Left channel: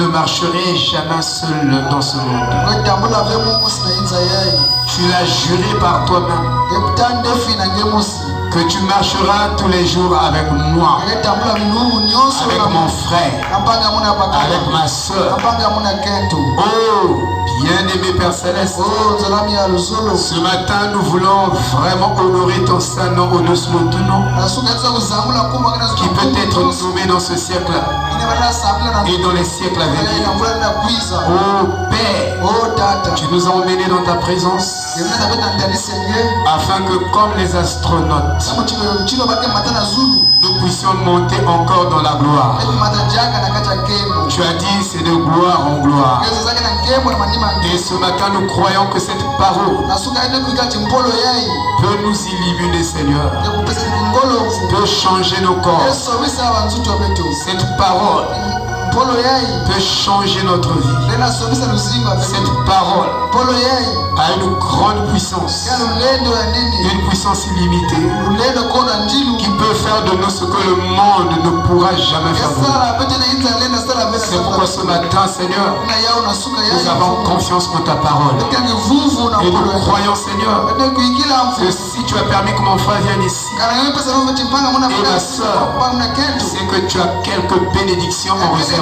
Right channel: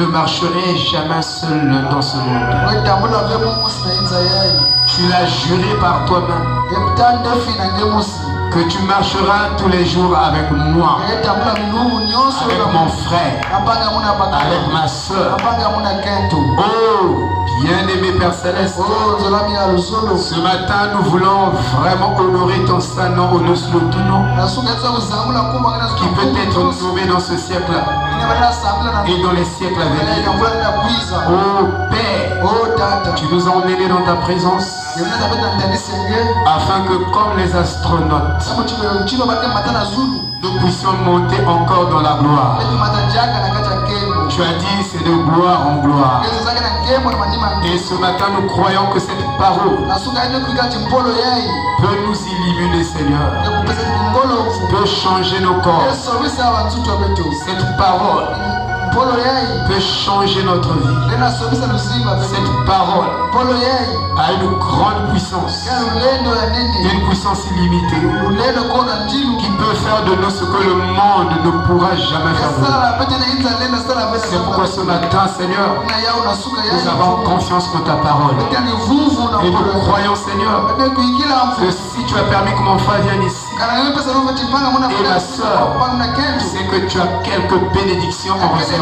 ne marcherai jamais seul dans ce monde. Tu l'as juré par toi-même que tu marcheras tous les jours avec moi, avec mon frère, avec ma soeur. Oh, bien-aimé Père Céleste, ce matin nous voulons vraiment honorer ton Saint-Nom, au nom de ton nom, qui peut être nommé dans ce siècle et dans les siècles à venir. Oh Père, tu nous as emmenés dans ta présence afin que comme les astronautes, nous puissions monter encore dans la gloire. Tu as dit c'est de gloire en gloire. Et ce matin nous croyons que cette parole peut nous illuminer, Seigneur, peut changer nos corps. Cette parole peut changer notre vie. Cette parole a une grande puissance, une puissance illimitée, qui peut faire de nous ce que le monde ne pourra jamais faire de nous. C'est pourquoi ce matin, Seigneur, nous avons confiance en ta parole. Et nous croyons, Seigneur, que si tu as permis que mon frère vienne ici, et ma soeur, c'est que tu as quelques bénédictions en réserve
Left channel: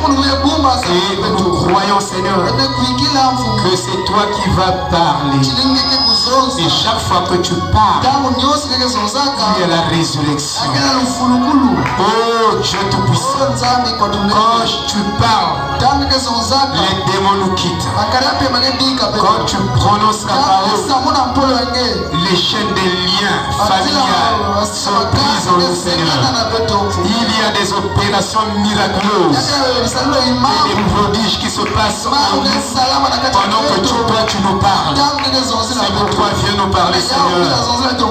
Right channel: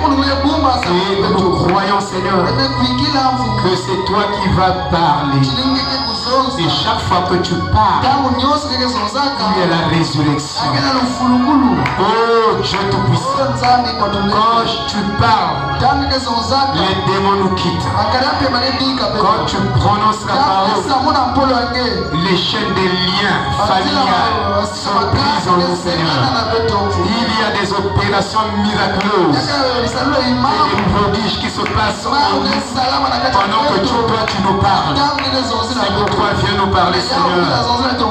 pour nous. Et nous croyons, Seigneur, que c'est toi qui vas parler. Et chaque fois que tu parles, il y a la résurrection. Oh Dieu Tout-Puissant, quand tu parles, les démons nous quittent. Quand tu prononces la parole, les chaînes des liens familiales sont prises en nous, Seigneur. Il y a des opérations miraculeuses et des prodiges qui se passent en nous pendant que toi tu nous parles. C'est pour toi, viens nous parler, Seigneur.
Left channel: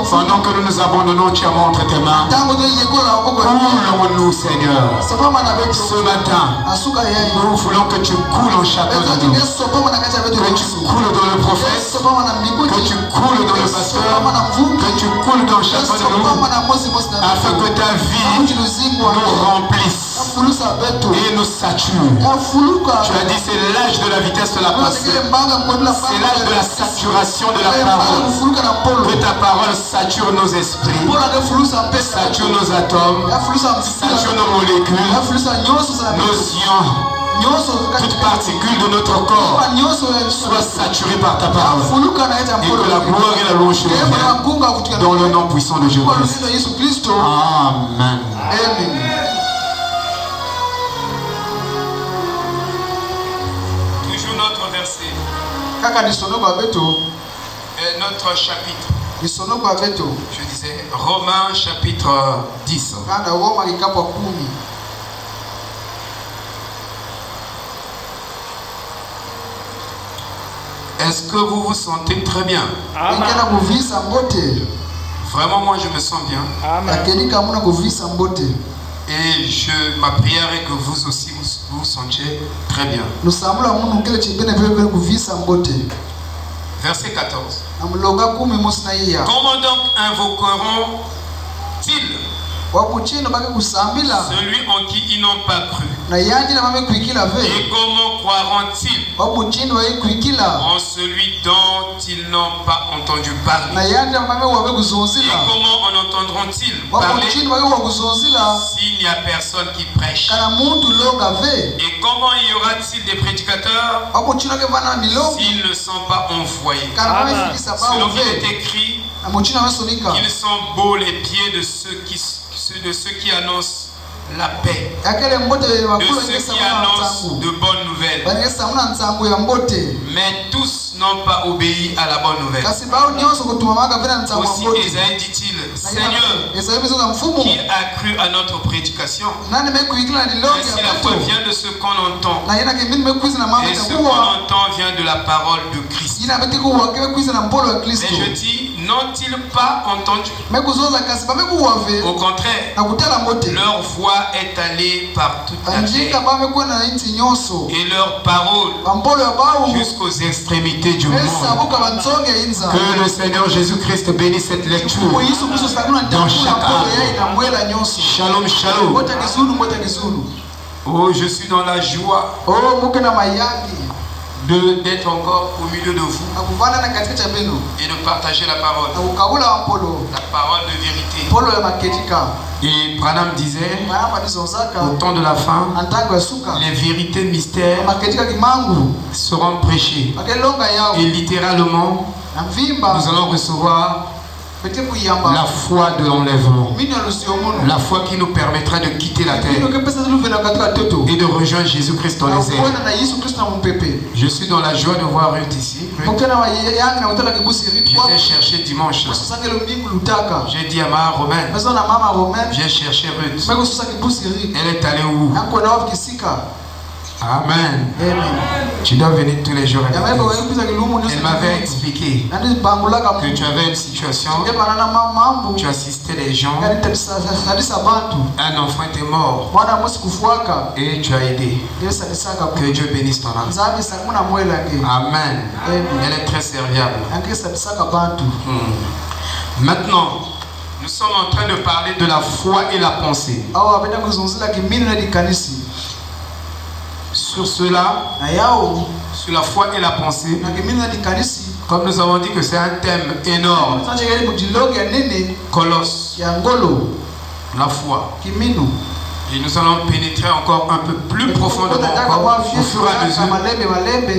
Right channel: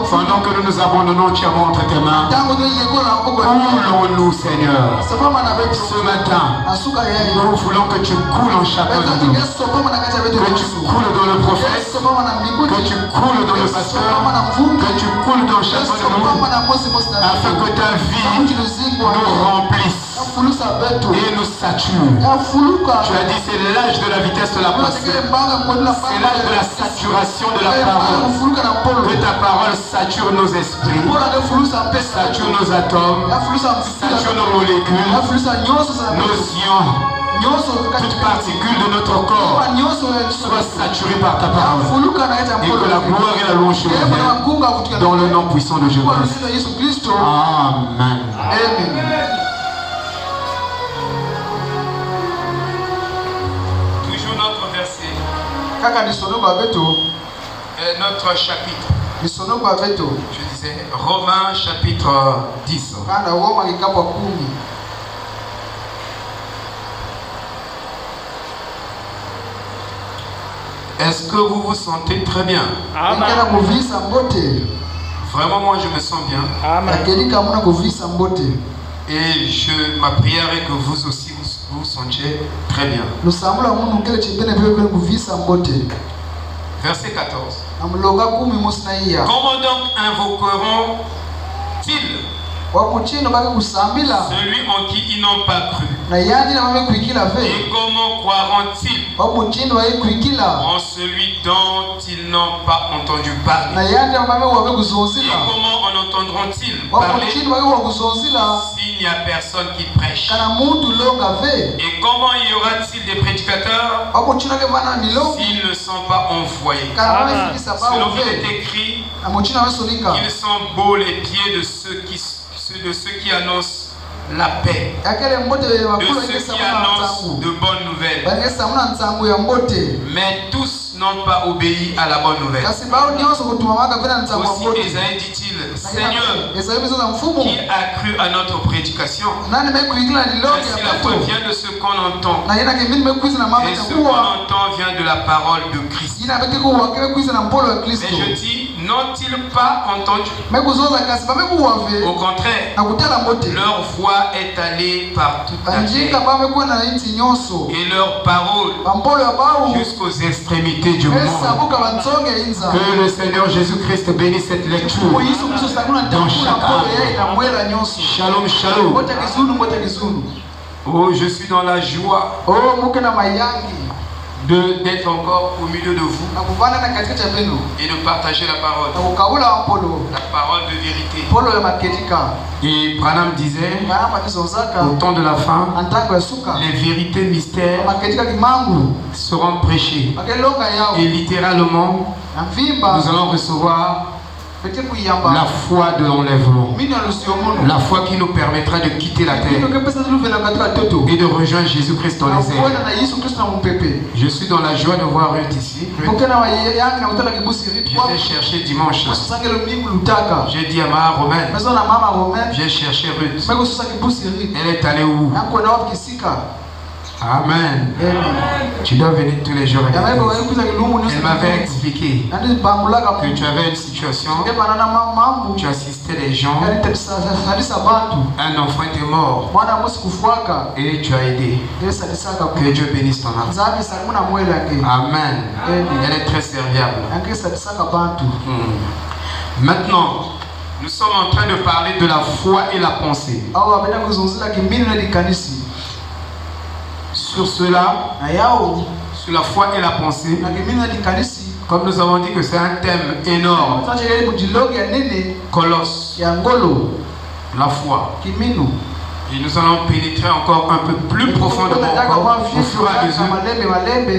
Pendant que nous nous abandonnons entièrement entre tes mains, coulons-nous, Seigneur. Ce matin, nous voulons que tu coules en chacun de nous. Que tu coules dans le prophète, que tu coules dans le pasteur, que tu coules dans chacun de nous, afin que ta vie nous remplisse et nous sature. Tu as dit c'est l'âge de la vitesse de la pensée. C'est l'âge de la saturation de la parole. Que ta parole sature nos esprits, sature nos atomes, sature nos molécules, nos ions. Toute particule de notre corps soit saturée par ta parole. Et que la gloire et la louange reviennent dans le nom puissant de Jésus-Christ. Amen. Toujours notre verset. Notre chapitre. Je disais Romains chapitre 10. Est-ce que vous vous sentez très bien? Amen. Vraiment, moi je me sens bien. Amen. Et ma prière est que vous aussi vous sentiez très bien. Verset 14. Comment donc invoqueront-ils celui en qui ils n'ont pas cru? Et comment croiront-ils en celui dont ils n'ont pas entendu parler? Et comment en entendront-ils parler s'il n'y a personne qui prêche? Et comment y aura-t-il des prédicateurs s'ils ne sont pas envoyés? Selon qu'il est écrit, ils sont beaux les pieds de ceux qui annoncent la paix, de ceux qui annoncent de bonnes nouvelles. Mais tous n'ont pas obéi à la bonne nouvelle. Aussi Ésaïe dit-il, Seigneur, qui a cru à notre prédication? Mais si la foi vient de ce qu'on entend, et ce qu'on entend vient de la parole de Christ. Et je dis, n'ont-ils pas entendu? Au contraire, leur voix est allée par toute la terre et leur parole jusqu'aux extrémités du monde. Que le Seigneur Jésus-Christ bénisse cette lecture dans chaque âme. Shalom, shalom. Oh, je suis dans la joie d'être encore au milieu de vous et de partager la parole de vérité. Et Branham disait, au temps de la fin, les vérités mystères seront prêchées. Et littéralement, nous allons recevoir la foi de l'enlèvement, la foi qui nous permettra de quitter la terre et de rejoindre Jésus-Christ dans les airs. Je suis dans la joie de voir Ruth ici. J'ai cherché dimanche. J'ai dit à ma Romaine, j'ai cherché Ruth. Elle est allée où? Amen. Tu dois venir tous les jours. Elle m'avait expliqué que tu avais une situation, tu assistais les gens, un enfant était mort et tu as aidé. Que Dieu bénisse ton âme. Amen. Elle est très serviable. Maintenant, nous sommes en train de parler de la foi et la pensée. Sur cela, sur la foi et la pensée, comme nous avons dit que c'est un thème énorme, colosse, la foi. Et nous allons pénétrer encore un peu plus profondément encore au fur et à mesure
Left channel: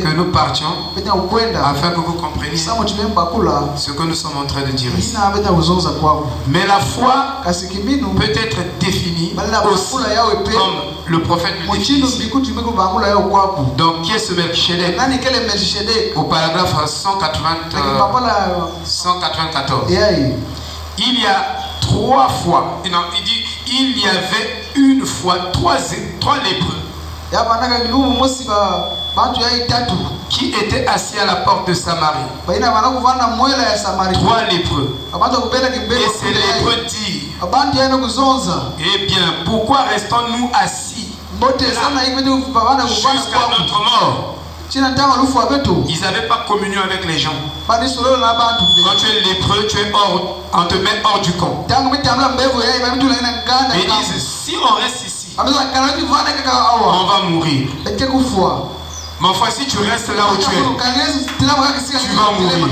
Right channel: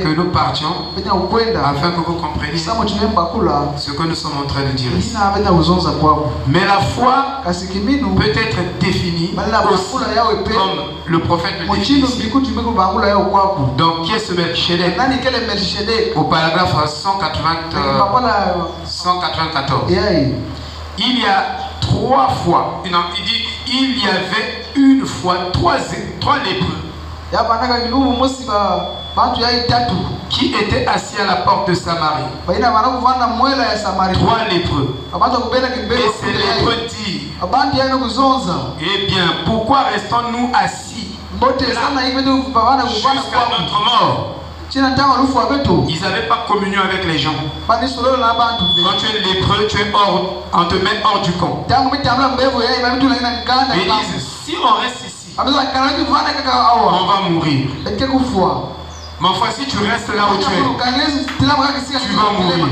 que nous partions, afin que vous compreniez ce que nous sommes en train de dire ici. Mais la foi peut être définie aussi comme le prophète le définit ici. Donc qui est ce Melchizedek? Au paragraphe 194. Il y a 3 fois. Non, il dit il y avait une fois 3 lépreux qui étaient assis à la porte de Samarie. 3 lépreux. Et ces lépreux disent, eh bien, pourquoi restons-nous assis jusqu'à notre mort? Ils n'avaient pas communion avec les gens. Quand tu es lépreux, on te met hors du camp. Ils disent, si on reste ici, on va mourir. Mais enfin, si tu restes là où tu es, tu vas mourir.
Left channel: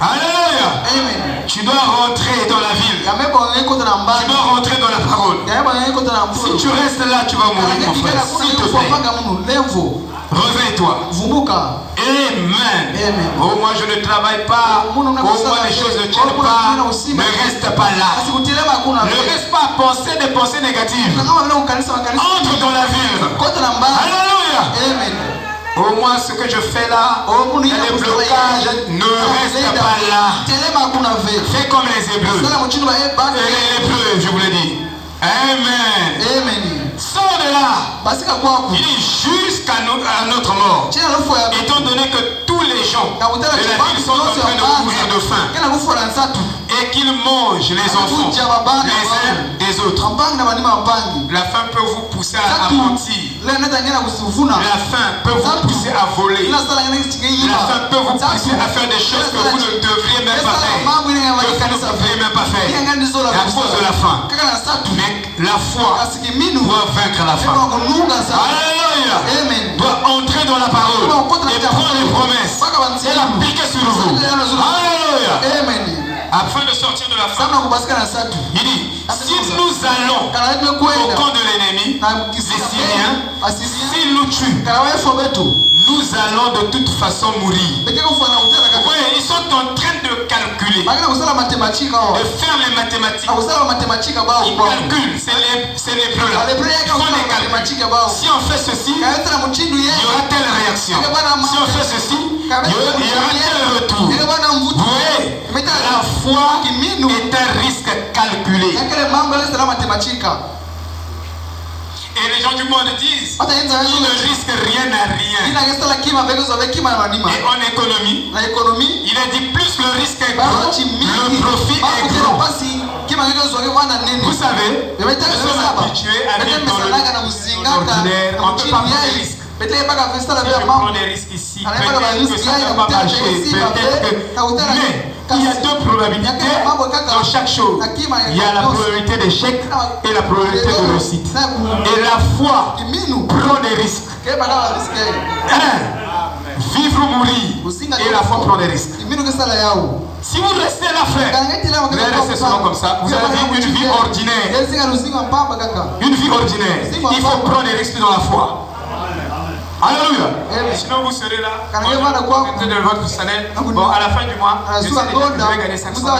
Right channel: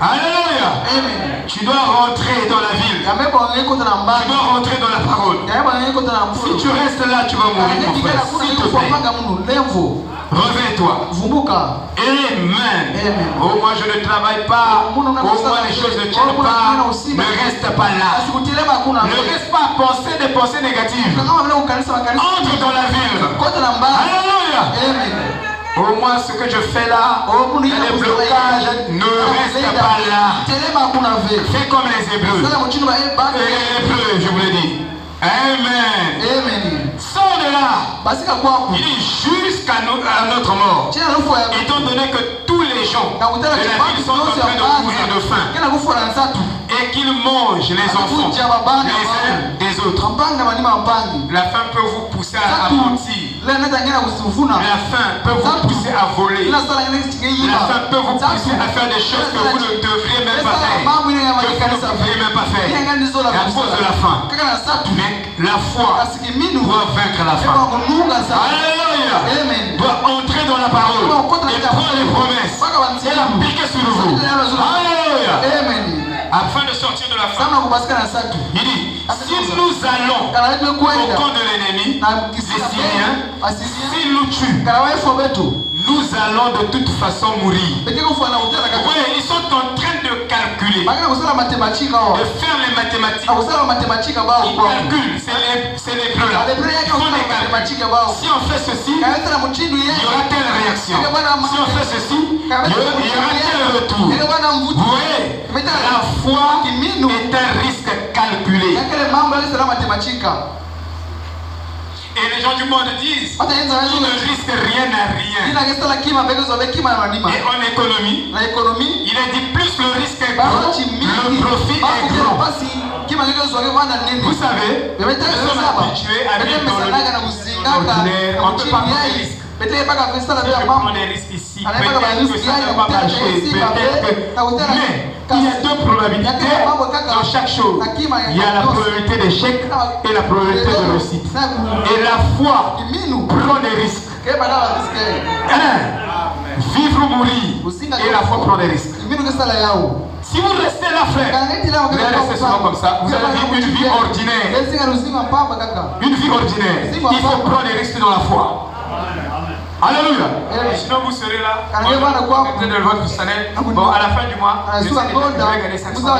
Alléluia. Tu dois rentrer dans la ville. Tu dois rentrer dans la parole. Si tu restes là, tu vas mourir, mon frère. S'il te plaît. Réveille-toi. Amen. Oh, moi je ne travaille pas. Oh, moi les choses ne tiennent pas. Ne reste pas là. Ne reste pas à penser des pensées négatives. Entre dans la ville. Alléluia. Au moins ce que je fais là, les blocages, ne reste pas là. Fais comme les Hébreux. Et les Hébreux, je vous le dis. Amen. Sors de là. Il dit jusqu'à notre mort. Étant donné que tous les gens de la ville sont en train de mourir de faim et qu'ils mangent les enfants les uns des autres. La faim peut vous pousser à mentir. La faim peut vous pousser à voler. La faim peut vous pousser à faire des choses que vous ne devriez même pas faire. À cause de la faim. Mais la foi doit vaincre la faim. Alléluia. Doit entrer dans la parole et prendre les promesses et l'appliquer sur vous. Alléluia. Afin de sortir de la faim. Il dit, si nous allons au camp de l'ennemi, les Syriens, s'ils nous tuent, nous allons de toute façon mourir. Oui, ils sont en train de calculer, de faire les mathématiques. Ils calculent, c'est les bleus là. Ils font les calculs. Si on fait ceci, il y aura telle réaction. Si on fait ceci, il y aura tel retour. Vous voyez, la foi est un risque calculé. Et les gens du monde disent, on ne risque rien à rien. Et en économie, il a dit plus le risque est gros, le profit est gros. Vous savez, nous sommes habitués à vivre dans le ordinaire, on ne peut pas prendre des risques. Si je prends des risques ici, peut-être que ça ne va pas marcher, peut-être que... Mais il y a 2 problèmes. probabilité dans chaque chose. Il y a la probabilité d'échec et la probabilité de réussite. Et la foi prend des risques. Vivre ou mourir, et la foi prend des risques. Si vous restez là, frère, vous allez rester souvent comme ça. Vous allez vivre une vie ordinaire. Une vie ordinaire. Il faut prendre des risques dans la foi. Alléluia. Sinon vous serez là, vous êtes de votre salaire. Bon, à la fin du mois, je vais gagner 500 000.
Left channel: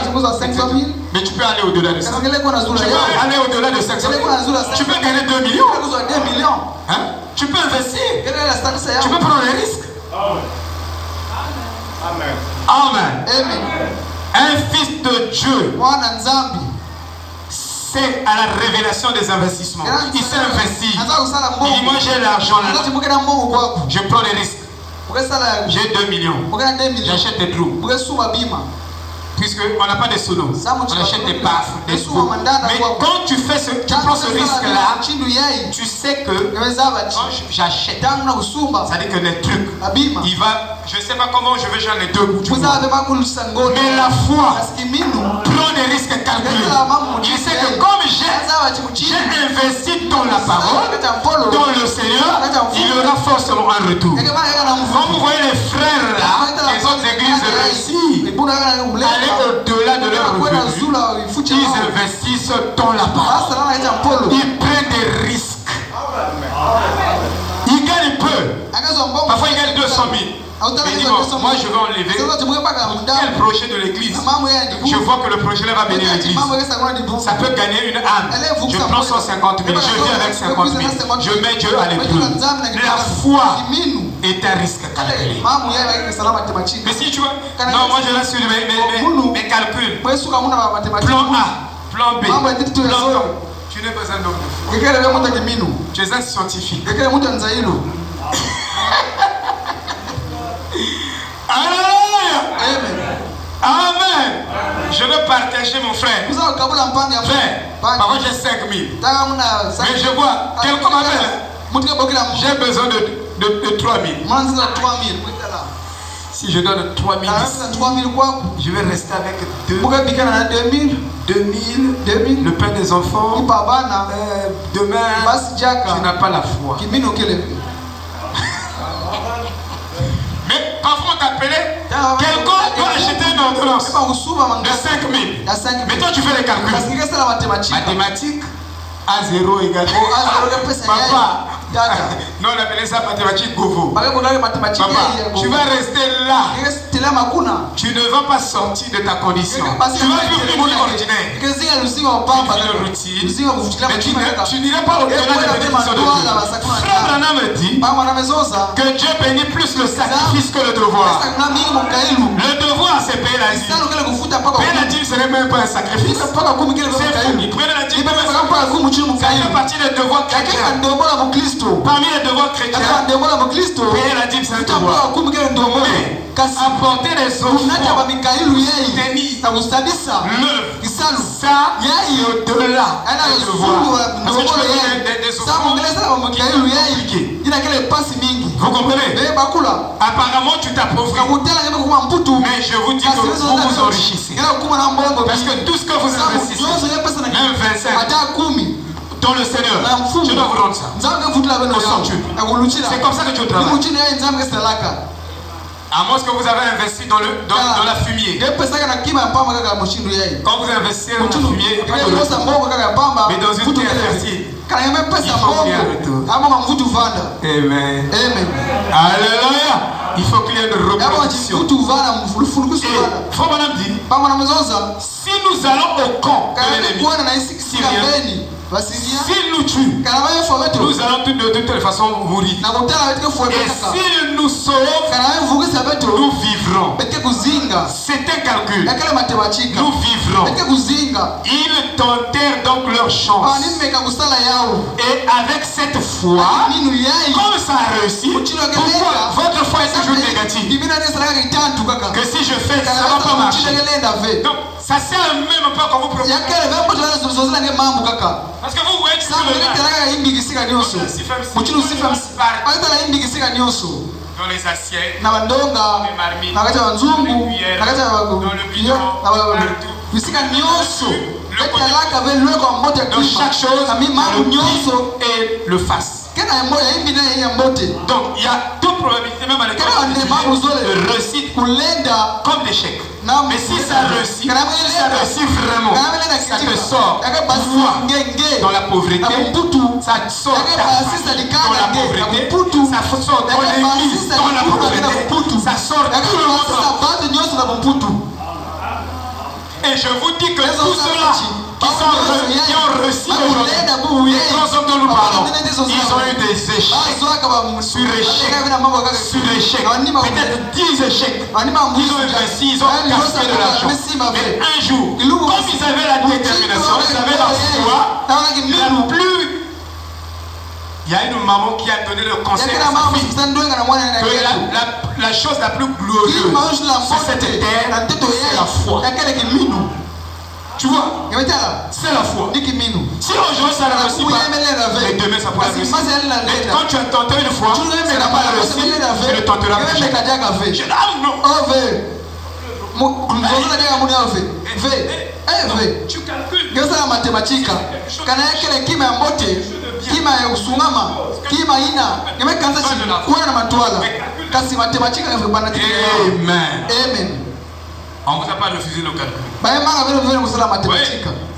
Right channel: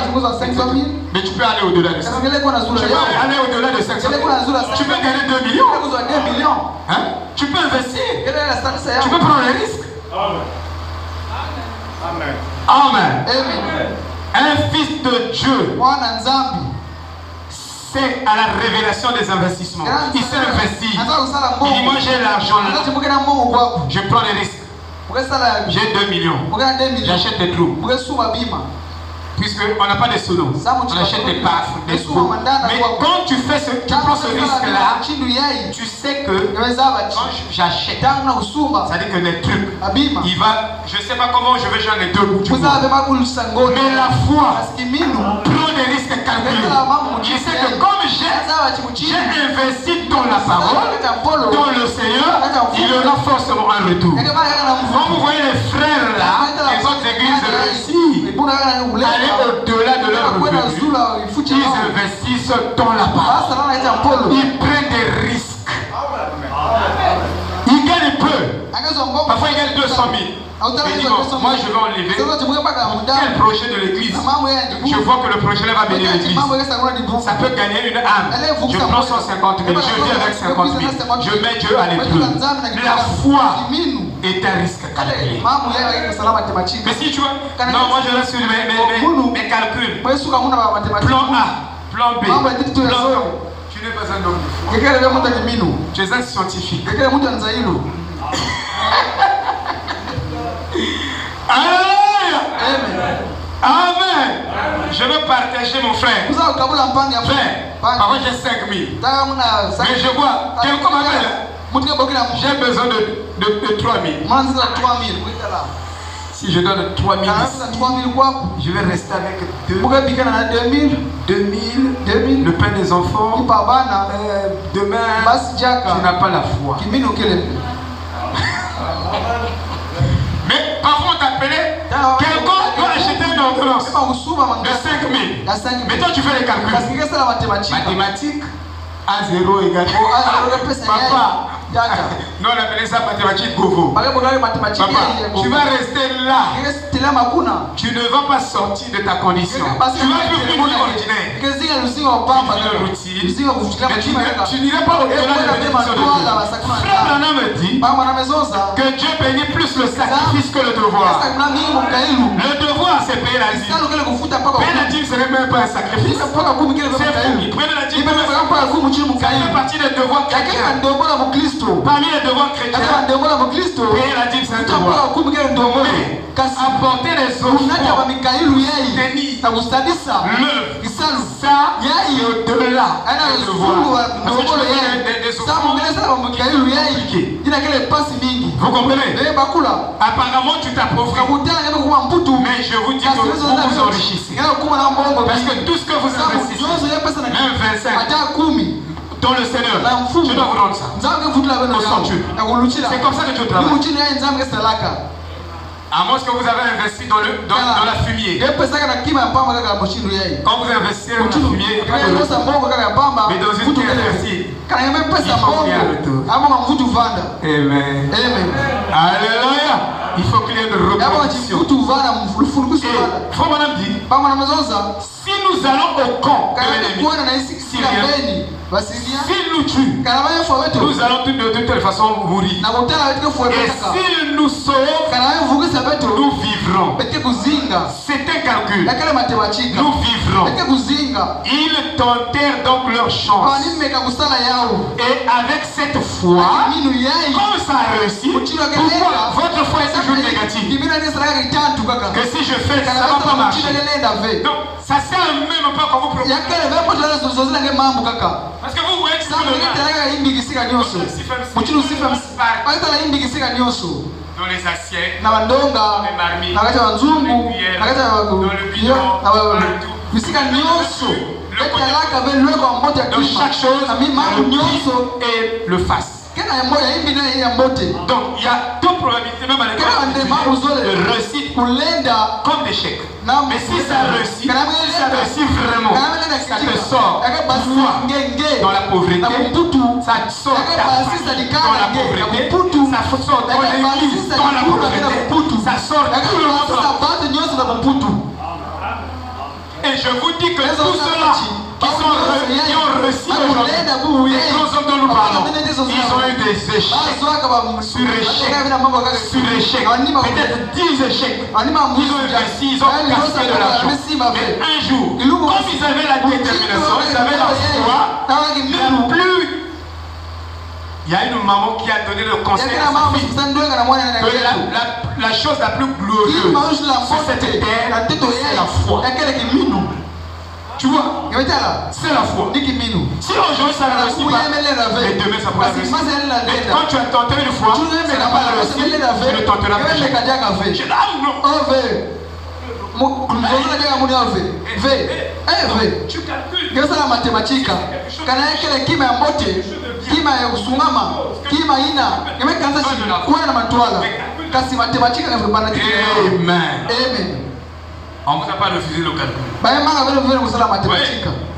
Mais tu peux aller au-delà de ça. Tu peux aller au-delà de 500 000. Tu peux gagner 2 millions. Hein? Tu peux investir. Tu peux prendre les risques. Amen. Amen. Un fils de Dieu, c'est à la révélation des investissements. Il s'est investi. Il dit, moi j'ai l'argent là. Je prends les risques. J'ai 2 millions. J'achète des clous. Puisqu'on n'a pas de sonos, on achète des baffes, des screws. Mais quand tu prends ce risque-là, tu sais que quand j'achète, ça dit que les trucs, il va, je ne sais pas comment je vais j'en ai 2 bouts. Mais la foi prend des risques calculés. Je sais que comme j'ai investi dans la parole, dans le Seigneur, il y aura forcément un retour. Quand vous voyez les frères là, les autres églises réussies, aller au-delà de leur revenu, ils investissent dans la parole. Ils prennent des risques. Ils gagnent peu. Parfois ils gagnent 200 000. Mais dis moi je vais enlever quel projet de l'église. Je vois que le projet va bénir l'église. Ça peut gagner une âme. Je prends 150 000, je viens avec 50 000. Je mets Dieu à l'épreuve. La foi est un risque calculé. Mais si tu vois, non, moi je reste sur mes calculs. Plan A, plan B, plan C. Tu n'es pas un homme. Tu es un scientifique. Alléluia. Amen. Je veux partager mon frère. Frère, par contre j'ai 5 000. Mais je vois, quelqu'un m'appelle. J'ai besoin de 3 000. Si je donne 3 000, je vais rester avec 2 000. Le pain des enfants. Demain, tu n'as pas la foi. Mais parfois on t'appelait, quelqu'un doit acheter une ordonnance de 5 000. Mais toi tu fais les calculs. Mathématiques, A0 égale papa. Nous on appelait ça mathématiques govo. Papa, tu vas rester là. Tu ne vas pas sortir de ta condition. Tu vas vivre une vie ordinaire. Mais tu n'iras pas au-delà de la bénédiction de Dieu. Frère Branham me dit que Dieu bénit plus le sacrifice que le devoir. Le devoir c'est payer la dîme. Payer la dîme ce n'est même pas un sacrifice. C'est fou. Il prenait la dîme. Ça fait partie des devoirs chrétiens. Parmi les devoirs chrétiens, payer la dîme c'est un devoir. Mais apporter les offrandes, tenir l'œuvre, ça il est au-delà du devoir. Parce que tu peux faire des offrandes qui sont compliquées. Vous comprenez? Apparemment tu t'appauvris. Mais je vous dis que vous vous enrichissez. Parce que tout ce que vous investissez, même 25, dans le Seigneur, je dois vous rendre ça. Au centuple. C'est comme ça que Dieu travaille. À moins que vous avez investi dans la fumier. Quand vous investissez dans la fumier, mais dans une terre fertile, il faut qu'il y ait un retour. Amen. Alléluia. Il faut qu'il y ait une reproduction. Et Frère Branham dit, si nous allons au camp de l'ennemi syrien, s'il nous tue, nous allons de toute façon mourir. Et s'il nous sauve, nous vivrons. C'est un calcul. Nous vivrons. Ils tentèrent donc leur chance. Et avec cette foi, comme ça a réussi, pourquoi votre foi est toujours négative? Que si je fais, ça ne va pas marcher. Donc, ça sert même pas quand vous proposez. Parce que vous voyez que c'est le dans les assiettes, dans les marmites, dans les cuillères, dans le bidon, partout. Dans chaque chose, et le face. Donc il y a deux probabilités même à l'école de réussite comme d'échec. Mais si ça réussit vraiment, ça te sort dans la pauvreté, ça te sort dans la pauvreté, ça sort dans l'église, dans la pauvreté, ça sort tout le monde. Et je vous dis que tous ceux-là qui ont réussi aujourd'hui, les grands hommes dont nous parlons, ils ont eu des échecs sur échecs, peut-être 10 échecs. Ils ont réussi, ils ont gaspillé de l'argent. Mais un jour, comme ils avaient la détermination, ils avaient la foi, il y a une maman qui a donné le conseil à sa fille que la chose la plus glorieuse sur cette terre, c'est la foi. Tu vois, c'est la foi. Si aujourd'hui ça ne réussit pas, mais demain ça pourra réussir. Mais quand tu as tenté une fois, ça n'a pas réussi, tu le tenteras jamais. Je dis, ah non. Tu calcules. Amen. On ne vous a pas refusé le calcul.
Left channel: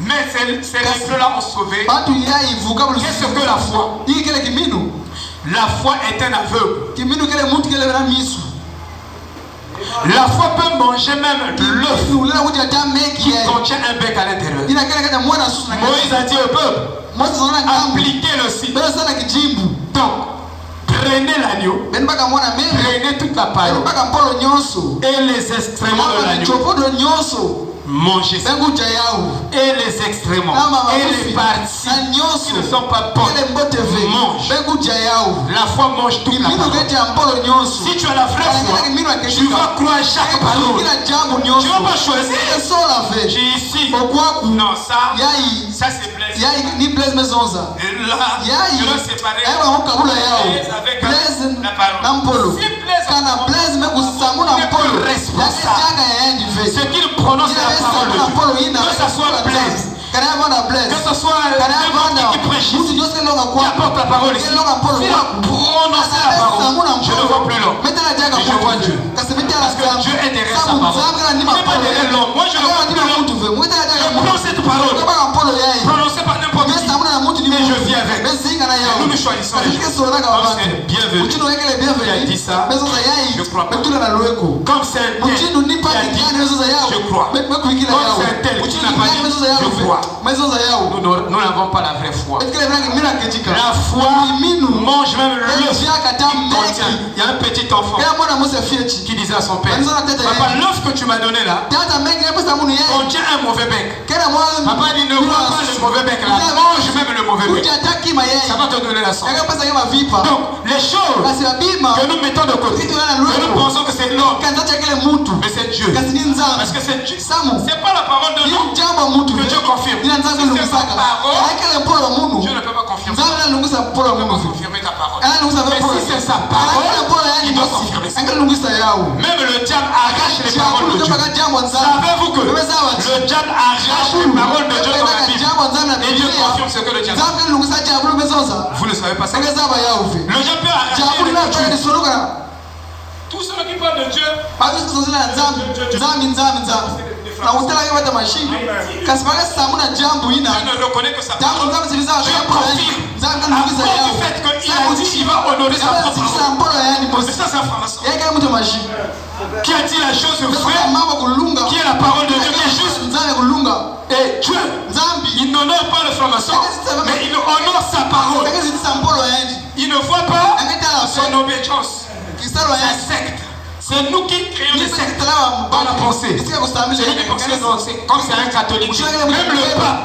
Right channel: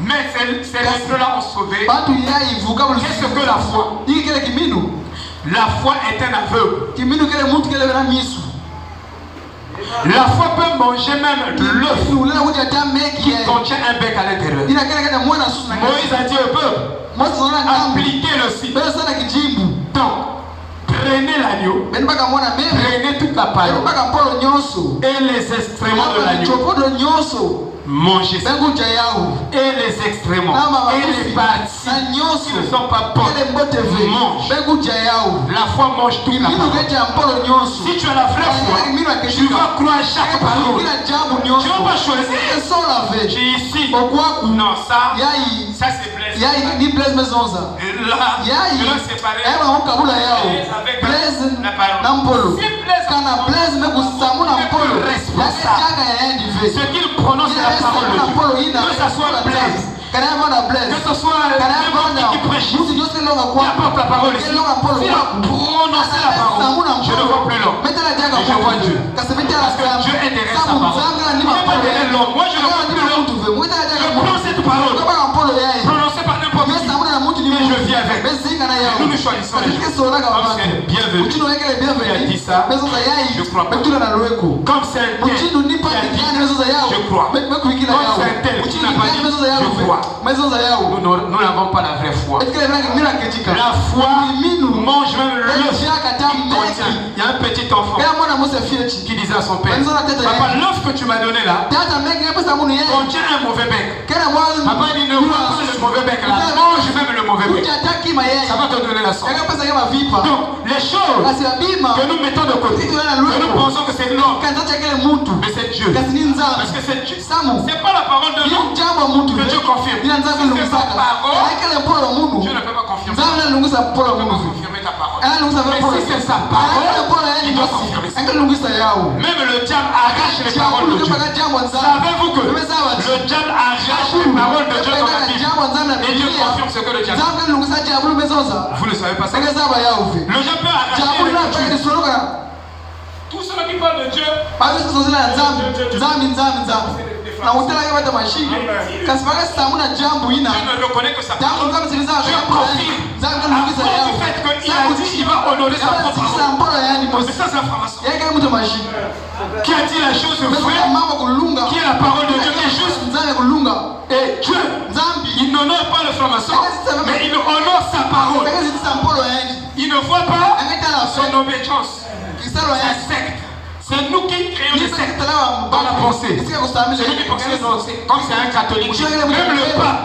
Mais ces restes-là ont sauvé. Qu'est-ce que la foi? La foi est un aveugle. La foi peut manger même l'œuf qui contient un bec à l'intérieur. Moïse a dit au peuple, appliquez le site. Donc, prenez l'agneau, prenez toute la paille et les excréments de l'agneau. Mangez ça. Et les excréments et les parties qui ne sont pas bonnes, mange. La foi mange toute la parole. Si tu as la vraie foi, tu vas croire chaque parole. Tu ne vas pas choisir. J'ai ici. Non, ça c'est Blaise. Là, c'est pareil. Avec la parole. Si Blaise n'est responsable, ce qu'il prononce la parole de Dieu, que ce soit Blaise, que ce soit n'importe qui prêche, qui apporte la parole ici, s'il a prononcé la parole, je ne vois plus l'homme, mais je vois Dieu. Parce que Dieu est derrière sa parole. Il n'est pas derrière l'homme. Moi je ne vois plus l'homme. Je prends cette parole, prononcée par n'importe qui, mais je vis avec. Nous nous choisissons les gens. Comme c'est bienvenu qui a dit ça, je crois pas. Comme c'est un tel qui a dit, je crois. Comme c'est un tel qui n'a pas dit, je crois. Nous n'avons pas la vraie foi. La foi mange même l'œuf. Il y a un petit enfant qui disait à son père, papa, l'œuf que tu m'as donné là contient un mauvais bec. Papa dit, ne vois pas le mauvais bec là, mange même le mauvais bec. Ça va te donner la sorte. Donc, les choses que nous mettons de côté, que nous pensons que c'est l'homme, mais c'est Dieu. Parce que c'est Dieu. C'est pas la parole de l'homme que Dieu confirme. Si c'est sa parole, Dieu ne peut pas confirmer. Il peut confirmer ta parole. Mais si c'est sa parole, il doit confirmer ça. Même le diable arrache les paroles de Dieu. Savez-vous que le diable arrache les paroles de Dieu dans la Bible et Dieu confirme ce que le diable dit? Vous ne savez pas ça. Le diable peut arracher les Dieu. Tous ceux qui parlent de Dieu, Dieu ne reconnaît que sa parole. Dieu confirme. À cause du fait qu'il a dit qu'il va honorer sa propre parole. C'est ça sa formation. Qui a dit la chose vraie, qui est la parole de Dieu, qui est juste. Et Dieu, il n'honore pas le franc-maçon, mais il honore sa parole. Il ne voit pas son obéissance. Sa secte, C'est nous qui créons les sectes dans la pensée. Comme c'est un catholique. Même le pape,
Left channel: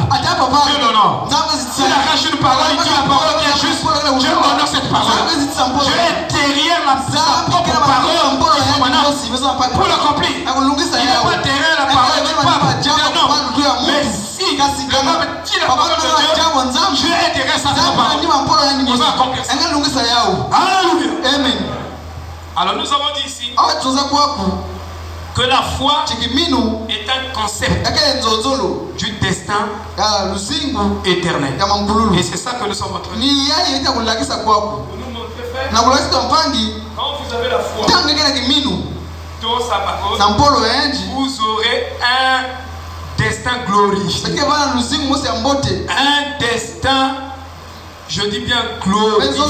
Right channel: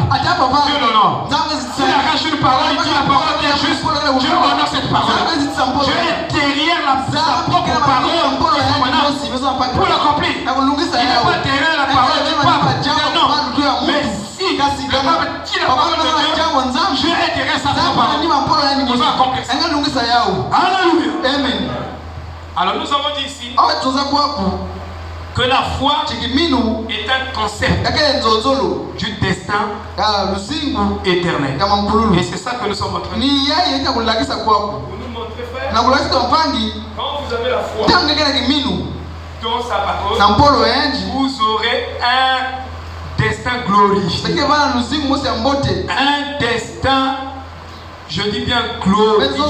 Dieu l'honore. S'il arrache une parole, il dit la parole qui est juste, Dieu honore cette parole. Dieu est derrière sa propre parole pour l'accomplir. Il n'est pas derrière la parole du pape. Non. Mais si le pape dit la parole de Dieu, Dieu est derrière sa parole. Il va accomplir ça. Alléluia. Amen. Alors nous avons dit ici que la foi est un concept du destin éternel. Et c'est ça que nous sommes en train de dire. Pour nous montrer, frère, quand vous avez la foi dans sa parole, vous aurez un destin glorifié. Un destin, je dis bien glorifié.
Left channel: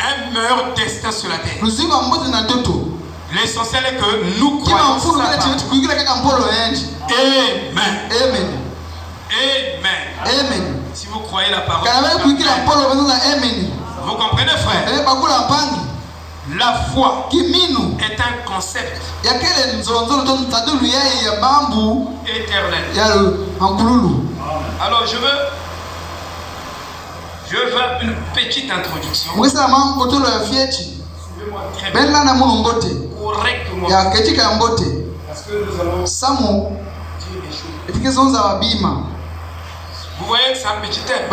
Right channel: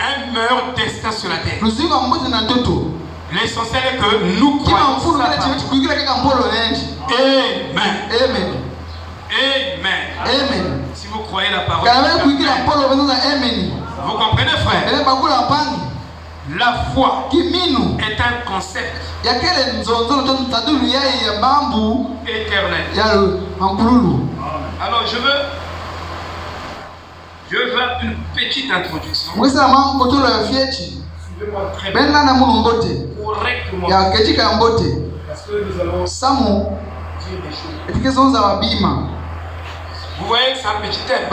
Un meilleur destin sur la terre. L'essentiel est que nous croyons. Amen. Amen. Si vous croyez la parole, vous comprenez, frère? La foi est un concept éternel. Alors je veux une petite introduction. Suivez-moi très bien, correctement. Parce que nous allons dire des choses. Vous voyez, c'est un petit thème.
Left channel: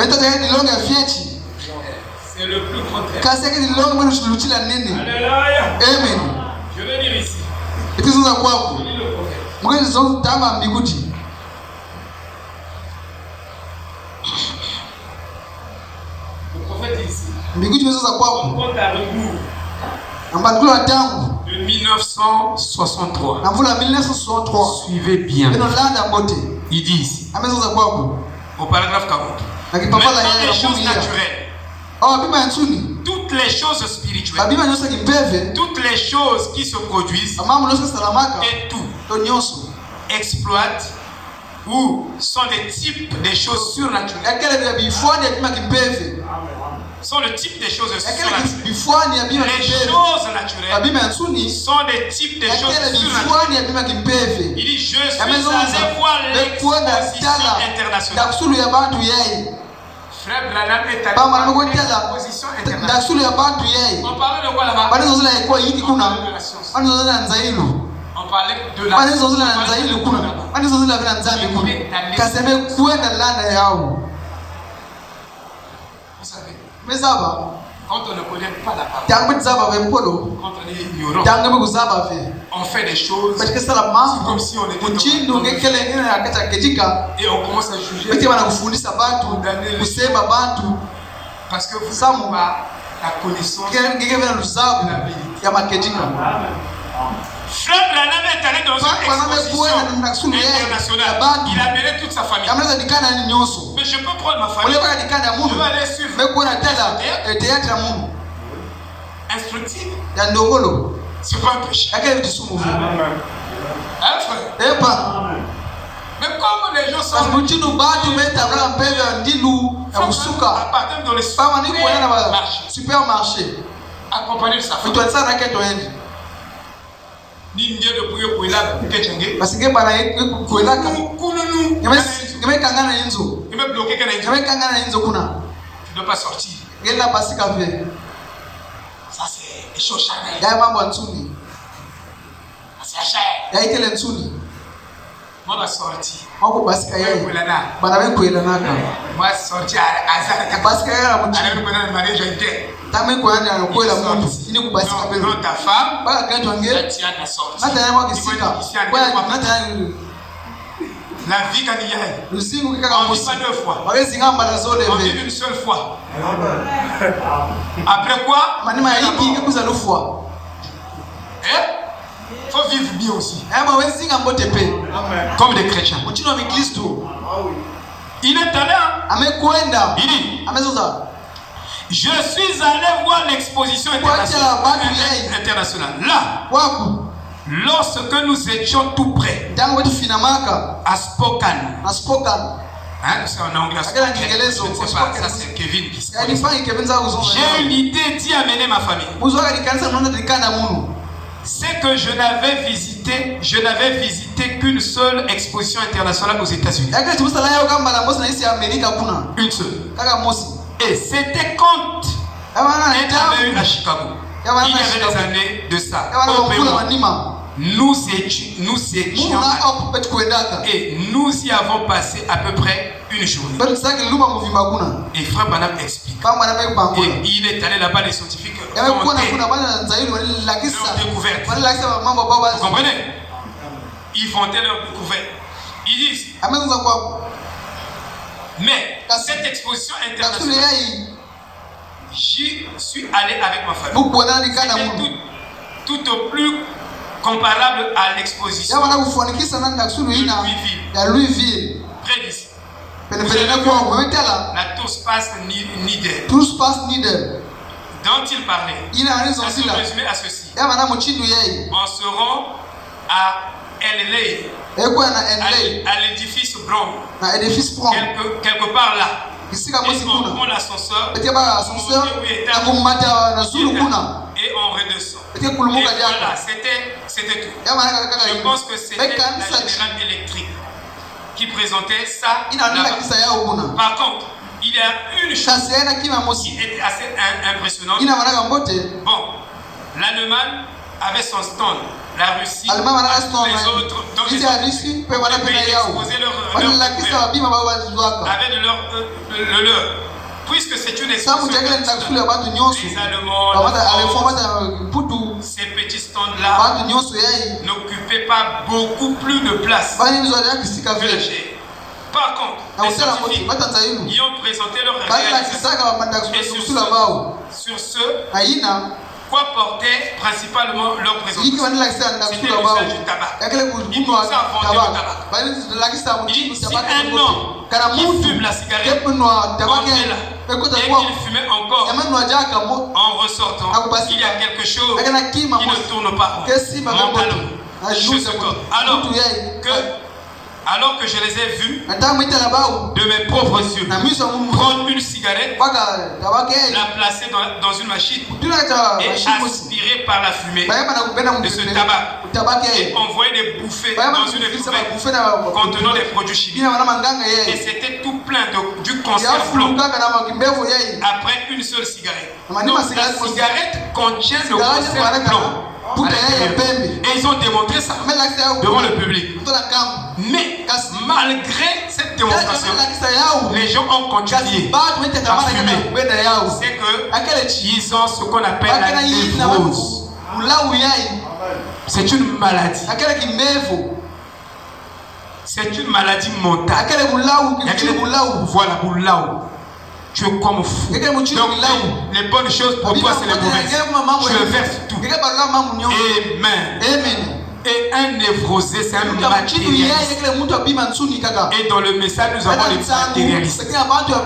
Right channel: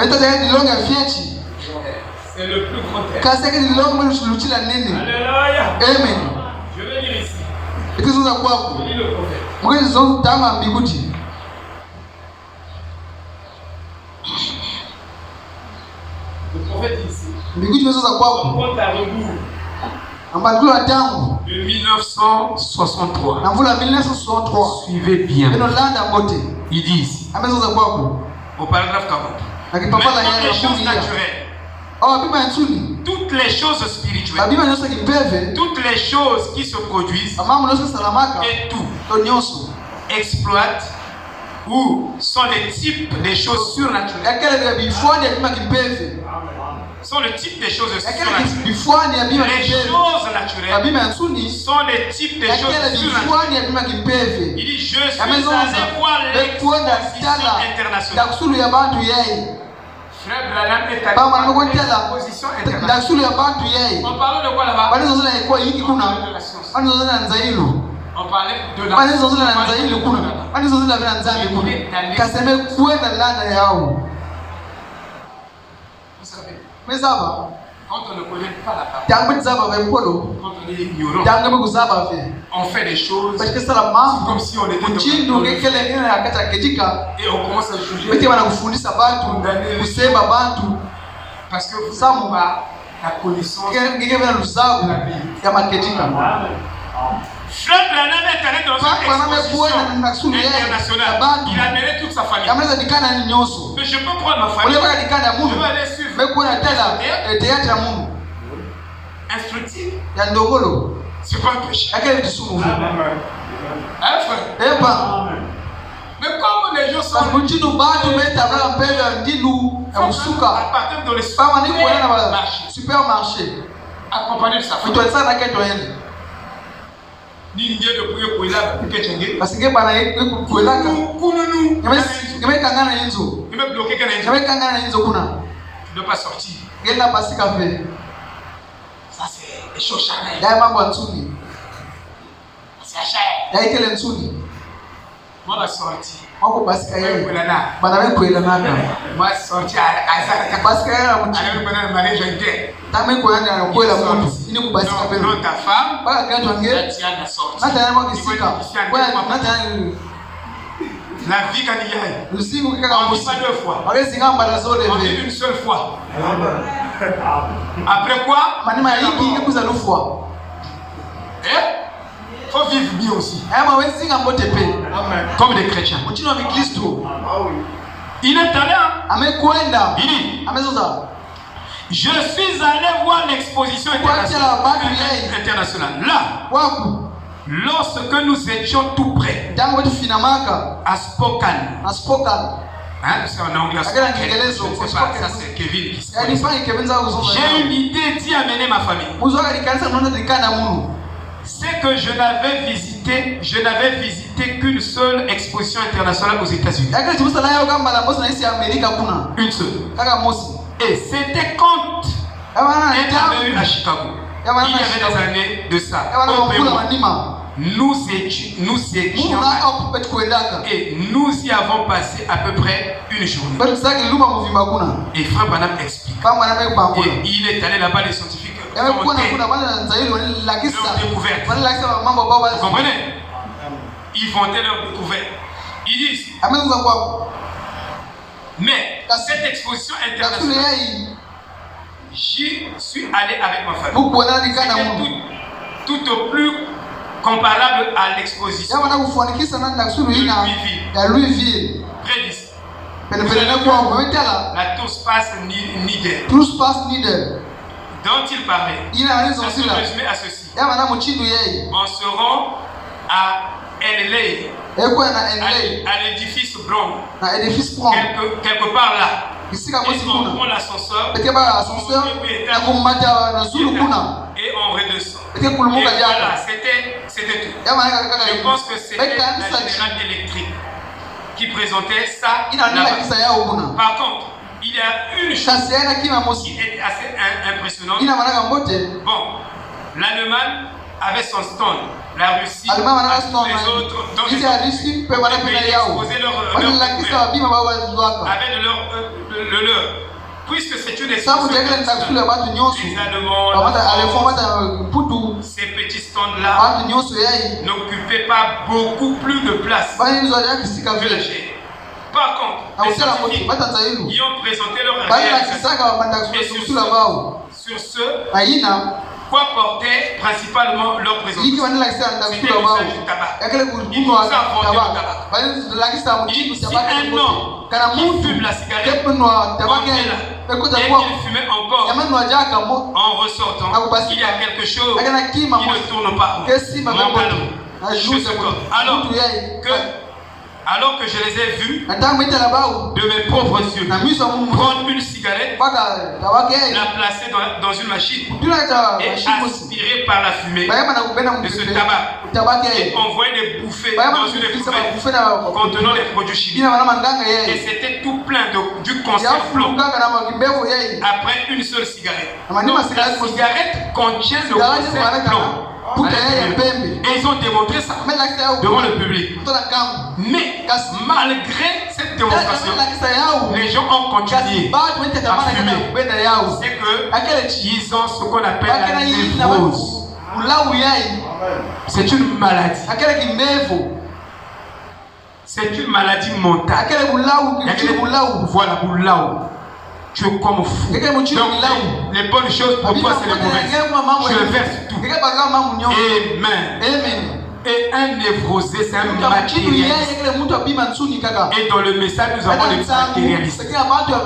C'est le plus grand thème. Alléluia. Amen. Je vais lire ici. Je lis le prophète. Le prophète dit ici. On compte à rebours de 1963. Suivez bien. Il dit ici, au paragraphe 40. Maintenant, les choses naturelles. Toutes les choses spirituelles, toutes les choses qui se produisent et tout exploitent ou sont des types des choses surnaturelles. Sont le type des choses surnaturelles. Les choses naturelles sont les types des choses surnaturelles. Il dit, je suis allé voir l'exposition internationale. Frère Branham est allé l'exposition internationale. On parlait de quoi là-bas? On parlait de Vous savez, quand on ne connaît pas la parole, quand on est ignorant, on fait des choses comme si on était et on commence à juger, condamner, parce que vous n'avez pas la connaissance de la Bible. Frère Branham est allé dans une exposition internationale. Il a mené toute sa famille. Mais je peux prendre ma famille. Je vais aller suivre. Instructif. C'est pas un péché. Hein, frère? Mais comme les gens sont à partir de supermarché, accompagné de sa famille. Ni mieux de prier pour là peut-être parce que bana kuela kununu nimekangana hizo bloqué kana hizo kuna tu dois pas sortir. Gela basi kafe Ça c'est des choses charnelles. Dai mambo nzuri C'est cher. Dai kile nzuri Moi la sortie mako basi kaye bana wewe kuela naka moi sortie à basi kaye na mchi avec mon mari je t'ai tame kuenda na kuela mundu ini kubasi kabe non ta femme baka kaje wange tu as la sortie hata yako kisika kwa hata la vie quand il y a usiku kaka on dit pas deux fois wawezi ngamba la zone on dit une seule fois après quoi manima hiki ikuza lufwa faut vivre bien aussi. Amen. Comme des chrétiens. Il est allé. Il dit, je suis allé voir l'exposition internationale. Là, lorsque nous étions tout près, à Spokane, Hein, c'est en anglais. Je ne sais pas, ça c'est Kevin qui se J'ai une idée d'y amener ma famille. C'est que je n'avais visité qu'une seule exposition internationale aux États-Unis. Une seule. Et c'était quand il y avait eu à Chicago. Il y avait des années de ça. Nous étions et nous y avons passé à peu près une journée. Et Frère Branham explique. Et il est allé là-bas, les scientifiques ont découvert. Vous comprenez? Ils vantaient leur découverte. Ils disent, mais cette exposition internationale, j'y suis allé avec ma famille. C'était tout au plus comparable à l'exposition de Louisville, près d'ici. La Tour Space Needle, dont il parlait, ça se résumait à ceci. On se rend à LA, à l'édifice Brown, quelque part là. Et on prend l'ascenseur, et on redescend. Et voilà, c'était tout. Je pense que c'était la générale électrique qui présentait ça. Par contre, il y a une chose qui était assez impressionnante. Bon, l'Allemagne avait son stand, la Russie, les autres, donc ils exposaient leur avec le leur. Puisque c'est une exposition, les Allemands, ces petits stands-là n'occupaient pas beaucoup plus de place que la chair. Par contre, les scientifiques y ont présenté leur réalisation. Et sur ce, quoi portait principalement leur présentation? C'était l'usage du tabac. Ils nous ont vendu le tabac. Si un homme qui fume la cigarette entrait là, et qu'il fumait encore en ressortant, il y a quelque chose qui ne tourne pas alors que je les ai vus de mes propres yeux prendre une cigarette, la placer dans une machine et aspirer par la fumée de ce tabac, et envoyer des bouffées dans une éprouvette contenant des produits chimiques. Et c'était tout plein du conserve-plomb après une seule cigarette. Donc la cigarette contient le conserve-plomb. Et ils ont démontré ça devant le public. Mais malgré cette démonstration, les gens ont continué à fumer. C'est qu'ils ont ce qu'on appelle la névrose. C'est une maladie. C'est une maladie mentale. Voilà, tu es comme fou. Donc les bonnes choses pour toi c'est les mauvaises. Tu le verses tout. Amen. Et un névrosé, c'est un matérialiste. Et dans le message, nous avons les matérialistes.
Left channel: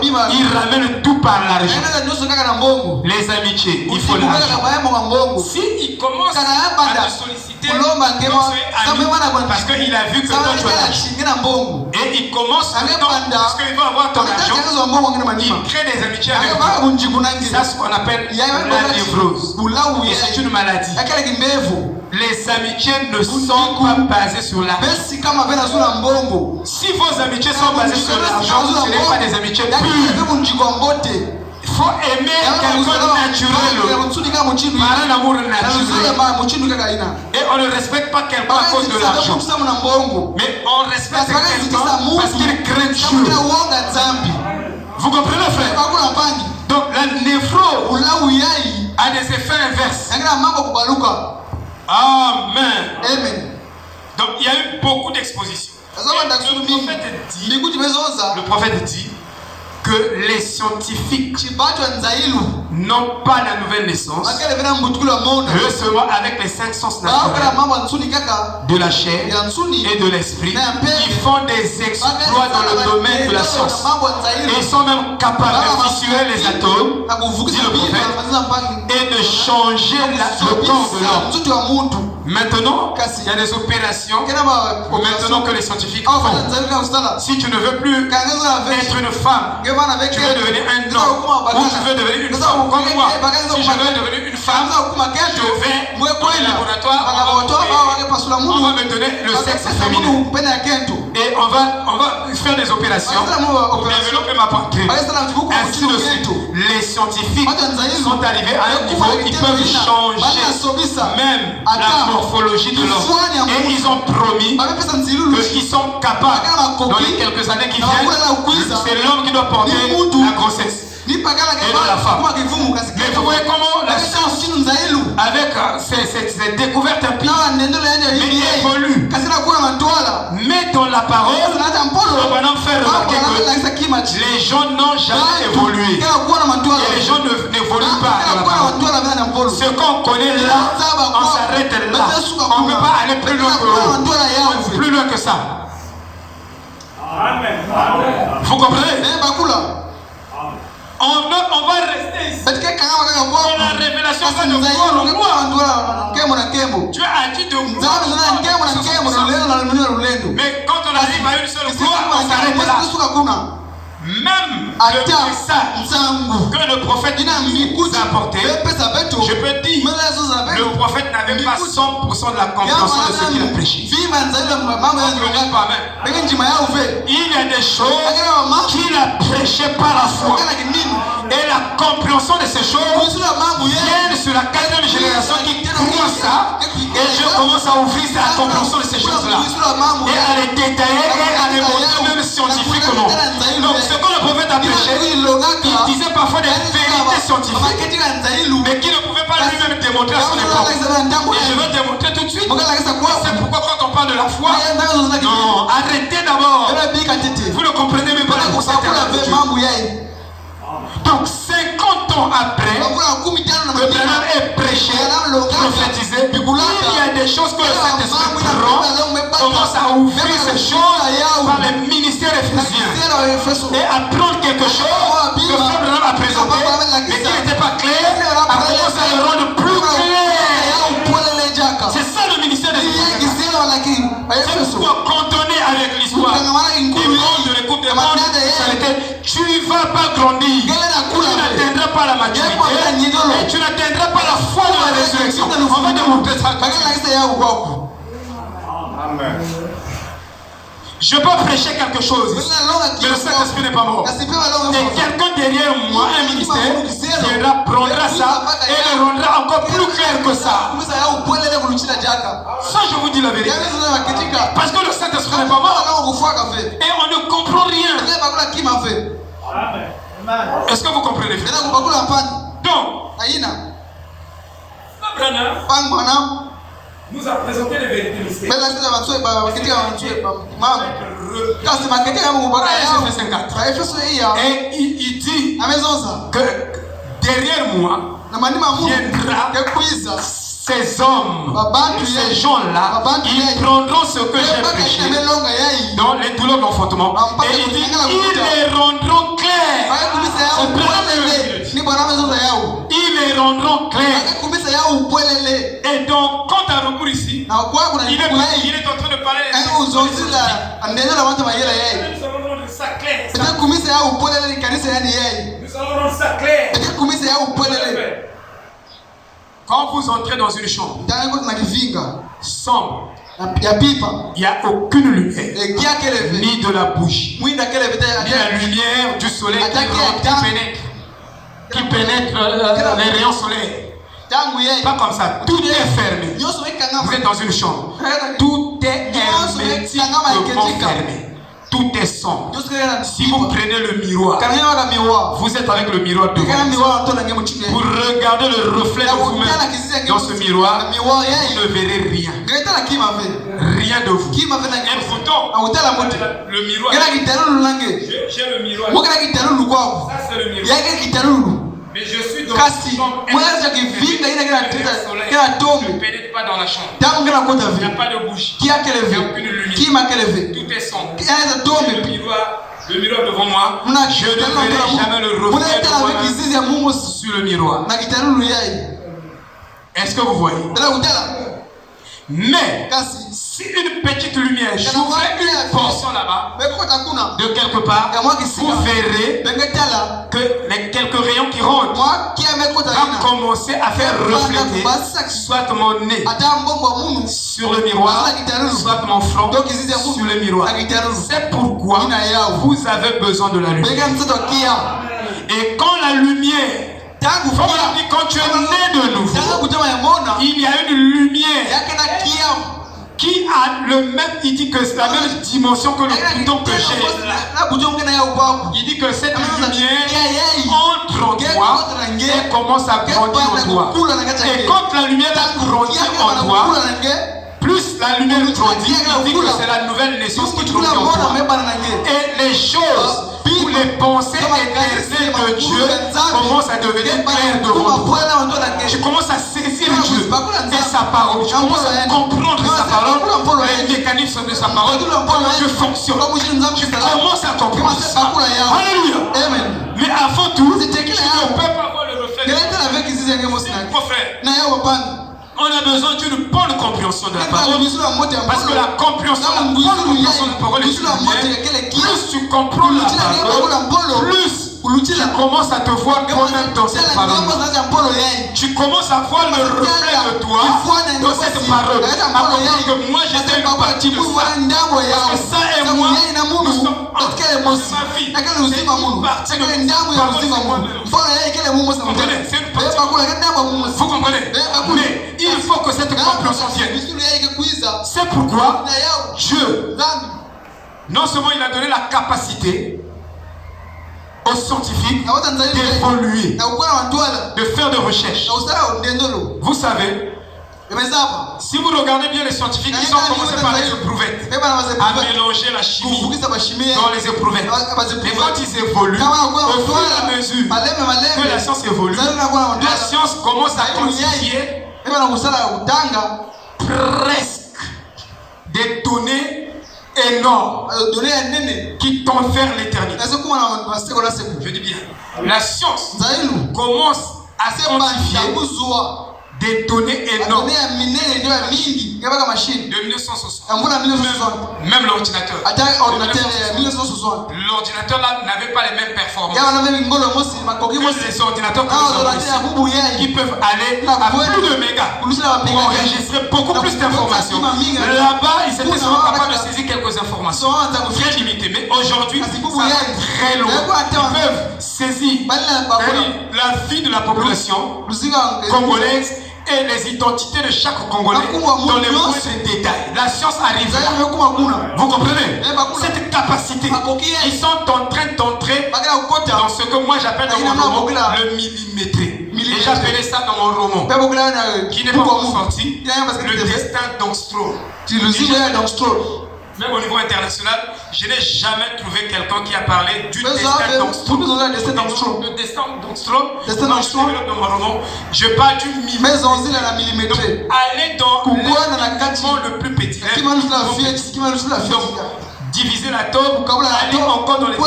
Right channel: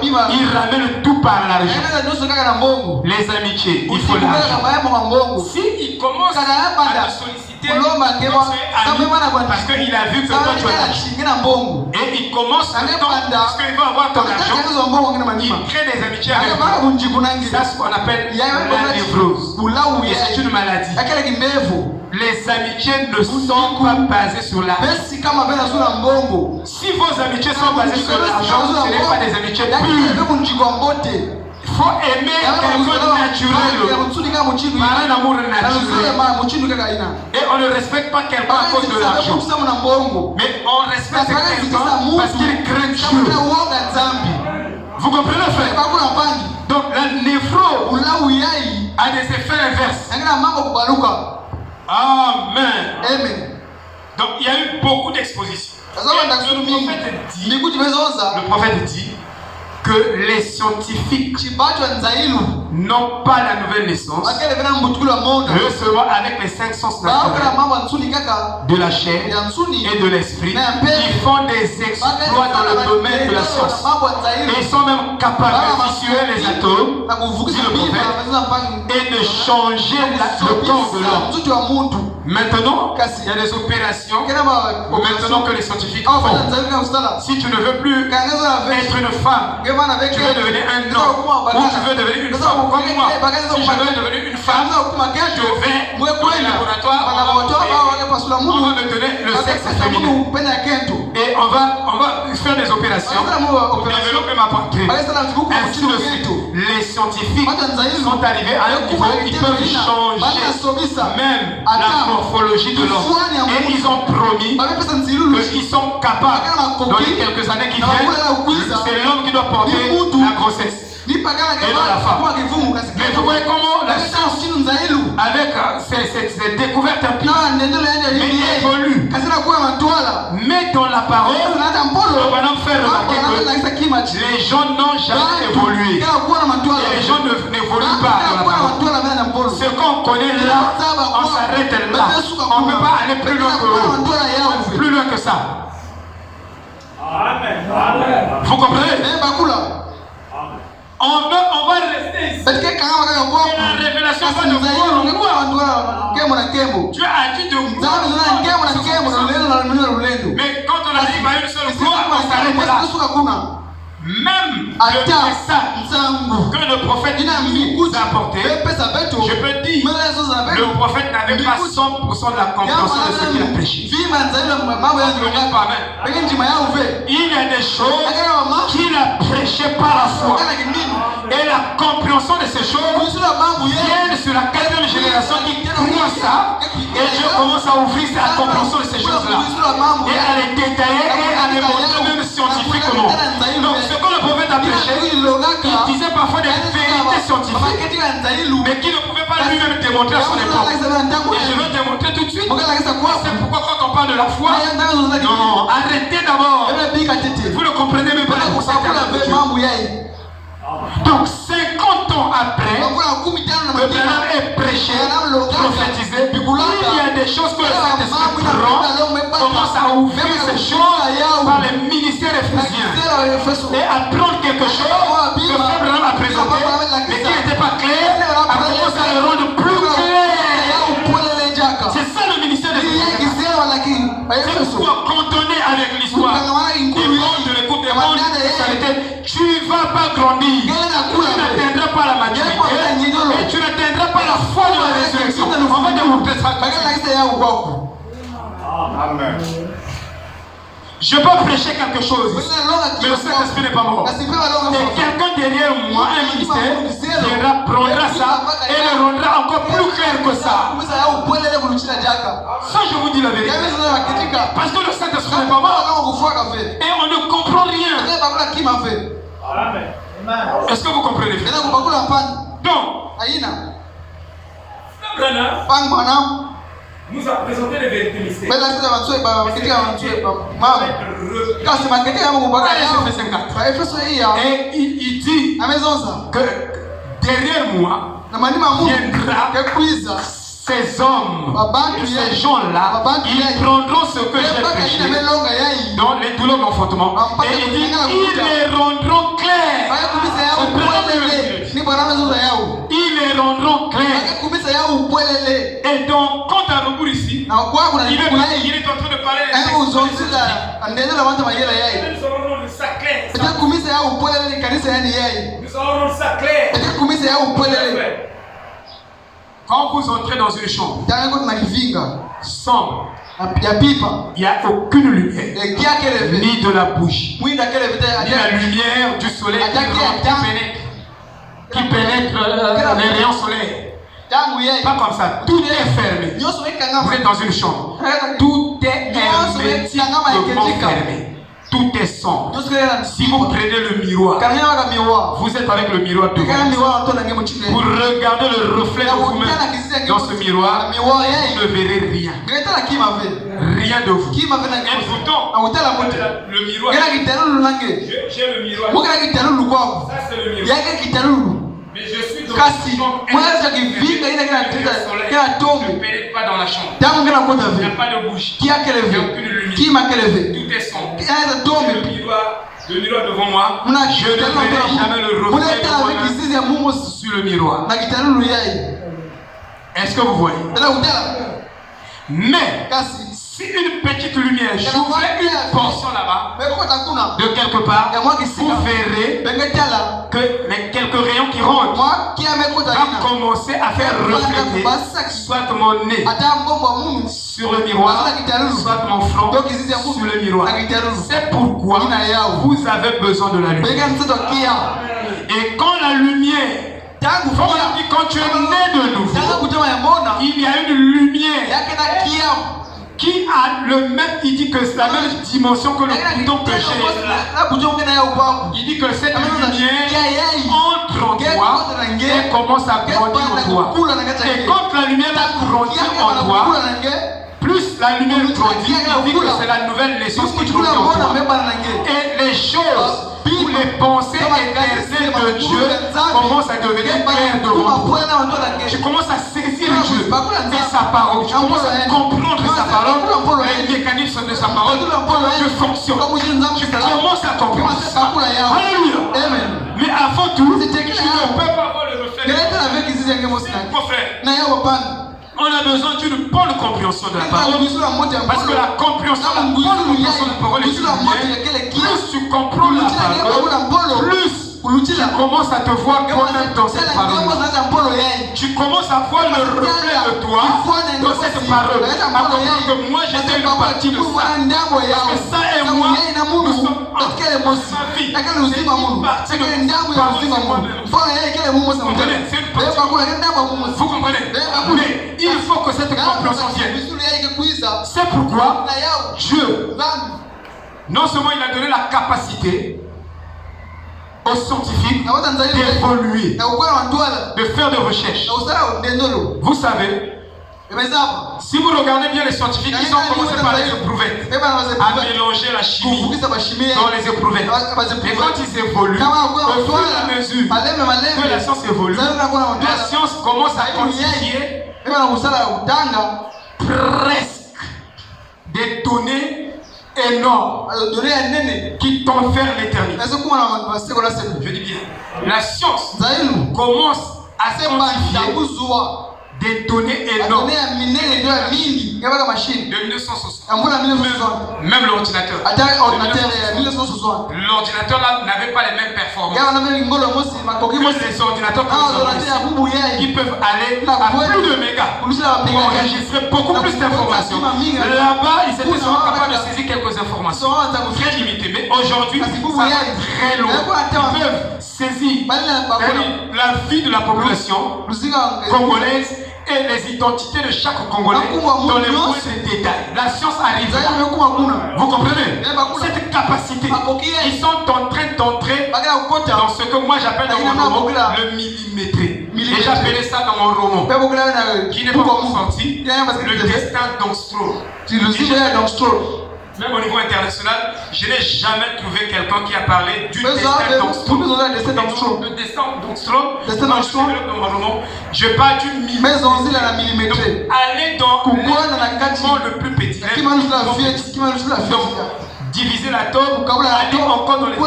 Ils ramènent tout par l'argent. Les amitiés, il faut l'argent. S'il commence à te solliciter, parce qu'il a vu que toi tu as l'argent. Et il commence à parce qu'il veut avoir ton argent. Il crée des amitiés avec toi. C'est ce qu'on appelle la névrose. Et c'est une maladie. Les amitiés ne sont pas basées sur l'argent. Si vos amitiés sont basées sur l'argent, ce ne sont pas des amitiés pures. Il faut aimer quelqu'un de naturel, par un amour naturel. Et on ne respecte pas quelqu'un à cause de l'argent. Mais on respecte quelqu'un parce qu'il craint Dieu. Vous comprenez, frère? Donc la névrose a des effets inverses. Amen. Donc il y a eu beaucoup d'expositions. Le prophète dit que les scientifiques n'ont pas la nouvelle naissance, recevoir avec les 5 sens naturels de la chair et de l'esprit, qui font des exploits dans le domaine de la science. Et ils sont même capables de fissurer les atomes, dit le prophète, et de changer le corps de l'homme. Maintenant, il y a des opérations maintenant que les scientifiques font. Si tu ne veux plus être une femme, tu veux devenir un homme, ou tu veux devenir une femme comme moi. Si je veux devenir une femme, je vais au laboratoire, on va me donner le sexe féminin. Et on va faire des opérations pour développer ma poitrine. Ainsi de suite. Les scientifiques sont arrivés à un niveau où ils peuvent changer même la morphologie de l'homme. Et ils ont promis qu'ils sont capables, dans les quelques années qui viennent, c'est l'homme qui doit porter la grossesse. Et non la femme. Mais vous voyez comment la science, avec ces découvertes évolue. Mais dans la parole, on va nous faire remarquer que les gens n'ont jamais évolué. Et les gens n'évoluent pas dans la parole. Ce qu'on connaît là, on s'arrête là. On ne peut pas aller plus loin que ça. Amen. Vous comprenez? On va rester ici. La révélation va de voir en moi. Dieu a dit de moi. Mais quand on arrive à une seule gloire, on s'arrête là. Même le message que le prophète nous a apporté, je peux dire, le prophète n'avait pas 100% de la compréhension de ce qu'il a prêché. Il y a des choses qu'il a prêchées par la foi. Et la compréhension de ces choses vient sur la 4e génération qui croit ça. Et Dieu commence à ouvrir la compréhension de ces choses-là. Et à les détailler et à les montrer même scientifiques ou non. Donc ce que le prophète a prêché, il disait parfois des vérités scientifiques, mais qu'il ne pouvait pas lui-même démontrer à son époque. Et je vais démontrer tout de suite. C'est pourquoi quand on parle de la foi, non, arrêtez d'abord. Vous ne comprenez même pas la concept. Donc 50 ans après, le Branham est prêché, prophétisé. Il y a des choses que le Saint-Esprit prend, commence à ouvrir ces choses par le ministère ephésien et apprendre quelque chose que le Branham a présenté, mais qui n'était pas clair, a commencé à le rendre plus clair. C'est ça le ministère ephésien. C'est pourquoi quand on est avec l'histoire du monde, de l'écoute des mondes, ça a été tu ne vas pas grandir, tu n'atteindras pas la maturité et tu n'atteindras pas la foi de la résurrection. On va démontrer ça. Amen. Je peux prêcher quelque chose, mais le Saint-Esprit n'est pas mort. Et quelqu'un derrière moi, un ministère, prendra ça et le rendra encore plus clair que ça. Ça, je vous dis la vérité. Parce que le Saint-Esprit n'est pas mort. Et on ne comprend rien. Est-ce que vous comprenez? Donc, nous a présenté les vérités mystères. Et il dit que derrière moi viendra ces hommes, ces gens-là, ils prendront ce que j'ai prêché dans les douleurs d'enfantement. Et il dit, ils les rendront clairs. Ils les rendront clairs. Et donc, quand tu as recours ici, il est en train de parler de ça clair. Nous allons rendre ça clair. Quand vous entrez dans une chambre sombre, il n'y a aucune lumière, ni de la bougie, ni la lumière du soleil qui pénètre les rayons solaires. Pas comme ça, tout est fermé. Vous êtes dans une chambre, tout est hermétiquement fermé. Tout est sombre. Si vous prenez le miroir, vous êtes avec le miroir devant vous. Vous regardez le reflet de vous-même dans ce miroir, vous ne verrez rien. Rien de vous. Un bouton. Le miroir. J'ai le miroir. Ça, c'est le miroir. Mais je suis dans la chambre. Je ne pénètre pas dans la chambre. Il n'y a pas de bouche. Il n'y a aucune lumière. Tout est sombre. Le miroir devant moi, je ne verrai jamais le reflet de moi sur le miroir. Est-ce que vous voyez? Mais si une petite lumière j'ouvrais une portion là-bas, de quelque part, vous verrez que quelques rayons qui rentrent vont commencer à faire refléter soit mon nez sur le miroir, soit mon front sur le miroir. C'est pourquoi vous avez besoin de la lumière. Et quand la lumière, quand tu es né de nouveau, il y a une lumière qui a le même, il dit que c'est la même dimension que le bouton que j'ai là. Il dit que cette lumière entre en toi et commence à grandir en toi. Et quand la lumière va grandir en toi, plus la lumière grandit, il dit que c'est la nouvelle naissance qui grandit en toi. Et les choses ou les pensées éternelles de Dieu commencent à devenir claires devant toi. Tu commences à saisir Dieu et sa parole. Tu commences à comprendre sa parole, les mécanismes de sa parole. Dieu fonctionne. Tu commences à comprendre ça. Alléluia. Mais avant tout, tu ne peux pas avoir le reflet. Mon frère, on a besoin d'une bonne compréhension de la parole. Parce que la compréhension, la bonne compréhension de la parole est une. Plus tu comprends la parole, plus tu commences à te voir toi-même dans cette parole. Tu commences à voir le reflet de toi dans cette parole. À comprendre que moi j'étais une partie de ça. Parce que ça et moi, nous sommes en sa vie. C'est une partie de moi-même. Vous comprenez? Mais il faut que cette compréhension vienne. C'est pourquoi Dieu, non seulement il a donné la capacité aux scientifiques d'évoluer, de faire des recherches. Vous savez, si vous regardez bien les scientifiques, ils ont commencé par les éprouvettes, à mélanger la chimie dans les éprouvettes. Et quand ils évoluent, au fur et à mesure que la science évolue, la science commence à quantifier presque des données énormes qui t'ont vers l'éternité. Je dis bien, la science commence à quantifier des données énormes de 1960. Même l'ordinateur. L'ordinateur là n'avait pas les mêmes performances que les ordinateurs qui peuvent aller à plus de mégas pour enregistrer beaucoup plus d'informations. Là-bas, ils étaient seulement capables de saisir quelques informations très limitées. Mais aujourd'hui, ça va très loin. Ils peuvent saisir la vie de la population congolaise et les identités de chaque Congolais dans les moindres détails. La science arrive là. Vous comprenez? Cette capacité, ils sont en train d'entrer dans ce que moi j'appelle dans mon roman le millimétré. Et j'appelais ça dans mon roman, qui n'est pas encore sorti, le destin d'Angstrom. Même au niveau international, je n'ai jamais trouvé quelqu'un qui a parlé du destin d'Angstrom. Le destin d'Angstrom, je parle du millimètre. Aller dans le plus petit. Diviser l'atome, aller encore dans les et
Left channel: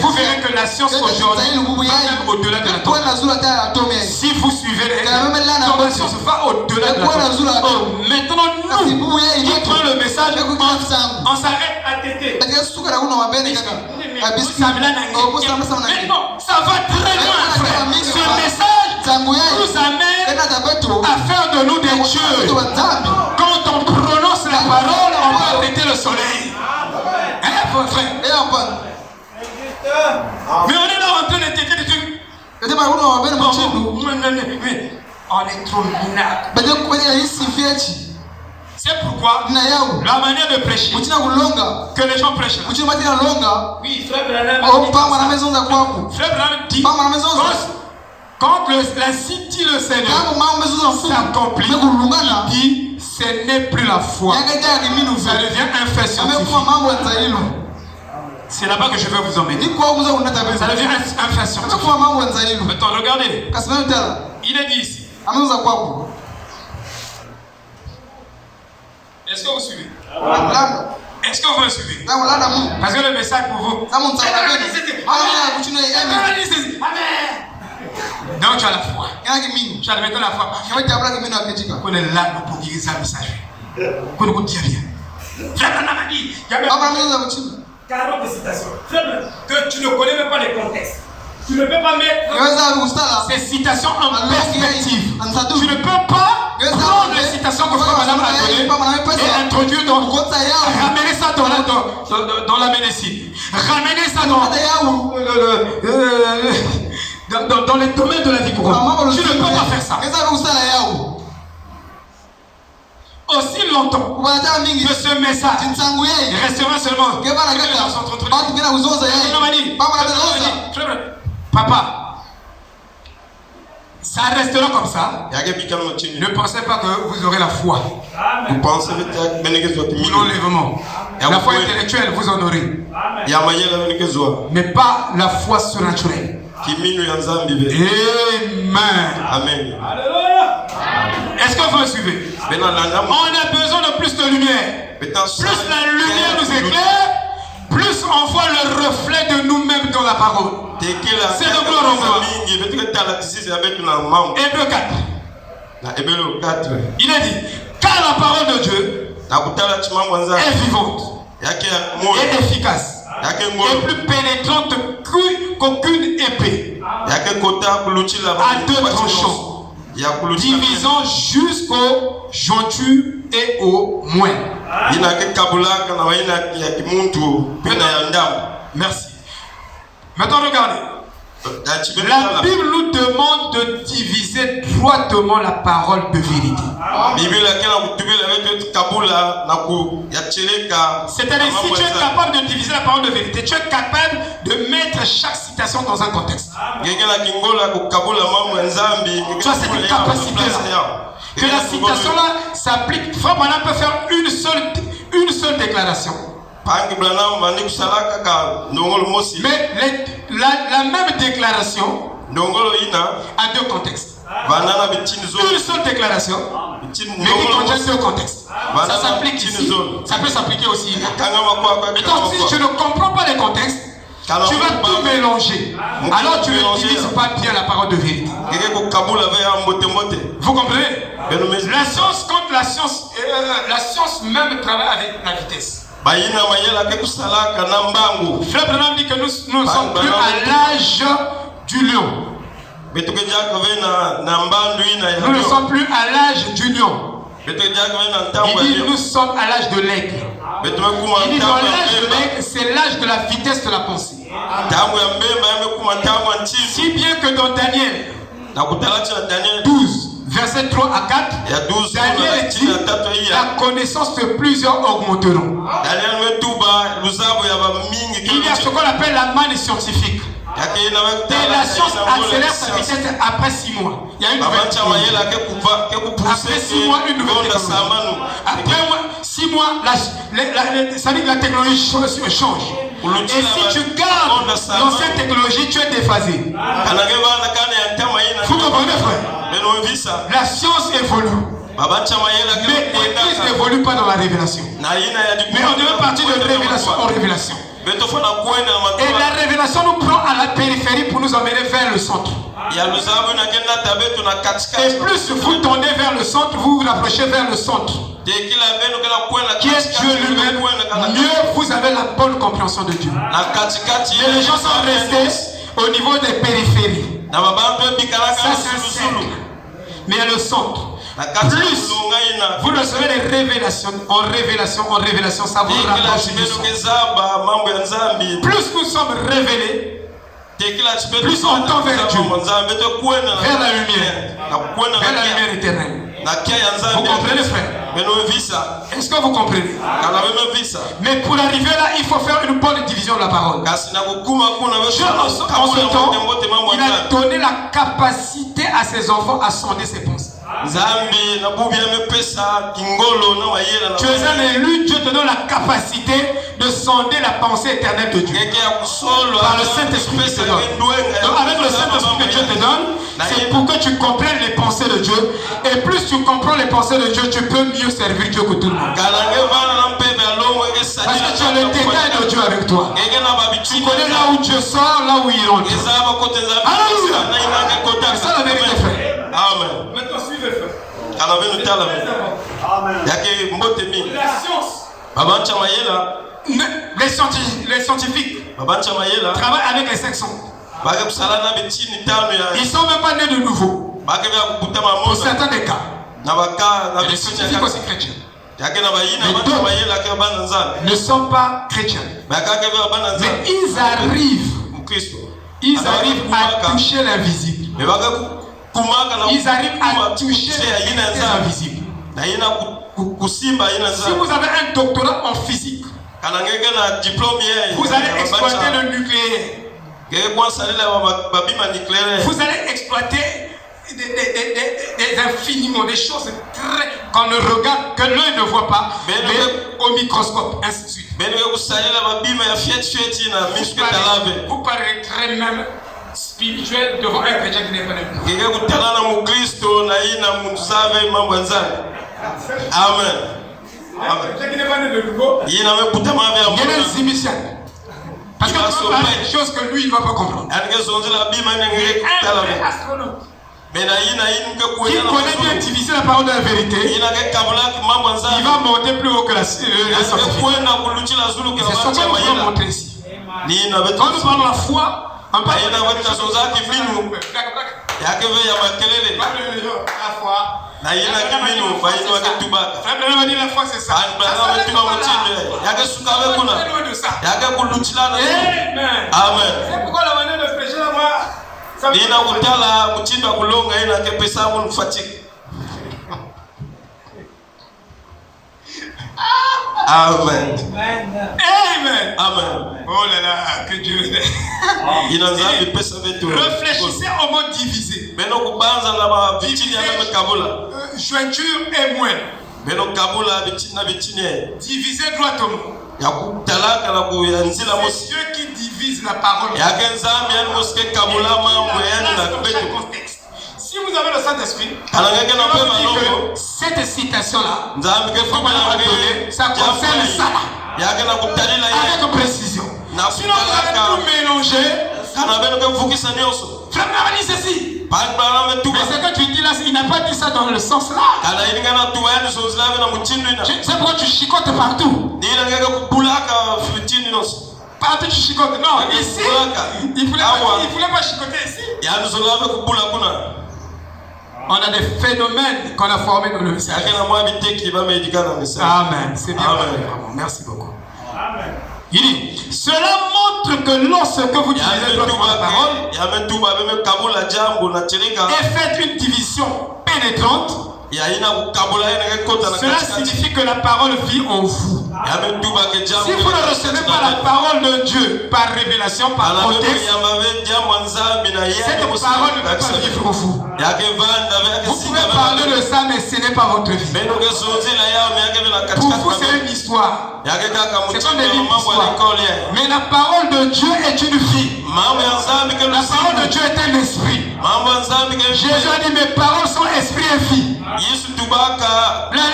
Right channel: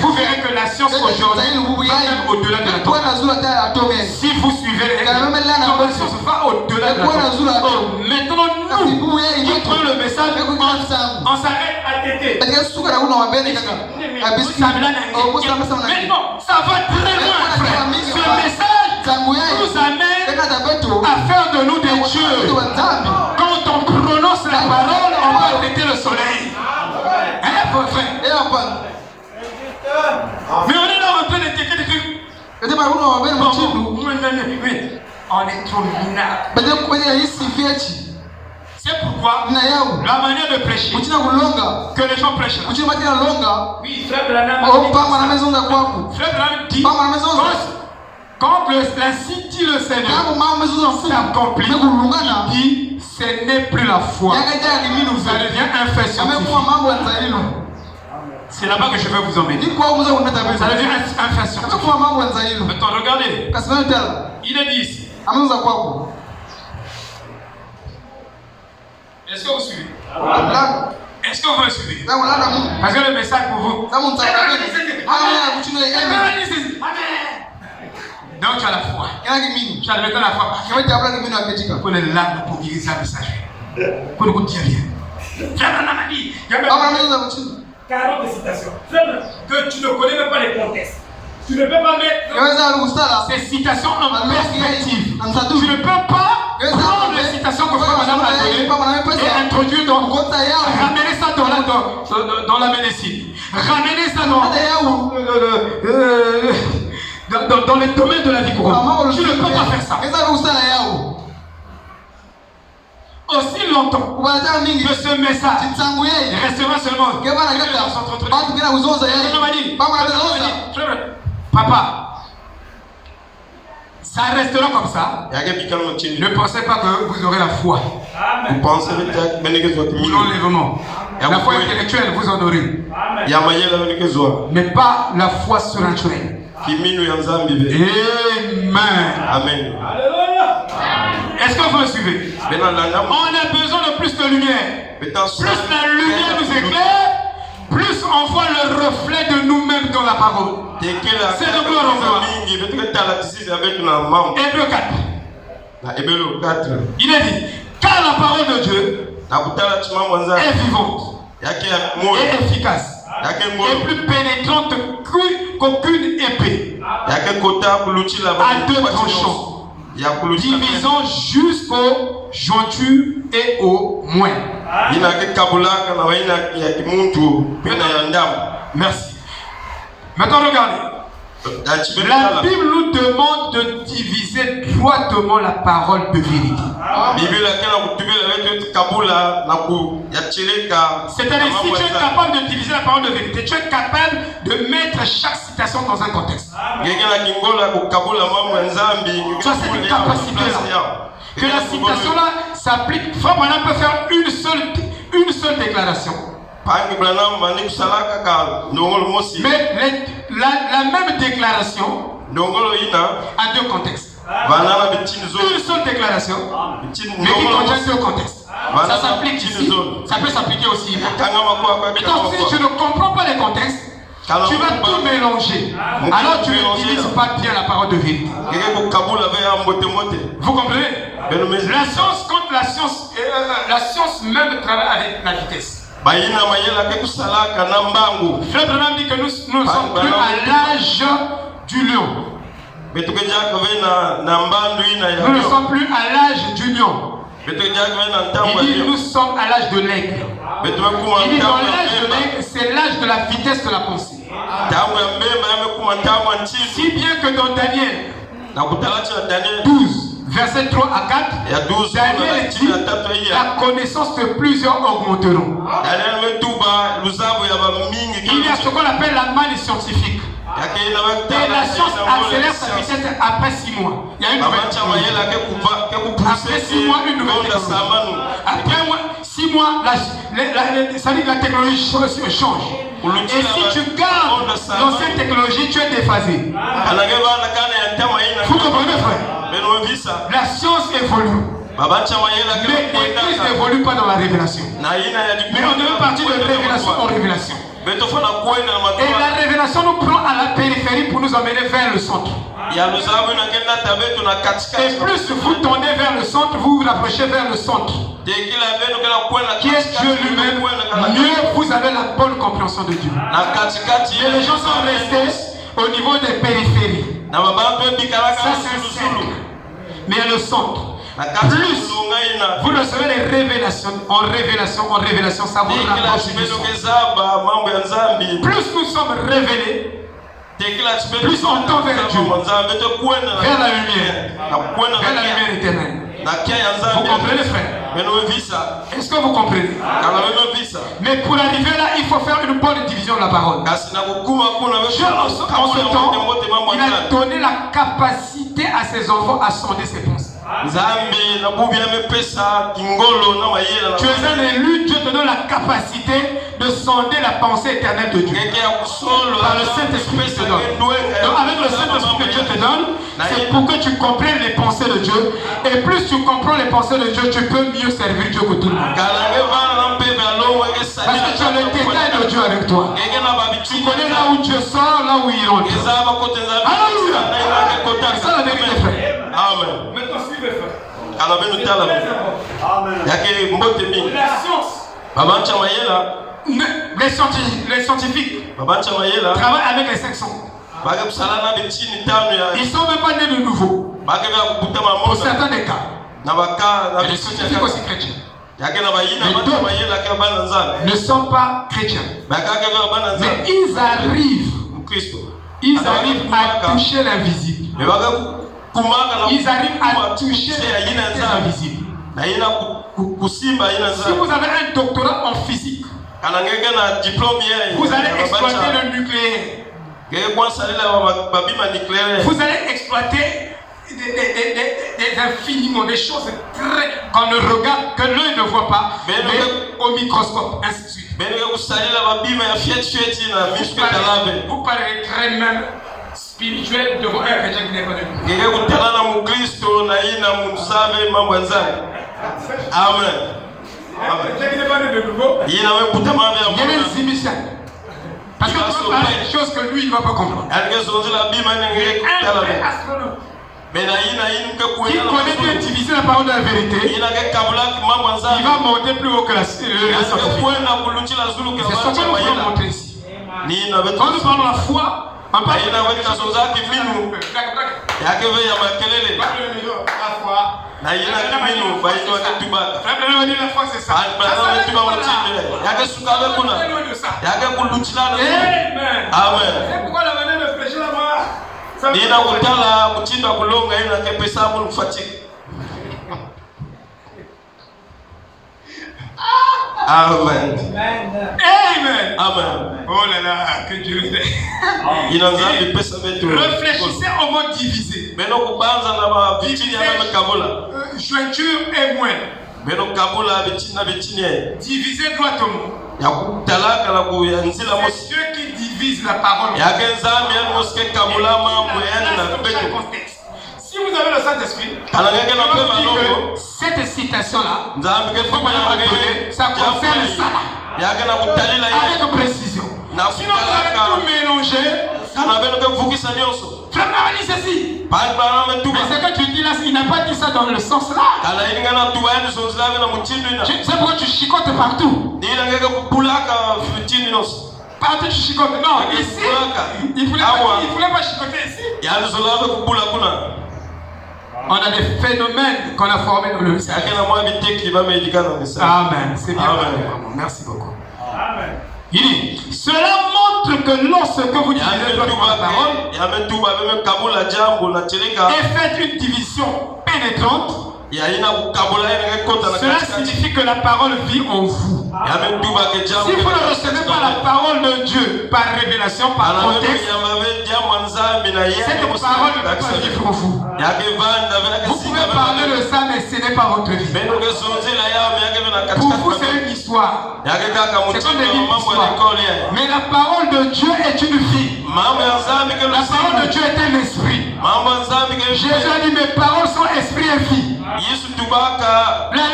vous verrez que la science aujourd'hui va au-delà de l'atome. Si vous suivez les la science va au-delà de l'atome. Maintenant, nous qui prenons le message, on s'arrête à téter. Maintenant, ça va très loin, frère. Ce message nous amène à faire de nous des dieux. Quand on prononce la parole, on va arrêter le soleil. Mais on est là en train de téter des trucs. On est trop minable. C'est pourquoi la manière de prêcher, que les gens prêchent. Oui, frère Branham dit, quand l'insigne dit le Seigneur s'accomplit, il dit, ce n'est plus la foi. Ça devient un fait scientifique. C'est là-bas que je veux vous emmener. Ça devient un fait scientifique. Maintenant, regardez. Il est dit ici. Est-ce que vous suivez? Est-ce que vous me suivez? Parce que le message pour vous. Donc tu as la foi. Tu as maintenant la foi. Pour les larmes pour guérir sa message. Qu'on ne dit rien. Frère Branham a dit, il y a même 40 citations. Frère, que tu ne connais même pas les contextes. Tu ne peux pas mettre ces citations en perspective. Tu ne peux pas prendre les citations que Frère Branham a données et introduire ramener ça dans la médecine. Ramener ça dans les domaines de la vie courante. Tu ne peux pas faire ça. Aussi longtemps que ce message restera seulement papa, ça restera comme ça. Ne pensez pas que vous aurez la foi. L'enlèvement. La foi intellectuelle, vous en aurez. Mais pas la foi surnaturelle. Amen. Alléluia. Est-ce que vous me suivez? On a besoin de plus de lumière. Plus la lumière nous éclaire, plus on voit le reflet de nous-mêmes dans la parole. C'est de gloire en gloire. Hébreux 4. Il est dit, car la parole de Dieu est vivante et efficace et plus pénétrante qu'aucune épée à deux tranchants, divisant jusqu'au jointure et au moelle. Merci. Maintenant regardez. La Bible nous demande de diviser droitement la parole de vérité. C'est-à-dire, si tu es capable de diviser la parole de vérité, tu es capable de mettre chaque citation dans un contexte. Tu as cette capacité-là. Que la citation-là s'applique. Frère Branham peut faire une seule déclaration. Mais la même déclaration a deux contextes. Une seule déclaration, mais qui contient deux contextes. Ça s'applique ici, ça peut s'appliquer aussi. Et donc, si tu ne comprends pas les contextes, tu vas tout mélanger. Alors tu n'utilises pas bien la parole de vérité. Vous comprenez? La science contre la science même travaille avec la vitesse. Frère Branham dit que nous ne sommes plus à l'âge du lion. Nous ne sommes plus à l'âge du lion. Il dit nous sommes à l'âge de l'aigle. Il dit dans l'âge de l'aigle, c'est l'âge de la vitesse de la pensée. Si bien que dans Daniel 12, verset 3 à 4, Daniel dit la connaissance de plusieurs augmenteront. Il y a ce qu'on appelle la manne scientifique. Et la science accélère sa vitesse après 6 mois. Il y a une nouvelle technologie. Après 6 mois, une nouvelle technologie. Après 6 mois, la technologie change. Et si tu gardes l'ancienne technologie, tu es déphasé. Vous comprenez, frère? La science évolue. Mais l'Église n'évolue pas dans la révélation. Mais on est parti de révélation en révélation. Et la révélation nous prend à la périphérie pour nous emmener vers le centre. Et plus vous tendez vers le centre, vous vous rapprochez vers le centre, qui est Dieu lui-même, mieux vous avez la bonne compréhension de Dieu. Et les gens sont restés au niveau des périphéries. Ça c'est un cercle. Mais le centre, plus vous ne serez les révélations en révélation, ça vous rapproche du centre. Plus nous sommes révélés, plus on tend vers Dieu, vers la lumière éternelle. Vous comprenez, frère? Est-ce que vous comprenez? Mais pour arriver là, il faut faire une bonne division de la parole. Dieu, en ce temps, il a donné la capacité à ses enfants à sonder ses pensées. Tu es un élu, Dieu te donne la capacité de sonder la pensée éternelle de Dieu. Par le Saint-Esprit que te donne. Donc avec le Saint-Esprit que Dieu te donne, c'est pour que tu comprennes les pensées de Dieu. Et plus tu comprends les pensées de Dieu, tu peux mieux servir Dieu que tout le monde. Parce que tu as le détail de Dieu avec toi. Tu connais là où Dieu sort, là où il entre. Alléluia. C'est ça la vérité, frère. Amen. Maintenant, suivez, frère. C'est très important. Amen. La science. Les scientifiques travaillent avec les 5 sons. Ils ne sont même pas nés de nouveau. Pour certains des cas. Les scientifiques aussi chrétiens. Les deux ne sont pas chrétiens. Mais ils arrivent à toucher l'invisible. Ils arrivent à toucher l'invisible. Si vous avez un doctorat en physique, vous allez exploiter le nucléaire. Vous allez exploiter des infiniment, des choses qu'on ne regarde, que l'œil ne voit pas, mais au microscope, ainsi de suite. Vous paraîtrez même spirituel devant un chrétien qui n'est pas Amen. Quelqu'un qui n'est pas né de nouveau, il y a un zimicien. Parce que tu parles des choses que lui, il ne va pas comprendre. Un vrai astronaute qui connaît bien diviser la parole de la vérité, il va monter plus haut que la scientifique. C'est ce qu'on va montrer ici. Quand nous parlons de la foi, on parle de la foi. La foi, c'est ça. Amen. C'est pourquoi la manière de prêcher là-bas. Amen. Amen. Amen. Oh là là, que Dieu est. Réfléchissez au mot divisé. Jointure et moins. Diviser droitement. C'est Dieu qui divise la parole. Si vous avez le Saint-Esprit, cette citation-là, ça concerne ça là. Avec précision. Sinon, vous allez tout mélanger. Vraiment, dit ceci. Mais ce que tu dis là, il n'a pas dit ça dans le sens là. C'est pourquoi tu chicotes partout. Partout tu chicotes. Non, ici, il ne voulait pas chicoter ici. On a des phénomènes qu'on a formés dans le message. Amen. C'est bien. Merci beaucoup. Amen. Il dit, cela montre que lorsque vous divisez la parole et faites une division pénétrante, cela signifie que la parole vit en vous. Si vous ne recevez pas la parole de Dieu par révélation, par contexte, cette parole ne peut pas vivre en vous. Vous pouvez parler de ça, mais ce n'est pas votre vie. Pour vous, c'est une histoire. C'est comme des livres d'histoire. Mais la parole de Dieu est une vie. La parole de Dieu est un esprit. Jésus a dit, mes paroles sont esprit et vie. La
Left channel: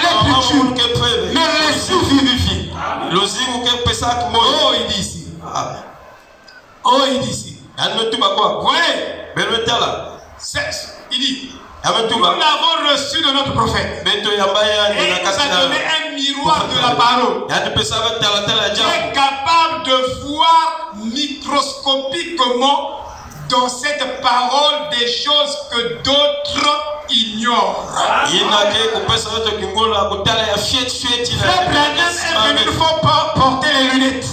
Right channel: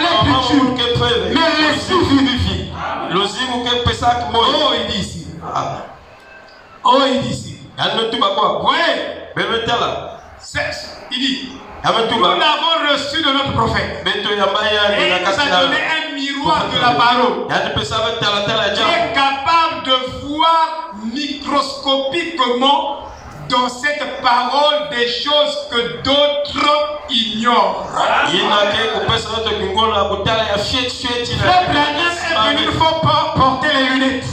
lettre tue, mais l'esprit vivifie. Oh, il dit ici. Oh, il dit ici. Il dit, nous l'avons reçu de notre prophète. Et il nous a donné un miroir de la parole. Qui est capable de voir microscopiquement dans cette parole des choses que d'autres ignorent. Frère Branham est venu, il faut porter les lunettes.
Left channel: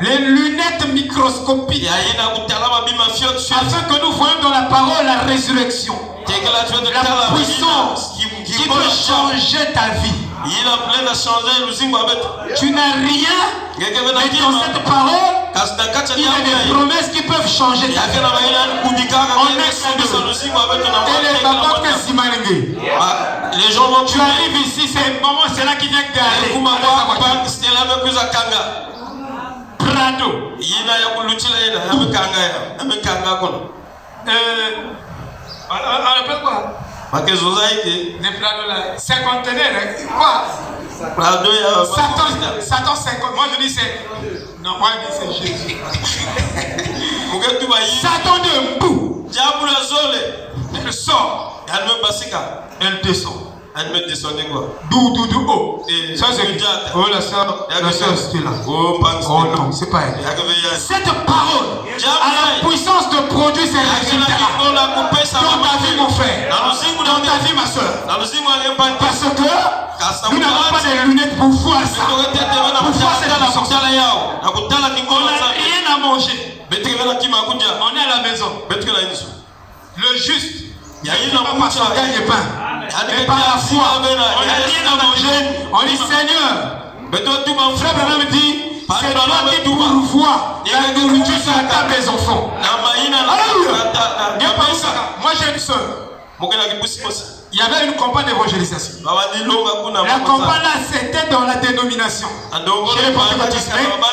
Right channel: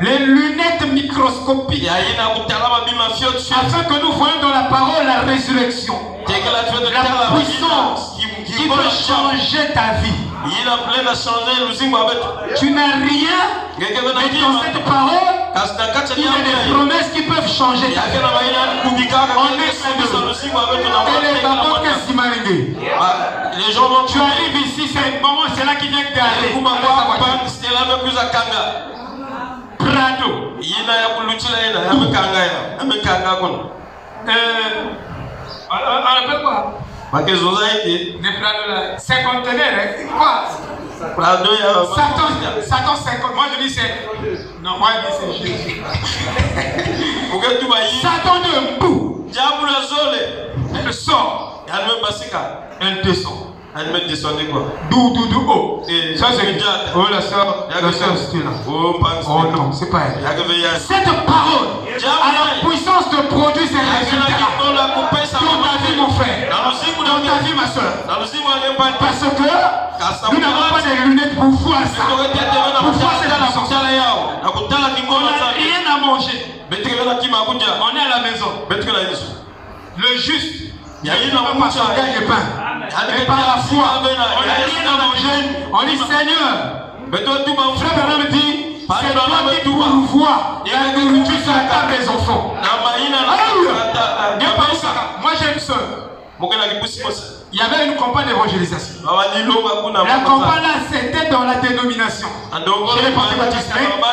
Les lunettes microscopiques. Afin que nous voyons dans la parole la résurrection. La puissance qui peut changer ta vie. Tu n'as rien, mais dans cette parole, il y a des promesses qui peuvent changer ta vie. Les gens vont tu arrives ici, c'est un moment, c'est là qui vient garer. Prado. On appelle quoi? Les Prado là. Cinquantenaire, quoi? Satan 50. Moi je dis c'est. Non, moi je dis c'est Jésus. Satan de Mbou. Diable zole. Elle sort. Yanme basika. Elle descend. Elle me descend quoi? D'où oh. Ça c'est oh la sœur c'était là. Oh non, c'est pas elle. Cette parole a la puissance de produire ses résultats dans ta vie mon frère, dans ta vie ma soeur. Parce que nous n'avons pas des lunettes pour voir ça. Pour voir cette dimension. On n'a rien à manger. On est à la maison. Le juste, il n'y a pas marché à gagner le pain. Et par la foi, on n'a rien à manger. On dit Seigneur. Frère Bernard me dit, c'est toi qui pourvois la nourriture à table des enfants. Alléluia. Moi j'ai une soeur. Il y avait une campagne d'évangélisation. La campagne là, c'était dans la dénomination. Je n'ai pas fait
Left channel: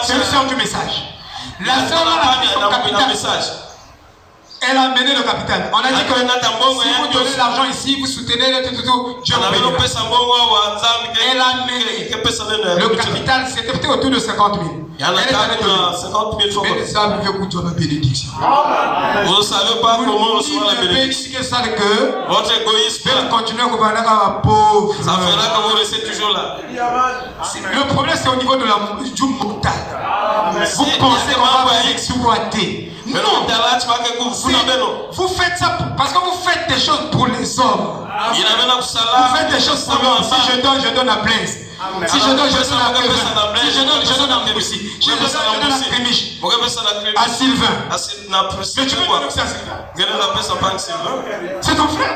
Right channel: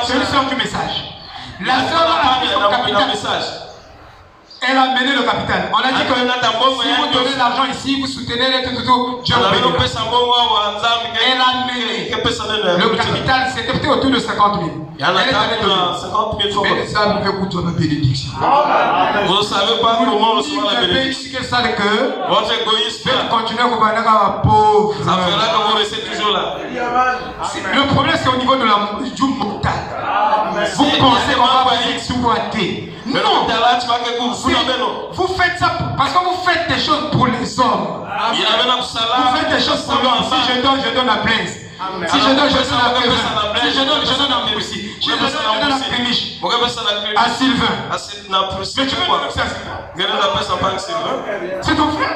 c'est une soeur du message. La soeur là a fait son capital. Elle a mené le capital. On a dit que si vous donnez l'argent ici, vous soutenez le tout. Elle a mené. Le capital, c'était peut-être autour de 50 000. Elle a donné 50 000 francs. Mais ça, vous pouvez écouter la bénédiction. Vous ne savez pas comment on reçoit la bénédiction. Votre égoïsme. Continuez à gouverner comme un pauvre. Ça fera que vous restez toujours là. Le problème, c'est au niveau de la du mental. Vous pensez qu'on va exploiter. Non. Vous faites ça parce que vous faites des choses pour les hommes. Vous faites des choses pour l'homme. Si je donne la blaise. Si je donne la blaise. Si je donne la aussi. Si je donne la prémiche à Sylvain. Mais tu veux dire que c'est à Sylvain? C'est ton frère?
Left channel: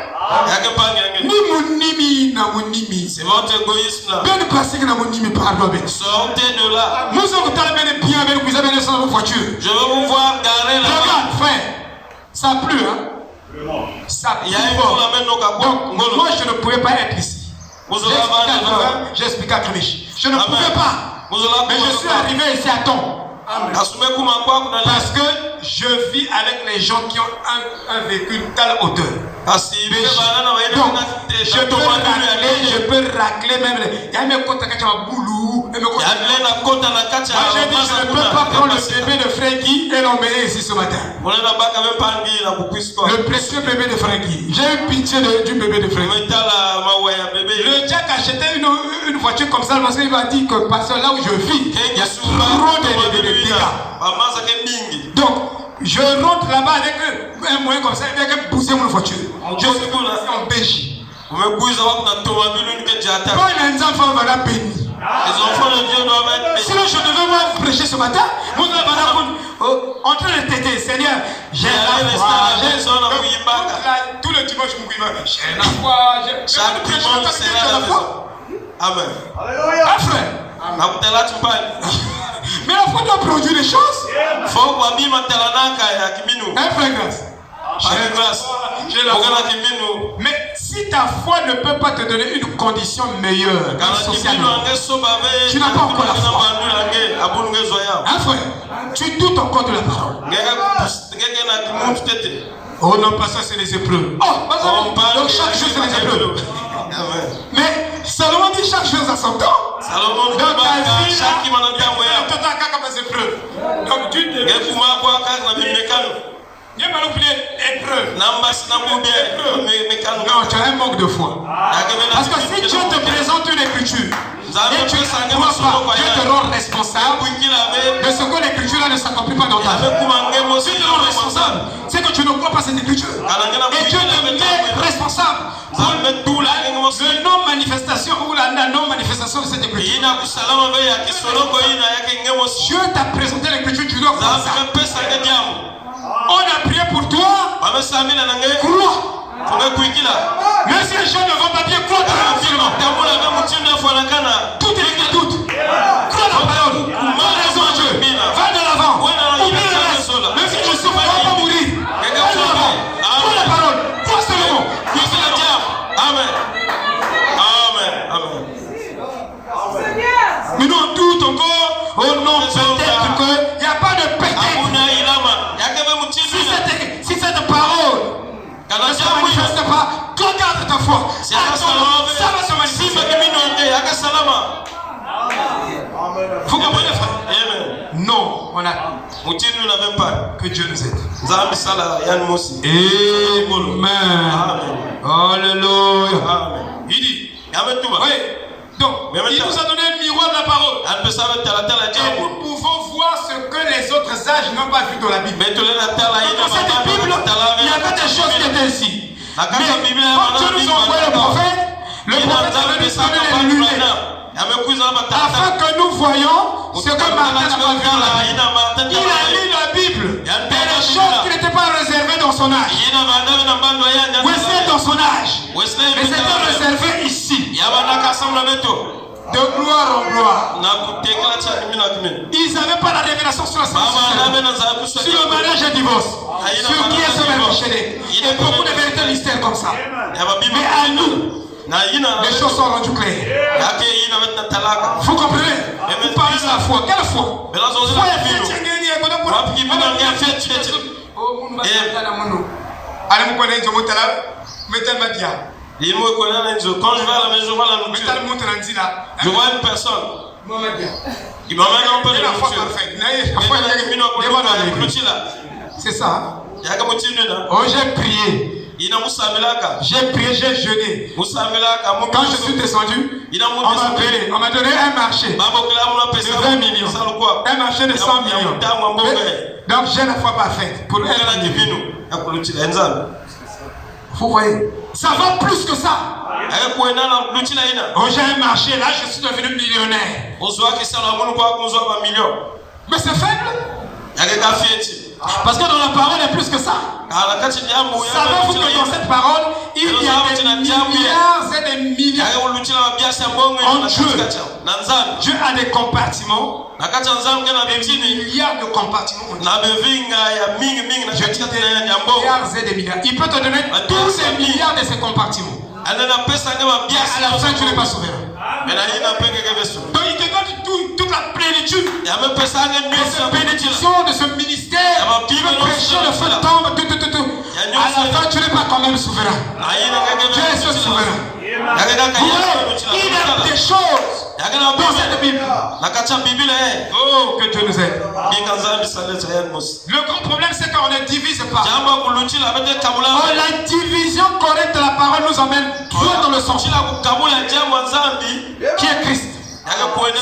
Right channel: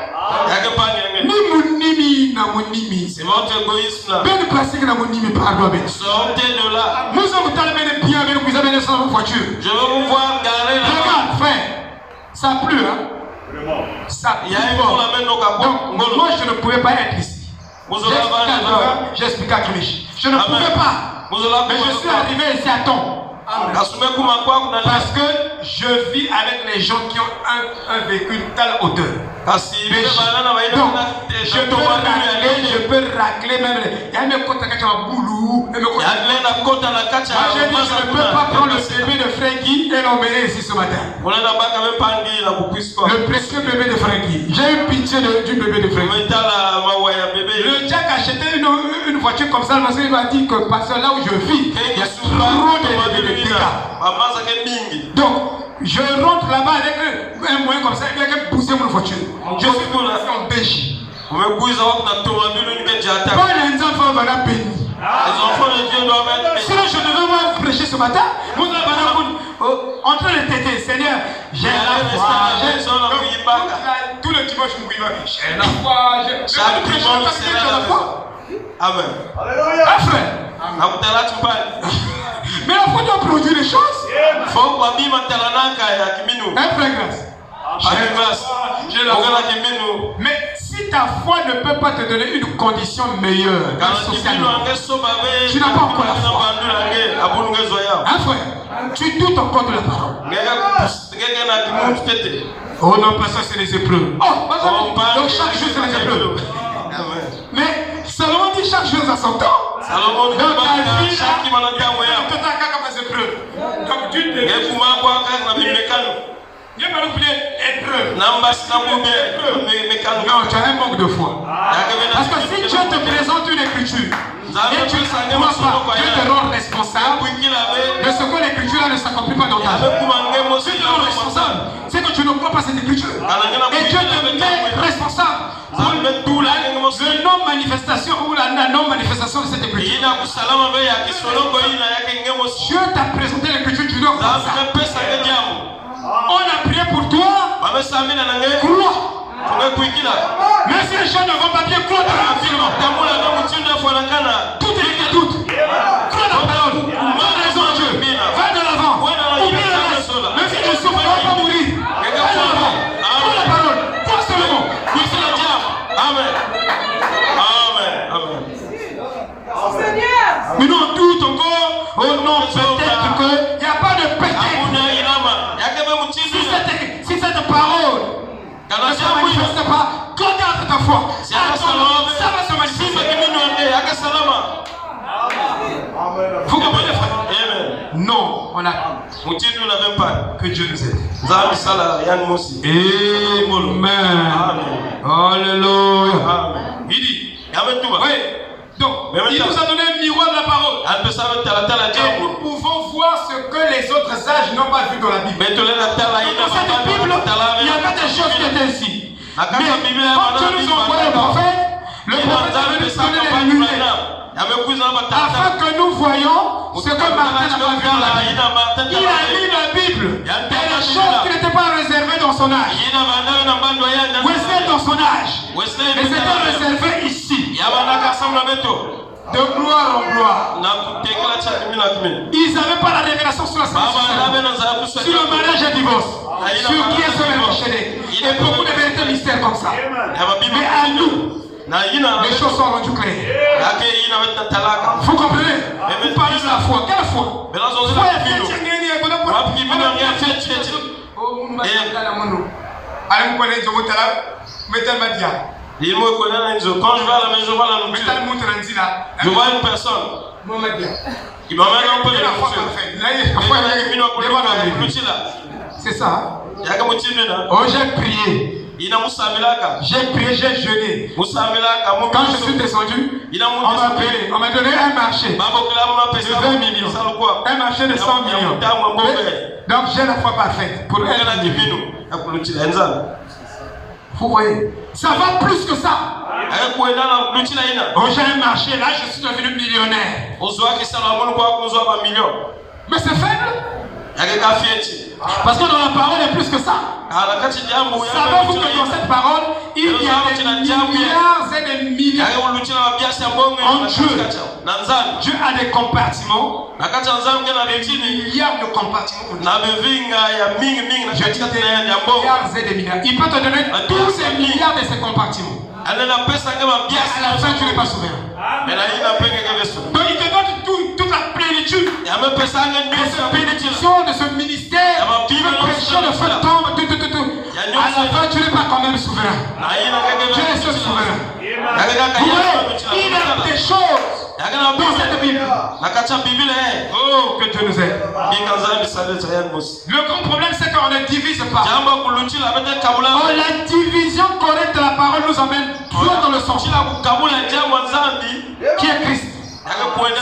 Ni mon nimi na mon nimi. C'est votre égoïsme là. Ben plastique na mon nimi pardon. Sortez de là. Nous sommes bien avec vous avez dans votre voiture. Je veux vous voir garer là. Regarde frère. Ça pue hein. Ça pue. Donc moi je ne pouvais pas être ici. J'explique à Clémiche. Je ne pouvais pas. Mais je suis arrivé ici à temps. Parce que je vis avec les gens qui ont un véhicule telle hauteur. Donc, je peux racler même. Il y a mes côtes qui ont boulou. Moi, j'ai dit, je ne peux pas prendre le bébé de Frankie et l'emmener ici ce matin. Le précieux bébé de Frankie. J'ai eu pitié du bébé de Frankie. Le Jack a acheté une voiture comme ça parce qu'il m'a dit que parce que là où je vis, il y a trop de bébés de dégâts. Donc, je rentre là-bas avec un moyen comme ça, avec pousser mon voiture. Je suis en Belgique. Pas les enfants vont la bénir. Les enfants de Dieu doivent être bénis. Sinon, je devais moi prêcher ce matin. Vous n'avez pas en train de t'aider, Seigneur. J'ai la foi. Tout le dimanche, j'ai la foi. Chaque dimanche, c'est la foi. Amen. Alléluia. Mais la foi doit produire des choses. Un frère grâce. Mais si ta foi ne peut pas te donner une condition meilleure socialement, tu n'as pas encore la foi. Un frère, tu doutes encore de la parole. Oh non, parce que c'est les épreuves. Donc chaque jour c'est les épreuves. Mais Salomon dit chaque chose à son temps. Donc ta vie, donc tu devais Dieu m'a appelé épreuve. Non, tu as un manque de foi. Parce que si Dieu te présente une écriture et tu ne crois pas, Dieu te rend responsable de ce que l'écriture ne s'accomplit pas dans ta vie. Si tu te rends responsable, c'est que tu ne crois pas cette écriture. Et Dieu te met responsable de non-manifestation ou la non-manifestation de cette écriture. Dieu t'a présenté l'écriture, tu dois croire ça. On a prié pour toi. Crois. Même si les gens ne vont pas bien, crois dans la tout est écrit, tout. Crois dans la parole. Va raison à Dieu. Va de l'avant. Oublie le reste. Même si tu souffres, tu ne vas pas mourir. Va de l'avant. Crois la parole. Crois seulement. Amen. Mais non, doute encore. Oh non, peut-être qu'il n'y a pas de péché. Si cette parole ne se manifeste pas, regarde ta foi. Ça va se manifester. Vous comprenez, frère? Non, on a. Que Dieu nous aide. Amen. Alléluia. Il dit, oui. Donc, il nous a donné un miroir de la parole. Et nous pouvons voir ce que les autres âges n'ont pas vu dans la Bible. Dans cette Bible, il y a pas de choses qui étaient ici. Mais quand Dieu nous envoie le prophète a venu donner les lumières. Afin que nous voyions ce que Martin n'a pas vu dans la Bible. Il a lu la Bible. Il y a des choses qui n'étaient pas réservées dans son âge. Wesley dans son âge. Mais c'était réservé ici. De gloire en gloire. Ils n'avaient pas la révélation sur la sanction, sur le mariage et le divorce, sur qui est ce enchaîné. Et beaucoup de vérités mystères comme ça. Mais à nous, les choses sont rendues claires. Vous comprenez? Vous parlez de la foi. Quelle foi? Foi est chrétienne. Allez, vous connaissez, quand je vais à la maison, je vois la nourriture. Je vois une personne. Il m'amène un peu de nourriture. C'est ça. Oh, j'ai prié. J'ai prié, j'ai jeûné. Quand je suis descendu, on m'a donné un marché de 20 millions. Un marché de 100 millions. Donc j'ai la foi parfaite pour vous voyez, ça va plus que ça. Oh, j'ai un marché, là je suis devenu millionnaire. Mais c'est faible. Parce que dans la parole, il y a plus que ça. Savez-vous que dans cette parole, il y a des milliards et des milliards en Dieu. Dieu a des compartiments. Des milliards de compartiments. Je dis des milliards et des milliards. Il peut te donner tous ces milliards de ces compartiments. À la fin, tu n'es pas souverain. Donc il te donne toute la plénitude. Et cette bénédiction de ce ministère, tu veux prêcher le feu de tombe, à la fin, tu n'es pas quand même souverain. Dieu est ce souverain. Il y a des choses dans cette Bible. Oh, que Dieu nous aide. Le grand problème, c'est qu'on ne divise pas. Oh, la division correcte de la parole nous emmène droit dans le sens qui est Christ.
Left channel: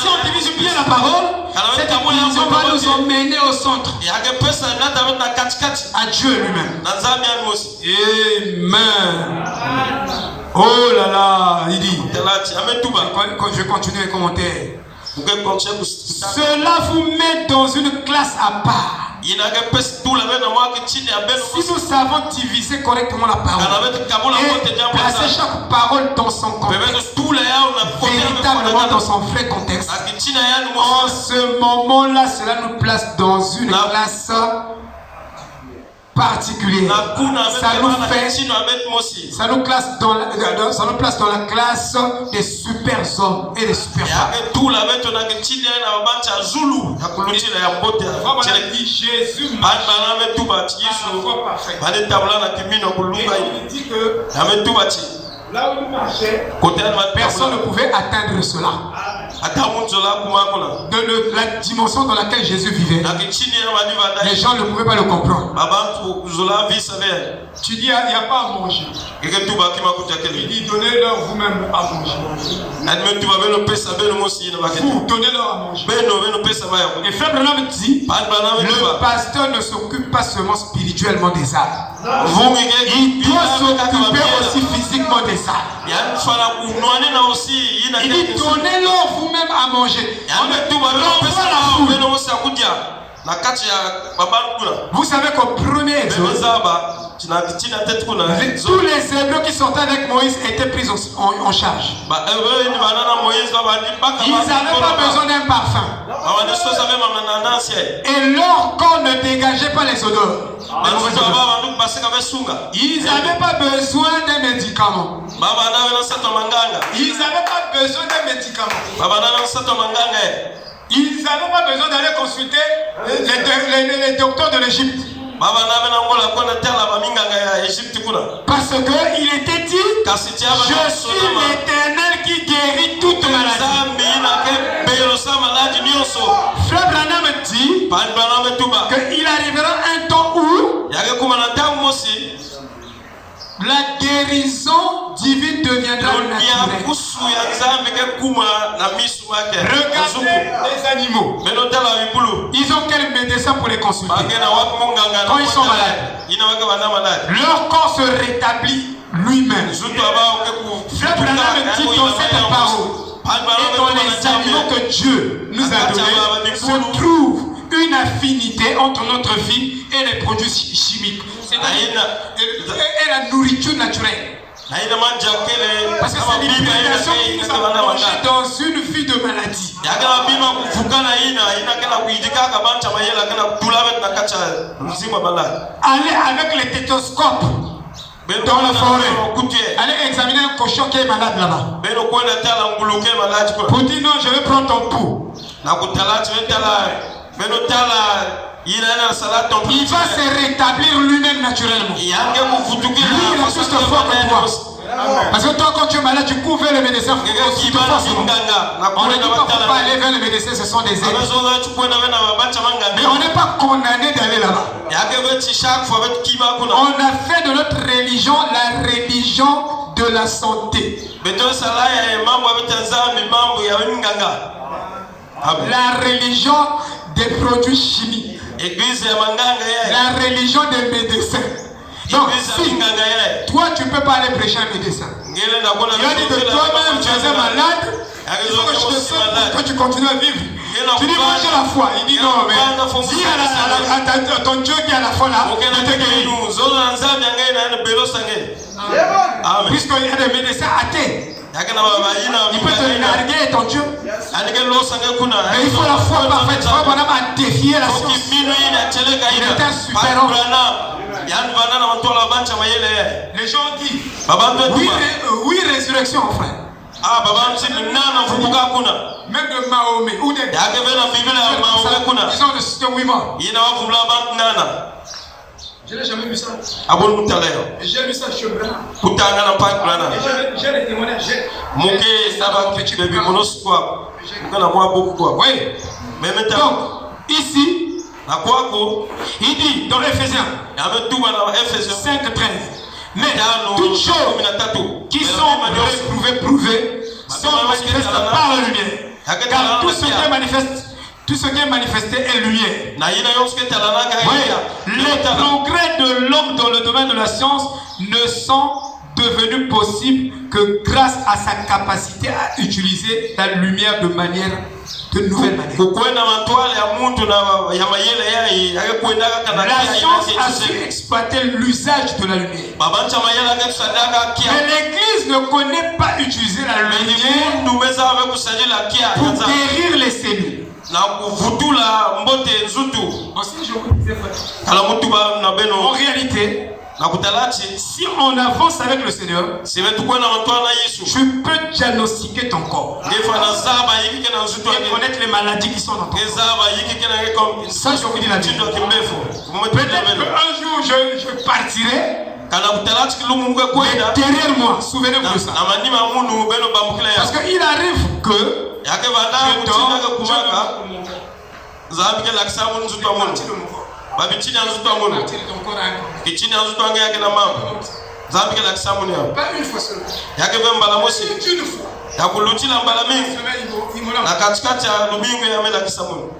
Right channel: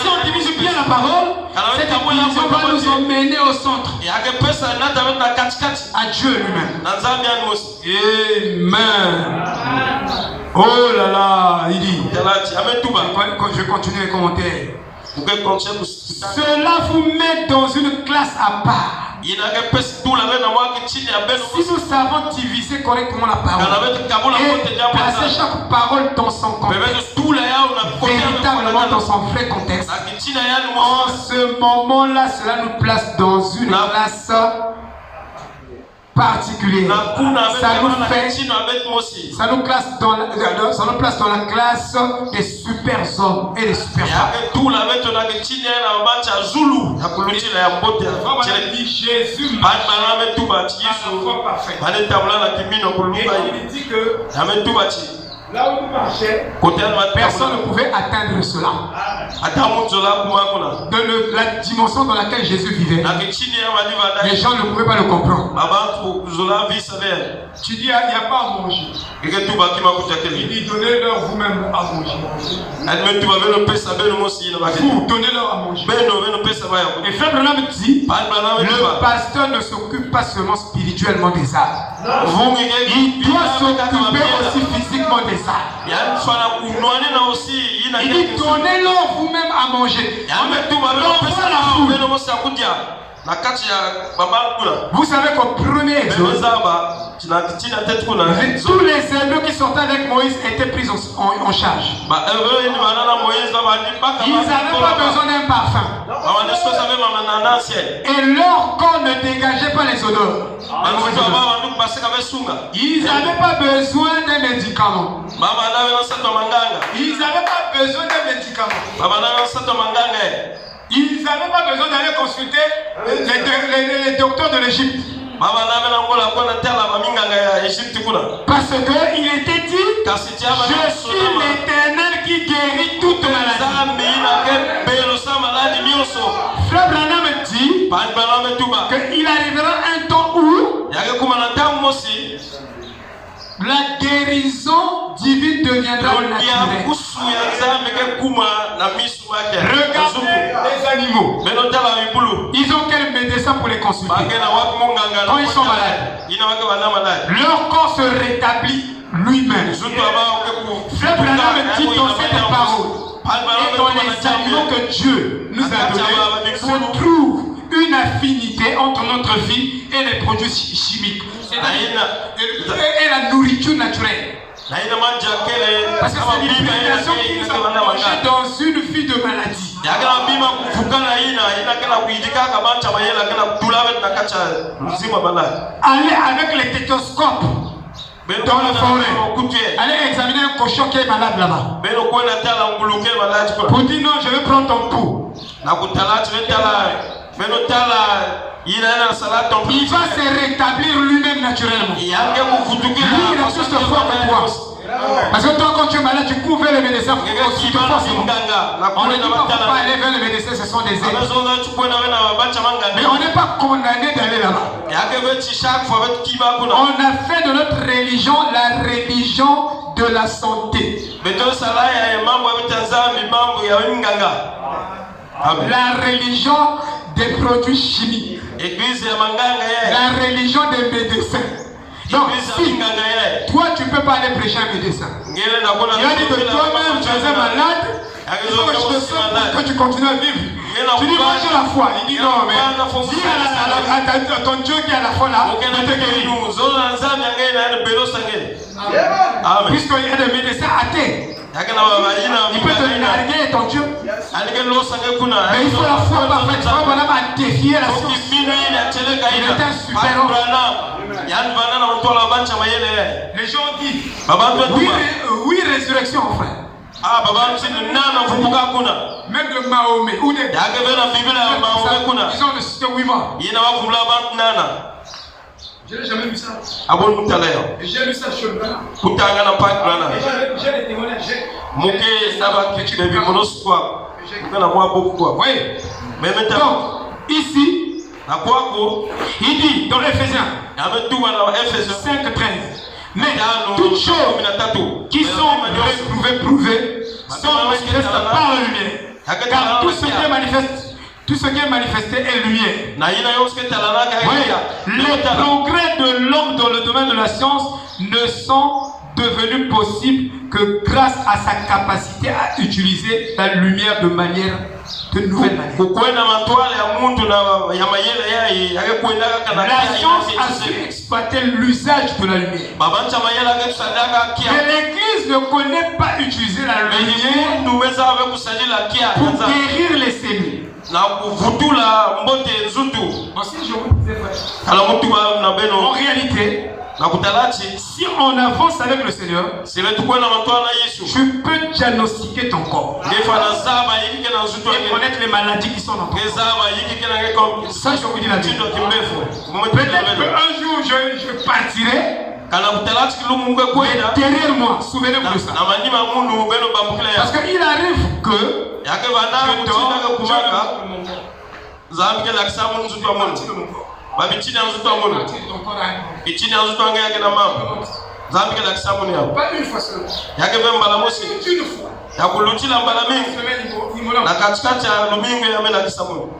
Si on divise bien la parole, cette division va nous emmener au centre, à Dieu lui-même. Amen. Oh là là, il dit. Quand je continue les commentaires, cela vous met dans une classe à part. Si nous savons diviser correctement la parole et placer chaque parole dans son contexte, véritablement dans son vrai contexte, en ce moment-là, cela nous place dans une classe particulière. Ça nous place dans la classe des super hommes et des super femmes. Jésus là où nous marchait, personne ne pouvait atteindre cela. De la dimension dans laquelle Jésus vivait, les gens ne pouvaient pas le comprendre. Tu dis, il n'y a pas à manger. Il dit, donnez-leur vous-même à manger. Vous, donnez-leur à manger. Et Frère Branham dit, le pasteur ne s'occupe pas seulement spirituellement des âmes. Il doit s'occuper aussi physiquement des âmes. Il dit, donnez-leur vous-même à manger. Vous savez qu'au premier exode, tous les Hébreux qui sortaient avec Moïse étaient pris en charge. Ils n'avaient pas besoin d'un parfum. Et leur corps ne dégageait pas les odeurs. Ils n'avaient pas besoin d'un médicament. Ils n'avaient pas besoin d'un médicament. Ils n'avaient pas besoin d'aller consulter les docteurs de l'Égypte. Parce qu'il était dit, je suis l'Éternel qui guérit toute maladie. Frère Branham dit que deviendra naturel. Regardez les animaux. Ils ont quel médecin pour les consulter quand ils sont malades? Leur corps se rétablit lui-même. Frère Branham dit dans cette parole et dans les animaux que Dieu nous a donnés, se trouve une affinité entre notre vie et les produits chimiques. Et la nourriture naturelle. Parce que c'est l'imitation qui nous a plongé dans une vie de maladie. Allez avec les stéthoscopes dans la forêt. Allez examiner un cochon qui est malade là-bas. Pour dire non, je vais prendre ton pouls. Il va se rétablir lui-même naturellement. Lui, il est plus fort que toi. Parce que toi, quand tu es malade, tu couvres les médecins. On ne dit pas qu'il faut aller vers les médecins, ce sont des ennemis. Mais on n'est pas condamné d'aller là-bas. On a fait de notre religion la religion de la santé. La religion des produits chimiques. La religion des médecins. Donc si toi tu ne peux pas aller prêcher un médecin, il a dit que toi-même tu es un malade, il faut que je te sauve que tu continues à vivre. Tu dis moi j'ai la foi. Il dit non, mais dis à ton Dieu qui a la foi là, il te guérit. Puisqu'il y a des médecins athées, il peut te narguer ton Dieu. Mais il faut la foi parfaite. Il faut vraiment défier la science. Il est un super homme. Les gens disent oui, résurrection, frère. Même le Mahomet ou des ils ont le système 8 morts. Je n'ai jamais vu ça. J'ai lu ça chez le j'ai des témoignages. Oui. Donc, ici, il dit dans l'Éphésiens 5:13, mais toutes choses qui sont prouvées sont manifestes par la lumière. Car tout ce qui est manifesté est lumière. Oui. Les progrès de l'homme dans le domaine de la science ne sont devenus possibles que grâce à sa capacité à utiliser la lumière de manière de nouvelle manière. La science a su exploiter l'usage de la lumière. Mais l'Église ne connaît pas utiliser la lumière pour guérir les séniles. En réalité, si on avance avec le Seigneur, tu peux diagnostiquer ton corps et connaître les maladies qui sont dans ton corps. Ça, je vous dis la vérité. Peut-être qu'un jour je partirai. Derrière moi, souvenez-vous de ça. Parce qu'il arrive que babichini azuto amono kichini azuto anga yake na mama zambi kila kisambu ni hapo yake mbala mosi ya kuluchila mbala mingi na katikati ya lumingo ya mela kisambu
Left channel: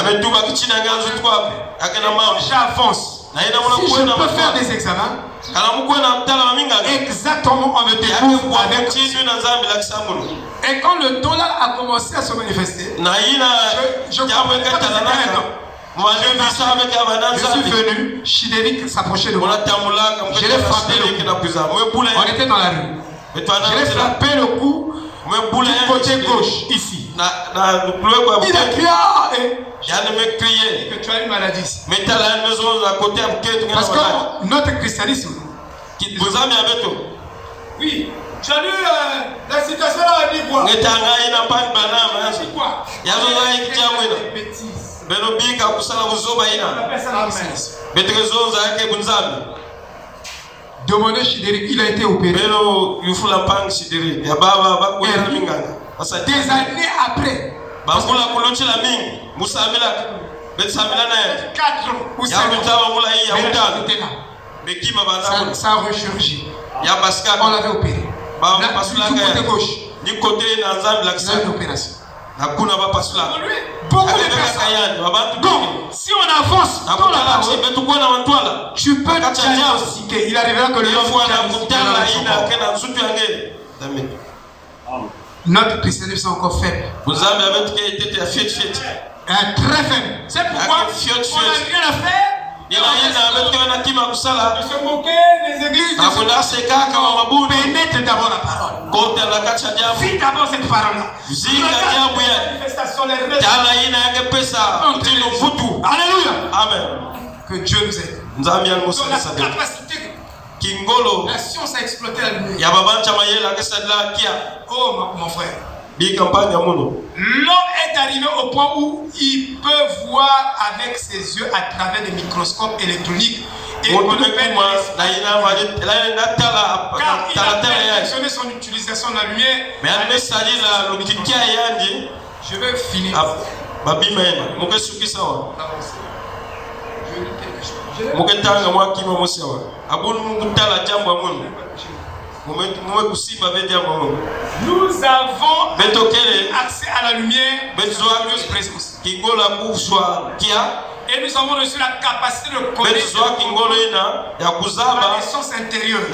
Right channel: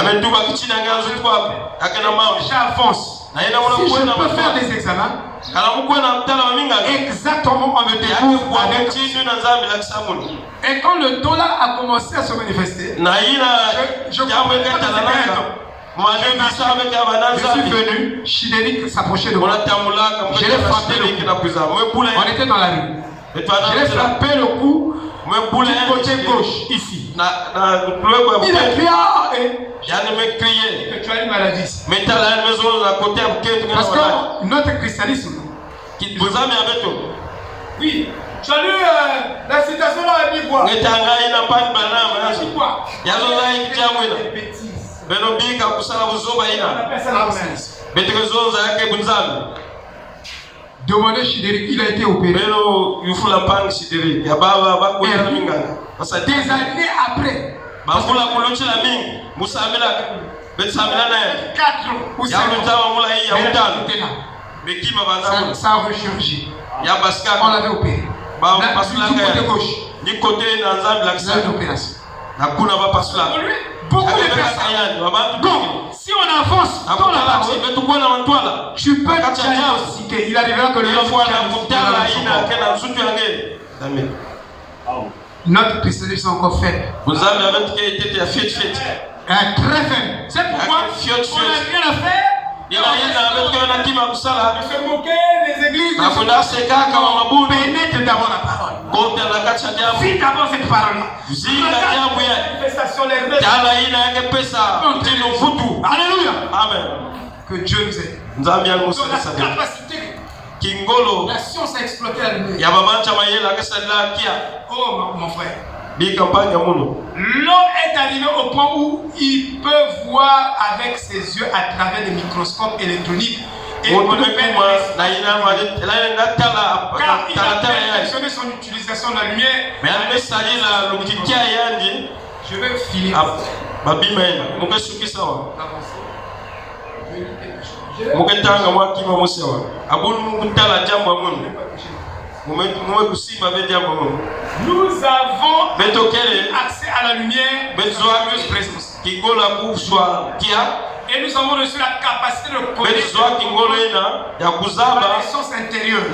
ametuba kichini anga azuto hapo yake na mama j'avance. Si je peux faire des examens, exactement on me découvre avec. Et quand le dollar a commencé à se manifester, je suis venu, Chidéric s'approchait de moi. Je l'ai frappé le cou. On était dans la rue. Je l'ai frappé le cou du côté gauche, ici. Il a crié que tu as une maladie ici. Parce que notre christianisme, oui, tu as lu la citation là, elle dit quoi? Demandez Chidéric, il a été opéré. Des années après. 4 ou 5 ans. Ça a ressurgi. On l'avait opéré. Du côté gauche. Du côté dans une opération. Beaucoup de personnes. Donc, si on avance dans la parole, tu peux diagnostiquer. Il arrivera que le notre christianisme est encore faible. Vous avez été très faible. C'est pourquoi on n'a rien à faire. Il a se moquer des églises. Pénètre d'abord la parole. Vis d'abord cette parole-là. Alléluia. Amen. Que Dieu nous aide. Dans la capacité. La science a exploité la lumière. Oh mon frère. L'homme est arrivé au point où il peut voir avec ses yeux à travers les microscopes électroniques. Et on peut car il a perfectionné son utilisation de la lumière. Je vais finir. Nous avons accès à la lumière de sa présence. Et nous avons reçu la capacité de connaître la science intérieure.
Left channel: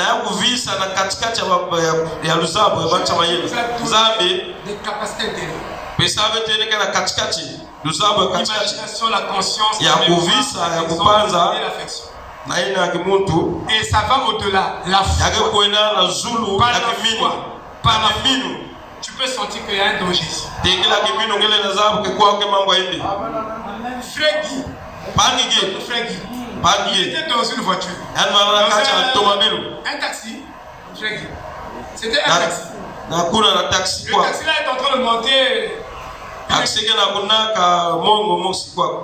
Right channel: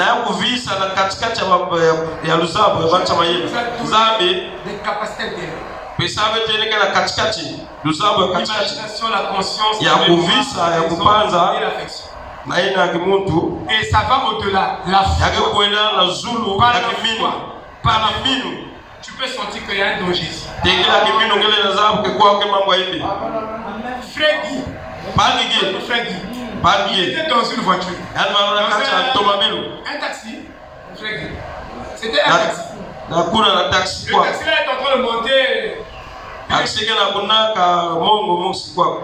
Des capacités intérieures. L'imagination, la conscience, la mémoire, et l'affection. Et ça va au-delà. La foi. Par la foi. Tu peux sentir qu'il y a un danger ici. Frère Guy était dans une voiture. Un taxi. C'était un taxi. Le taxi là est en train de monter.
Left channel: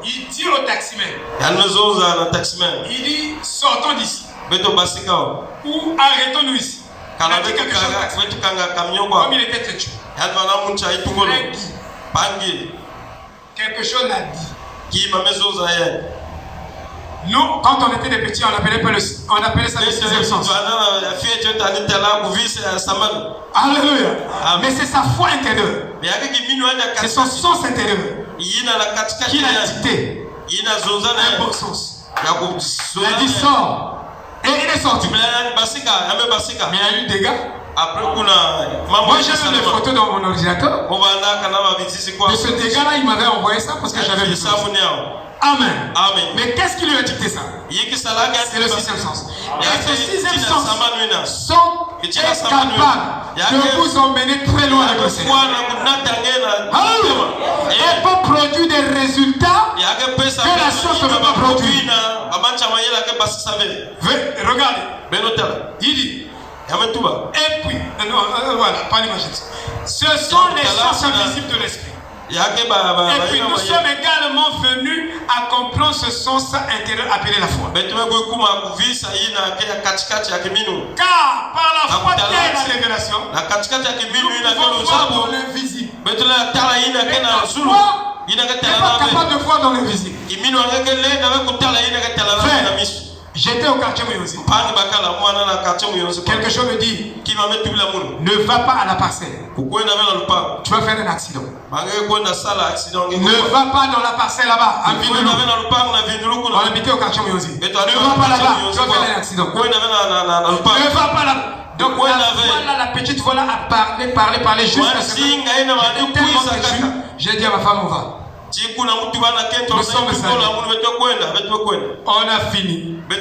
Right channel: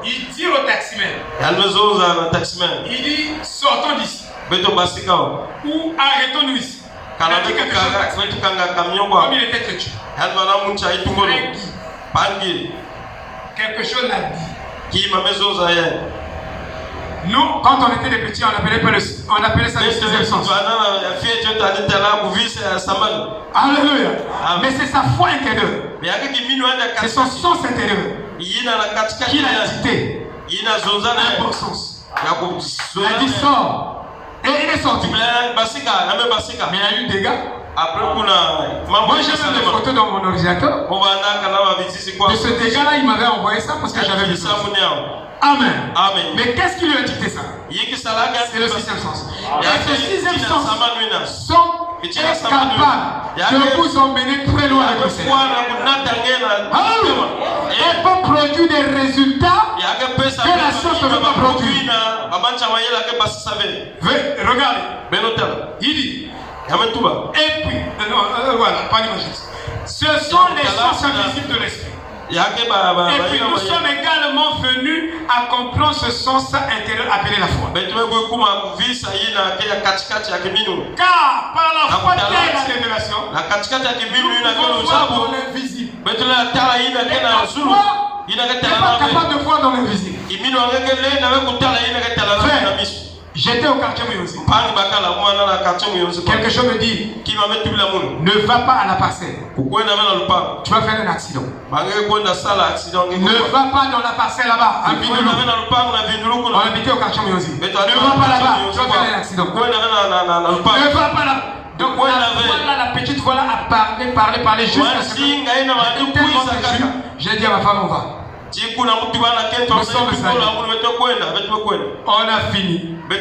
Il dit au taximan. Il dit sortons d'ici. Ou arrêtons-nous ici. Il a dit quelque chose. Comme il était têtu. Quelque chose l'a dit. Nous, quand on était des petits, on appelait ça le sixième sens. Alléluia. Mais c'est sa foi intérieure. C'est son sens intérieur qui l'a dicté. Un bon sens. Il a dit sort. Et il est sorti. Mais il y a eu des dégâts. Moi j'ai fait des photos dans mon ordinateur. De ce dégât-là, il m'avait envoyé ça parce que j'avais vu ça. Amen. Mais qu'est-ce qui lui a dicté ça? C'est le sixième sens. Et ce sixième sens est capable de vous emmener très loin avec le Seigneur. Et peut produire des résultats que la science ne peut pas produire. Regardez. Il dit. Et puis, voilà, pas l'imaginer. Ce sont les sciences invisibles de l'esprit. Et puis nous sommes également venus à comprendre ce sens intérieur appelé la foi. Car par la foi de la révélation, nous pouvons voir dans l'invisible. Et la foi n'est pas capable de voir dans l'invisible. J'étais au quartier Muyonzi. Quelque chose me dit ne va pas à la parcelle. Tu vas faire un accident. Ne va pas dans la parcelle là-bas. On habitait au quartier Muyonzi. Ne va pas là-bas. Tu vas faire un accident. Ne va pas là-bas. Donc voilà, la petite voilà a parlé jusqu'à ce que j'ai dit à ma femme on va. Nous sommes on a fini. Au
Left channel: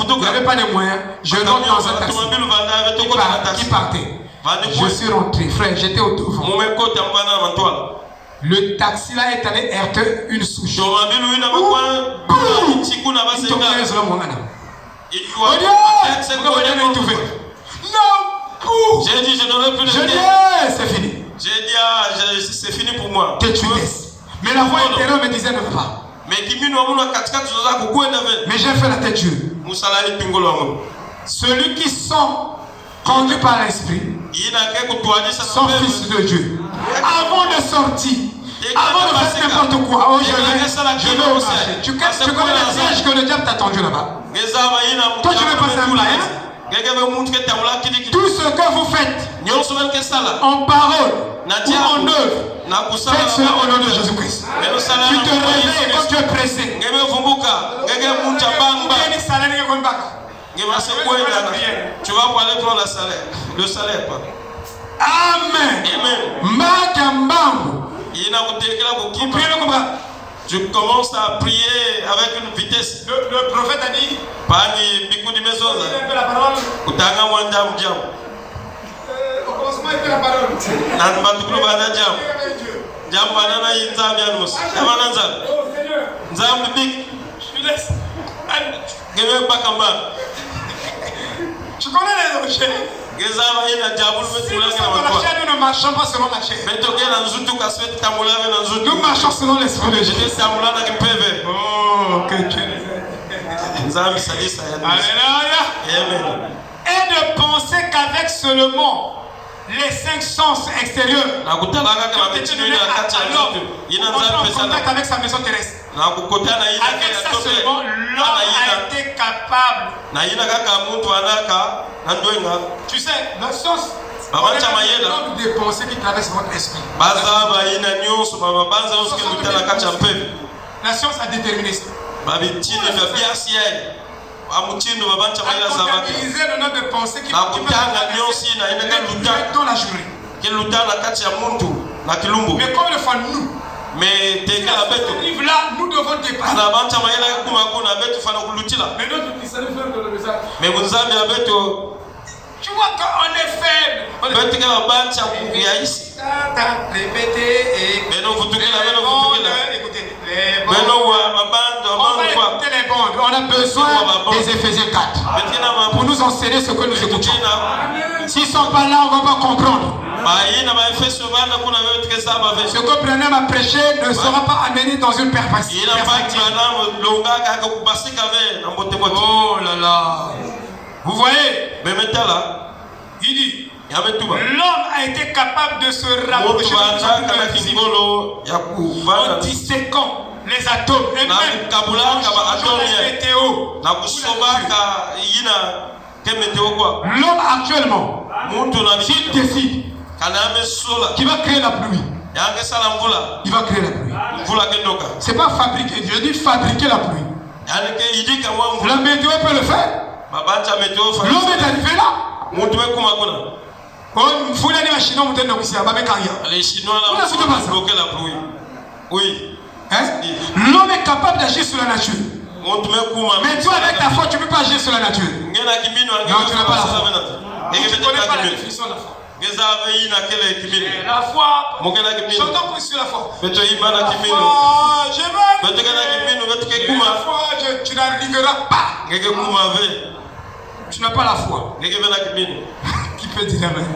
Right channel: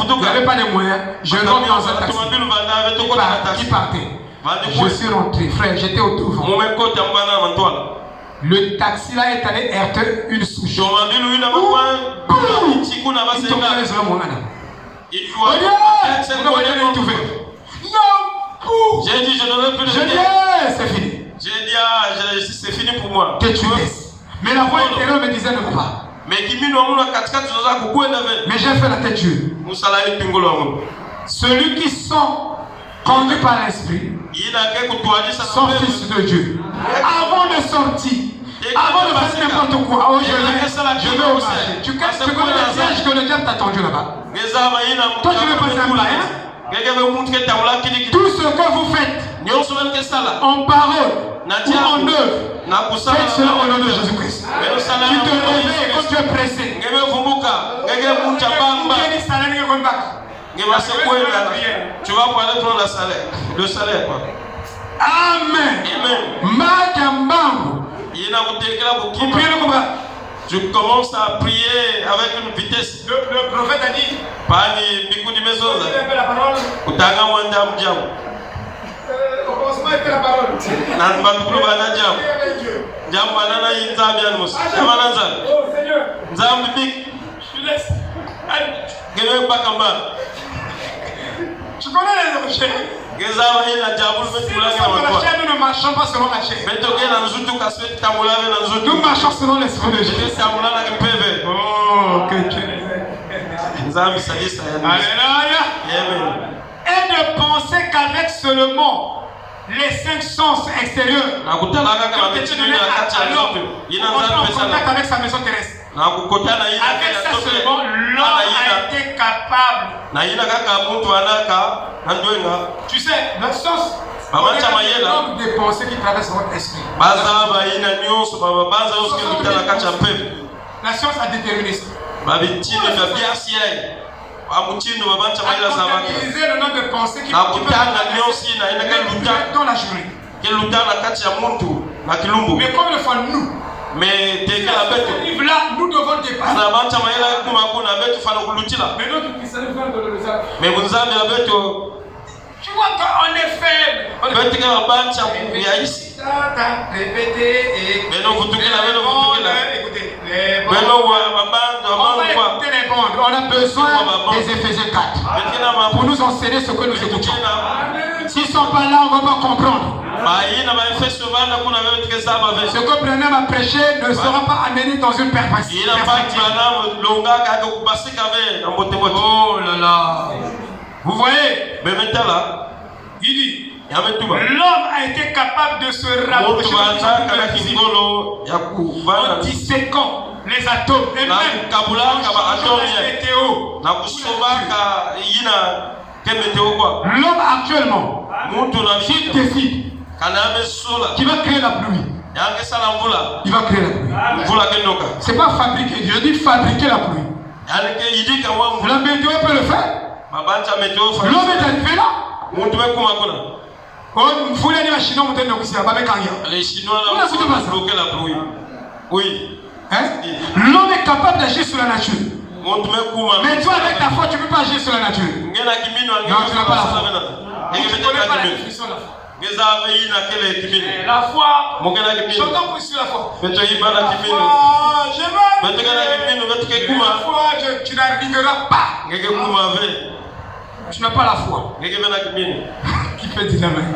retour, il n'y avait pas de moyens. Je rentre dans un taxi qui partait. Je suis rentré, frère, j'étais au devant. Le taxi là est allé heurter une souche. J'ai dit, je ne veux plus le dire. C'est fini. J'ai dit, c'est fini pour moi. Que tu laisses. Mais la voix intérieure me disait ne va pas. Mais j'ai fait la tête Dieu. Celui qui sont conduits par l'esprit sont fils de Dieu. Avant de sortir, avant de faire n'importe quoi, oh, je vais au marché. Tu connais la siège que le diable t'a tendu là-bas. Toi tu veux passer un mariage. Tout ce que vous faites en parole ou en œuvre, faites cela au nom de Jésus-Christ. Tu te réveilles quand tu es pressé. Tu vas pour aller prendre le salaire. Amen. Tu commences à prier avec une vitesse. Le prophète a dit, au commencement était la parole. Oh Seigneur, je te laisse. Tu connais les objets. Si on la chair, nous ne marchons pas selon la chair. Nous marchons selon l'esprit de Jésus. Oh, que Dieu nous aide. Alléluia. Et de penser qu'avec seulement les 5 sens extérieurs, on est en contact avec sa maison terrestre. Avec ça seulement, l'homme a été capable. Tu sais, le sens de pensée qui traverse votre esprit. La science a déterminé ça. Utiliser le nom de pensée qui peut dans la journée. Mais comme le font nous, mais là, nous devons dépasser. Mais vous avez tu vois qu'on est faible. On est répéter les bandes. On a besoin des Éphésiens 4 pour nous enseigner ce que nous écoutons. S'ils ne sont pas là, on ne va pas comprendre. Ce que Branham a prêché ne sera pas amené dans une perspective. Oh là là. Vous voyez? Il dit, l'homme a été capable de se rapprocher en disséquant les atomes et même l'homme actuellement, s'il décide qu'il va créer la pluie, il va créer la pluie. C'est pas fabriquer, je dis fabriquer la pluie. La météo peut le faire. L'homme est arrivé là. Les Chinois ont bloqué la pluie. Oui. L'homme est capable d'agir sur la nature. Mais toi, avec ta foi, tu ne peux pas agir sur la nature. Non, tu n'as pas la foi. Tu ne connais pas la définition de la foi. La foi, j'entends plus sur la foi. La foi, tu n'arriveras pas. Tu n'as pas la foi. Qui peut dire amen?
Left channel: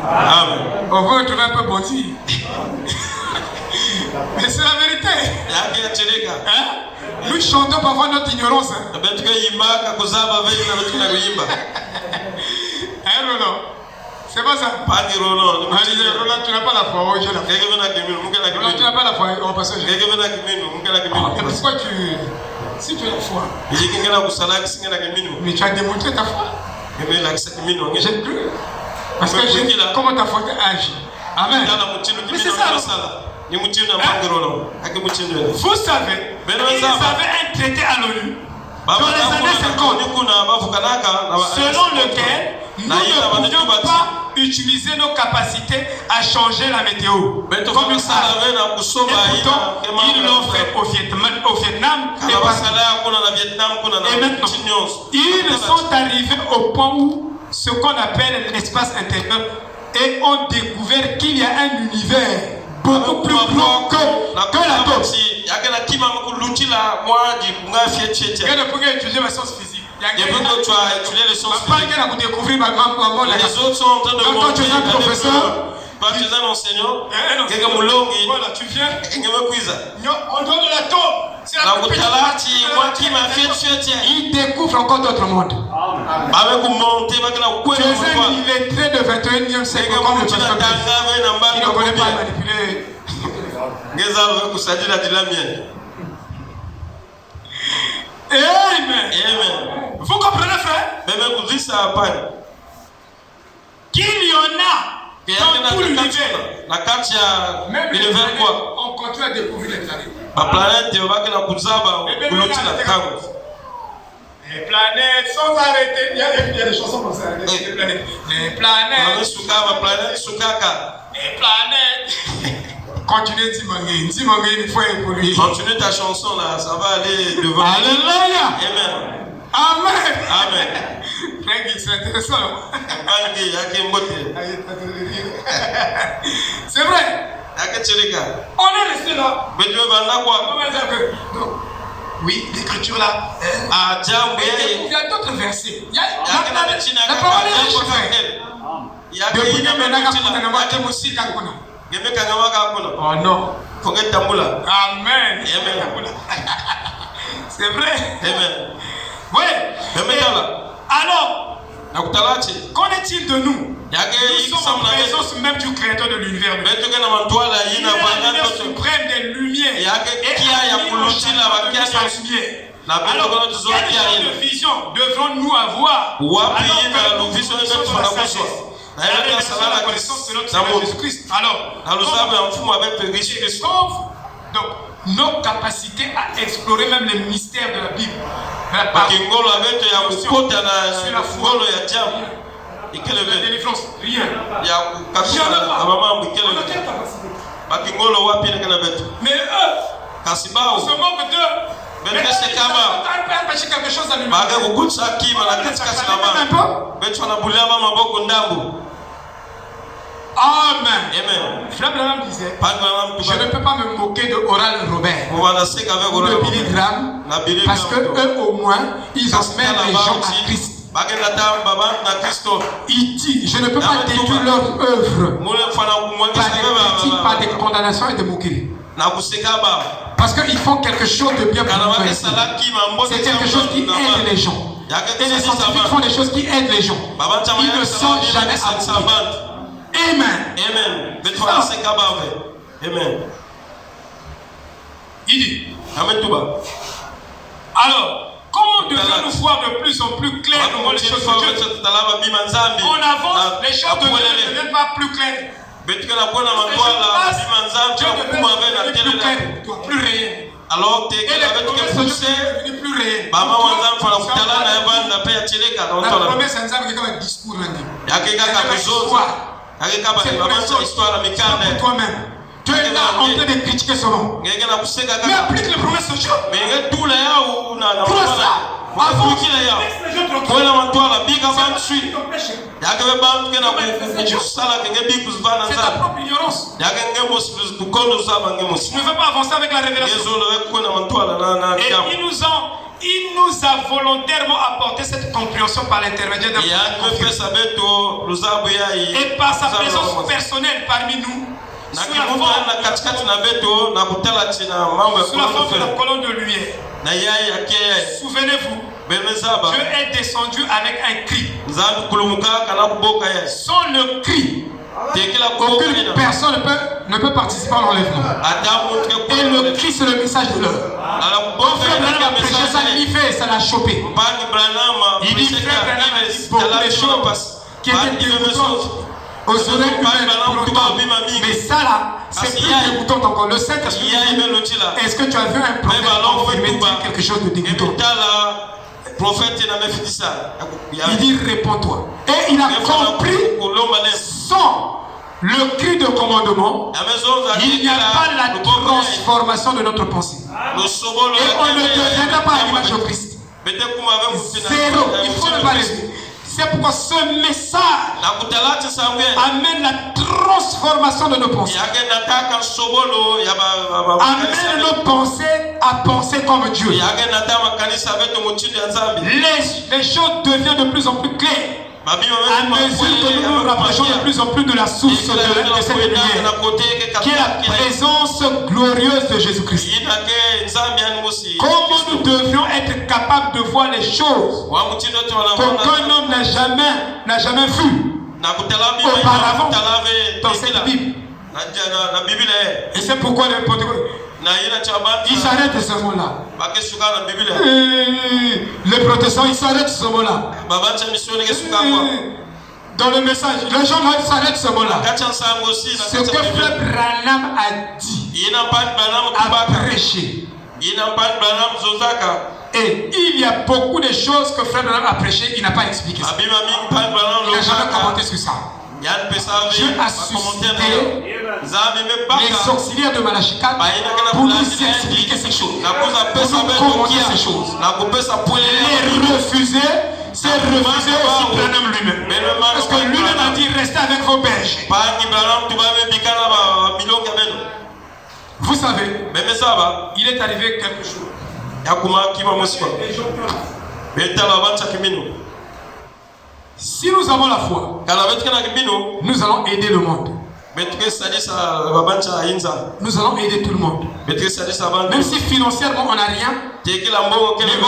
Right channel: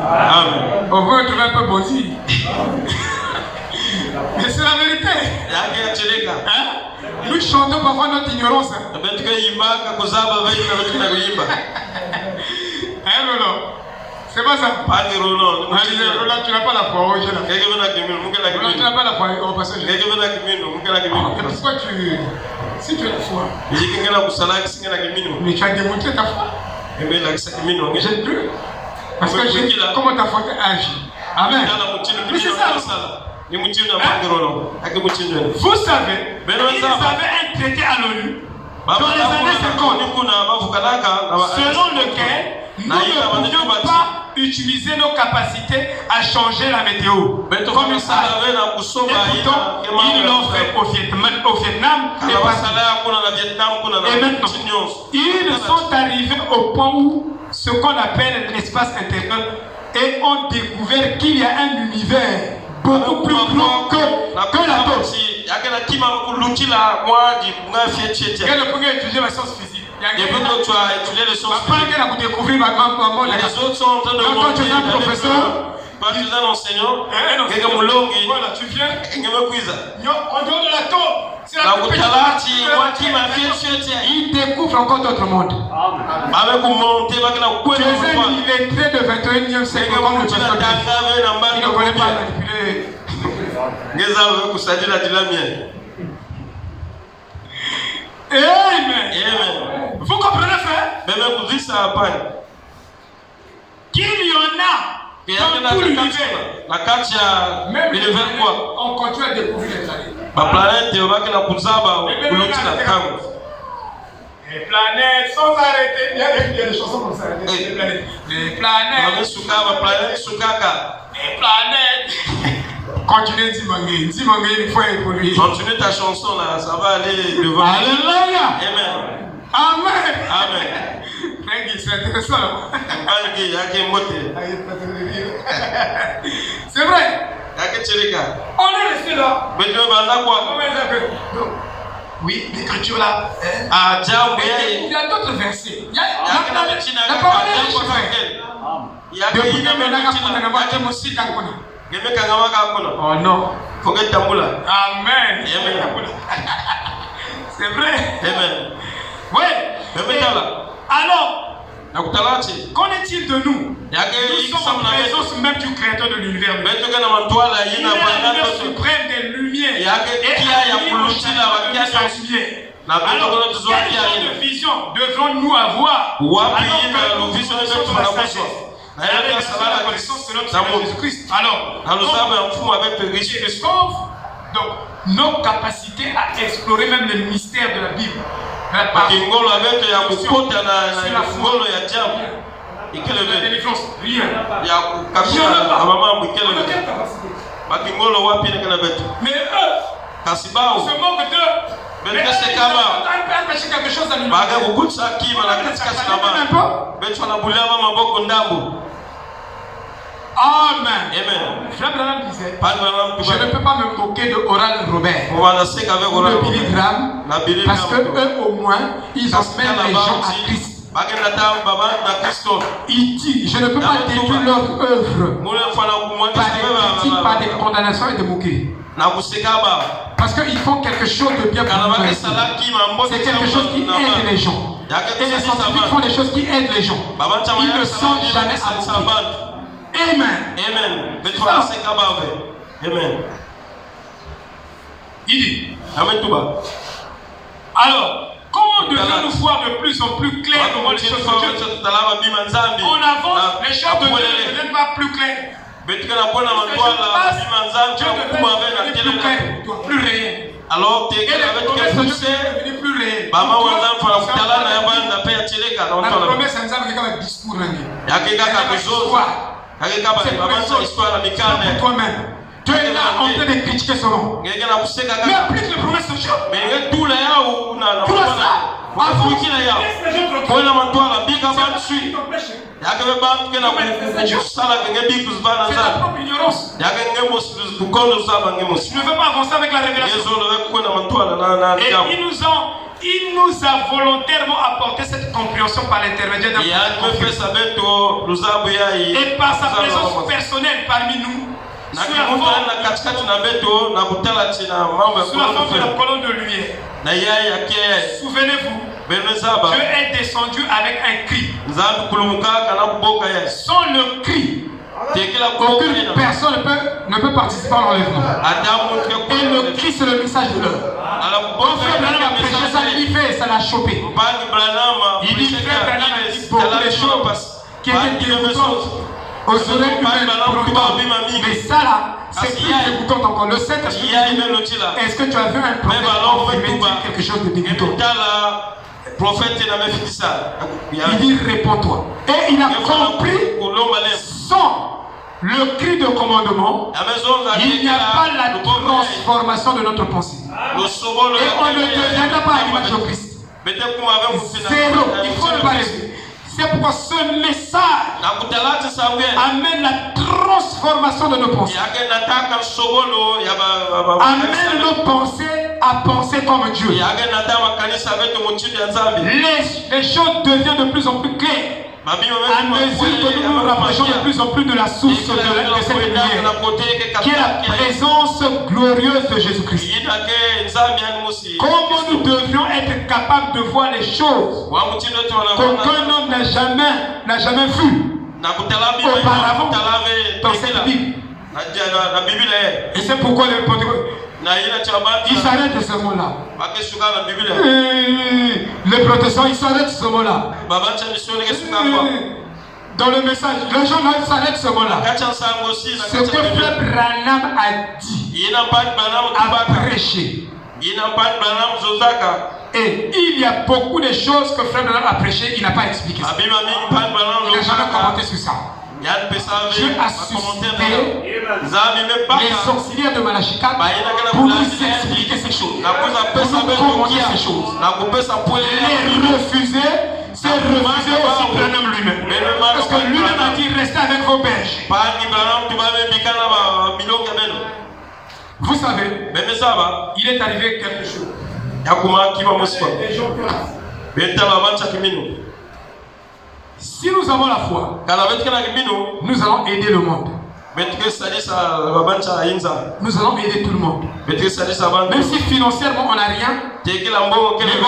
On veut trouver un peu bondi. Mais c'est la vérité. Hein? Nous chantons parfois notre ignorance. Hein, non. C'est pas ça. Tu n'as pas la foi. Oui, tu n'as pas la foi. On passe au jeu. Et pourquoi si tu as la foi, mais tu as démontré ta foi. Mais j'aime plus. Parce que comment ta foi agit. Amen. Mais c'est ça. Vous savez, ils avaient un traité à l'ONU dans les années 50 selon lequel nous ne pouvions pas utiliser nos capacités à changer la météo. Comme ils savent. Et pourtant, ils l'ont fait au Vietnam et maintenant, ils sont arrivés au point où ce qu'on appelle l'espace intérieur et ont découvert qu'il y a un univers beaucoup plus grand que la Terre. Quel est le premier étudier la science physique? Les autres sont en train de voilà, tu viens. En dehors de l'atome. Il découvre encore d'autres mondes. Tu es illettré de 21e siècle comme le pasteur qui ne connaît pas manipuler. Amen. Vous comprenez, frère? qu'il y en a dans tout l'univers. Même on continue à découvrir les planètes. Les planètes sans arrêter. Il y a des chansons comme ça. Les planètes. Les planètes. Les planètes. Continuez il faut évoluer. Continue ta chanson là, ça va aller devant. Alléluia. Amen. Amen. Amen. C'est intéressant. C'est vrai. On est resté là. Oui, l'écriture là. Il y a d'autres versets. Il y a la parole oh non. Amen. C'est vrai. Amen. Oui. Alors, qu'en est-il de nous? Nous sommes en présence même du créateur de l'univers. Il est la lumière suprême des lumières. Et alors, quelle vision devrons-nous avoir? Alors, la connaissance de notre Seigneur Jésus-Christ. Alors, donc, nos capacités à explorer même les mystères de la Bible. Mais eux, se moquent d'eux. Quelque chose à nous. Amen. Frère Branham disait, je ne peux pas me moquer de Oral Robert ou de Billy Graham parce que eux au moins ils ont même les gens à Christ. Il dit, je ne peux pas détruire leur œuvre par des critiques, par des condamnations et des moqueries. Parce qu'ils font quelque chose de bien pour nous. C'est quelque chose qui aide les gens. Et les scientifiques font des choses qui aident les gens. Ils ne sont jamais à moquer. Amen. Amen. Amen. Il dit. Alors, comment devons-nous voir de plus en plus clair comment les choses sont faites? On avance, les choses ne deviennent pas plus claires. Dieu devient plus clair, plus réel. Alors, et les promesses sont devenues plus réelles. La promesse, c'est un discours. C'est toi-même. Tu es là en train de critiquer son nom. Mais applique les promesses de Dieu. Tout ça. C'est ta propre ignorance. Tu ne veux pas avancer avec la révélation. Et il nous a volontairement apporté cette compréhension par l'intermédiaire d'un et par sa présence personnelle parmi nous. Sous la forme de la colonne de lumière. Souvenez-vous, Dieu est descendu avec un cri. Sans le cri, aucune personne ne peut participer à l'enlèvement. Et le cri, c'est le message de l'homme. Quand Frère Branham a prêché ça, il fait, ça l'a chopé. Il dit, Frère Branham a dit beaucoup de choses qui étaient dégoûtantes aux oreilles humaines. Mais ça là, c'est plus dégoûtant encore. Le Saint-Esprit, est-ce que tu as vu un prophète confirmer quelque chose de dégoûtant? Il dit, réponds-toi. Et il a compris sans le cri de commandement, il n'y a pas la transformation de notre pensée. Et on ne deviendra pas à l'image de Christ. Zéro. Il faut ne pas rester. C'est pourquoi ce message amène la transformation de nos pensées. Amène nos pensées à penser comme Dieu. Les choses deviennent de plus en plus claires. À mesure que nous nous rapprochons de plus en plus de la source de cette lumière, qui est la présence glorieuse de Jésus-Christ. Comment nous devions être capables de voir les choses qu'aucun homme n'a jamais vues auparavant dans cette Bible. Et c'est pourquoi les Pentecôtes, ils s'arrêtent à ce moment-là. Les protestants, ils s'arrêtent à ce moment-là. dans le message, les gens doivent s'arrêter ce mot-là. Ce que Frère Branham a dit, a prêché. Et il y a beaucoup de choses que Frère Branham a prêché, il n'a pas expliqué ça. Il n'a jamais commenté sur ça. J'ai assisté les sorcières de Malachika pour nous expliquer ces choses, pour nous commenter ces choses. Les refuser, c'est refuser aussi Branham lui-même. Parce que lui-même a dit restez avec vos bergers. Vous savez, il est arrivé quelque chose. Si nous avons la foi, nous allons aider le monde. Nous allons aider tout le monde. Même si financièrement on n'a rien, mais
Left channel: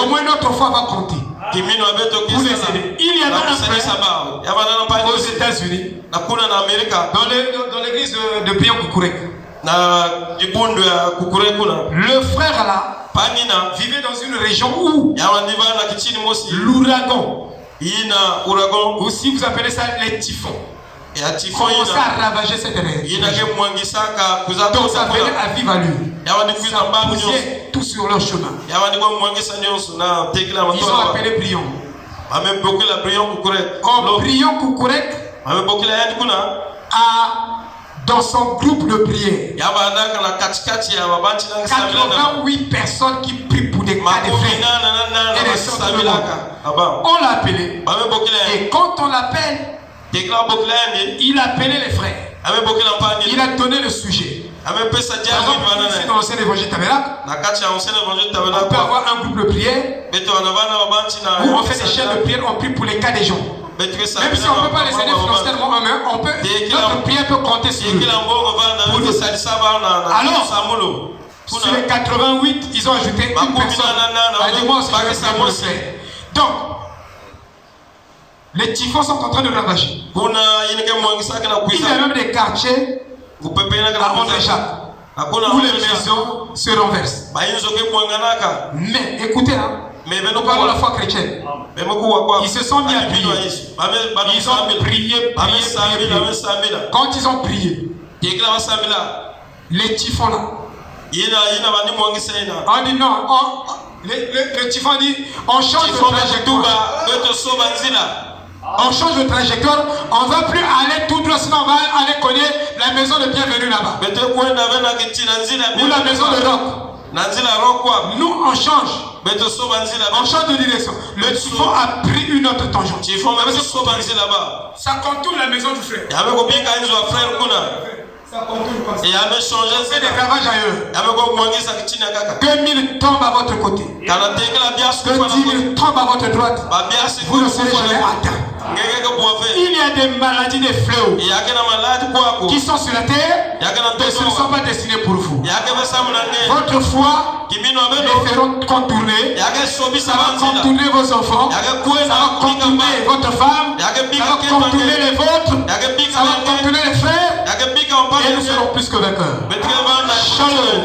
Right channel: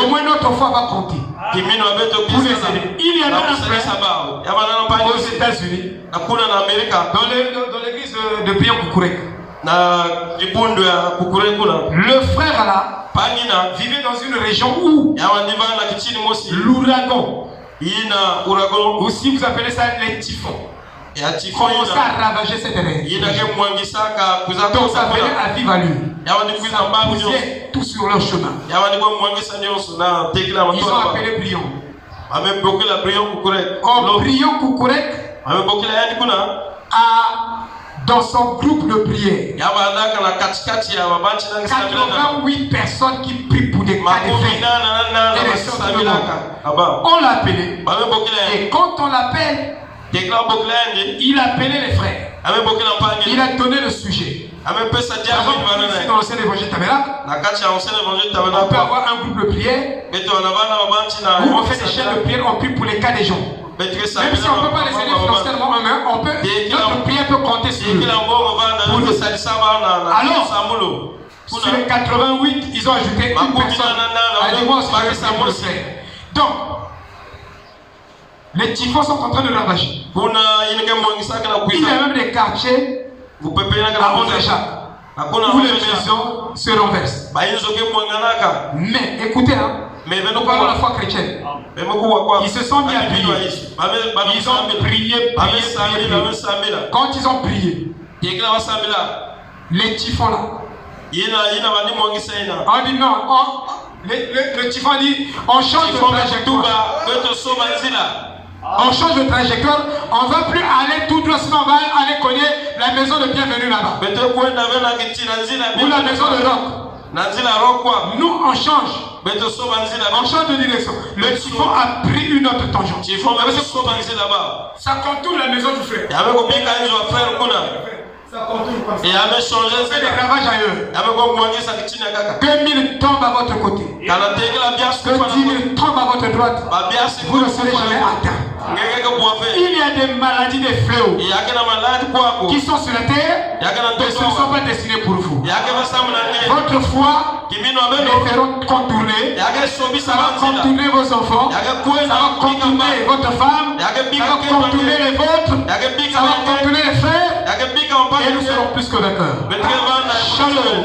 au moins notre foi va compter. Pour les aider. Il y a un frère aux États-Unis, dans l'église de Pion Kukurek. Le frère là vivait dans une région où l'ouragan, ou si vous appelez ça les typhons, commençait à ravager cette région. Donc ça venait à vive allure. Ça poussait tout sur leur chemin. Ils ont appelé Brion. Brion Kukurek dans son groupe de prière, 88 personnes qui prient pour des cas de frères et des sœurs de milagres. On l'a appelé. Et quand on l'appelle, il a appelé les frères. Il a donné le sujet. Dans le sein d'évangile Tabernacle, on peut avoir un groupe de prière où on fait des chaînes de prière, on prie pour les cas des gens. Même si on ne peut pas les aider financièrement, notre prière peut compter sur eux. Alors, sur les 88, ils ont ajouté une personne. Donc, les typhons sont en train de ravager. Il y a même des quartiers à André-Jacques où les maisons se renversent. Mais écoutez, nous parlons de la foi chrétienne. Ils se sont mis à prier. Ils ont prié. Quand ils ont prié, les typhons là, on dit non, le typhon dit on change de trajectoire. On change de trajectoire, on ne va plus aller tout droit, sinon on va aller connaître la maison de bienvenue là-bas. Ou la maison de roc. Nous on change. On change de direction. Le typhon a pris une autre tangente. Ça contourne la maison du frère. Ça contourne comme ça. On fait des ravages ailleurs. Que 1000 tombent à votre côté. Que 10 000 tombent à votre droite. Vous ne serez jamais atteint. Il y a des maladies, des fléaux qui sont sur la terre, mais ce ne sont pas destinés pour vous. Votre foi les feront contourner. Ça va contourner vos enfants. Ça va contourner votre femme. Ça va contourner les vôtres. Ça va contourner les frères. Et nous serons plus que vainqueurs. Shalom.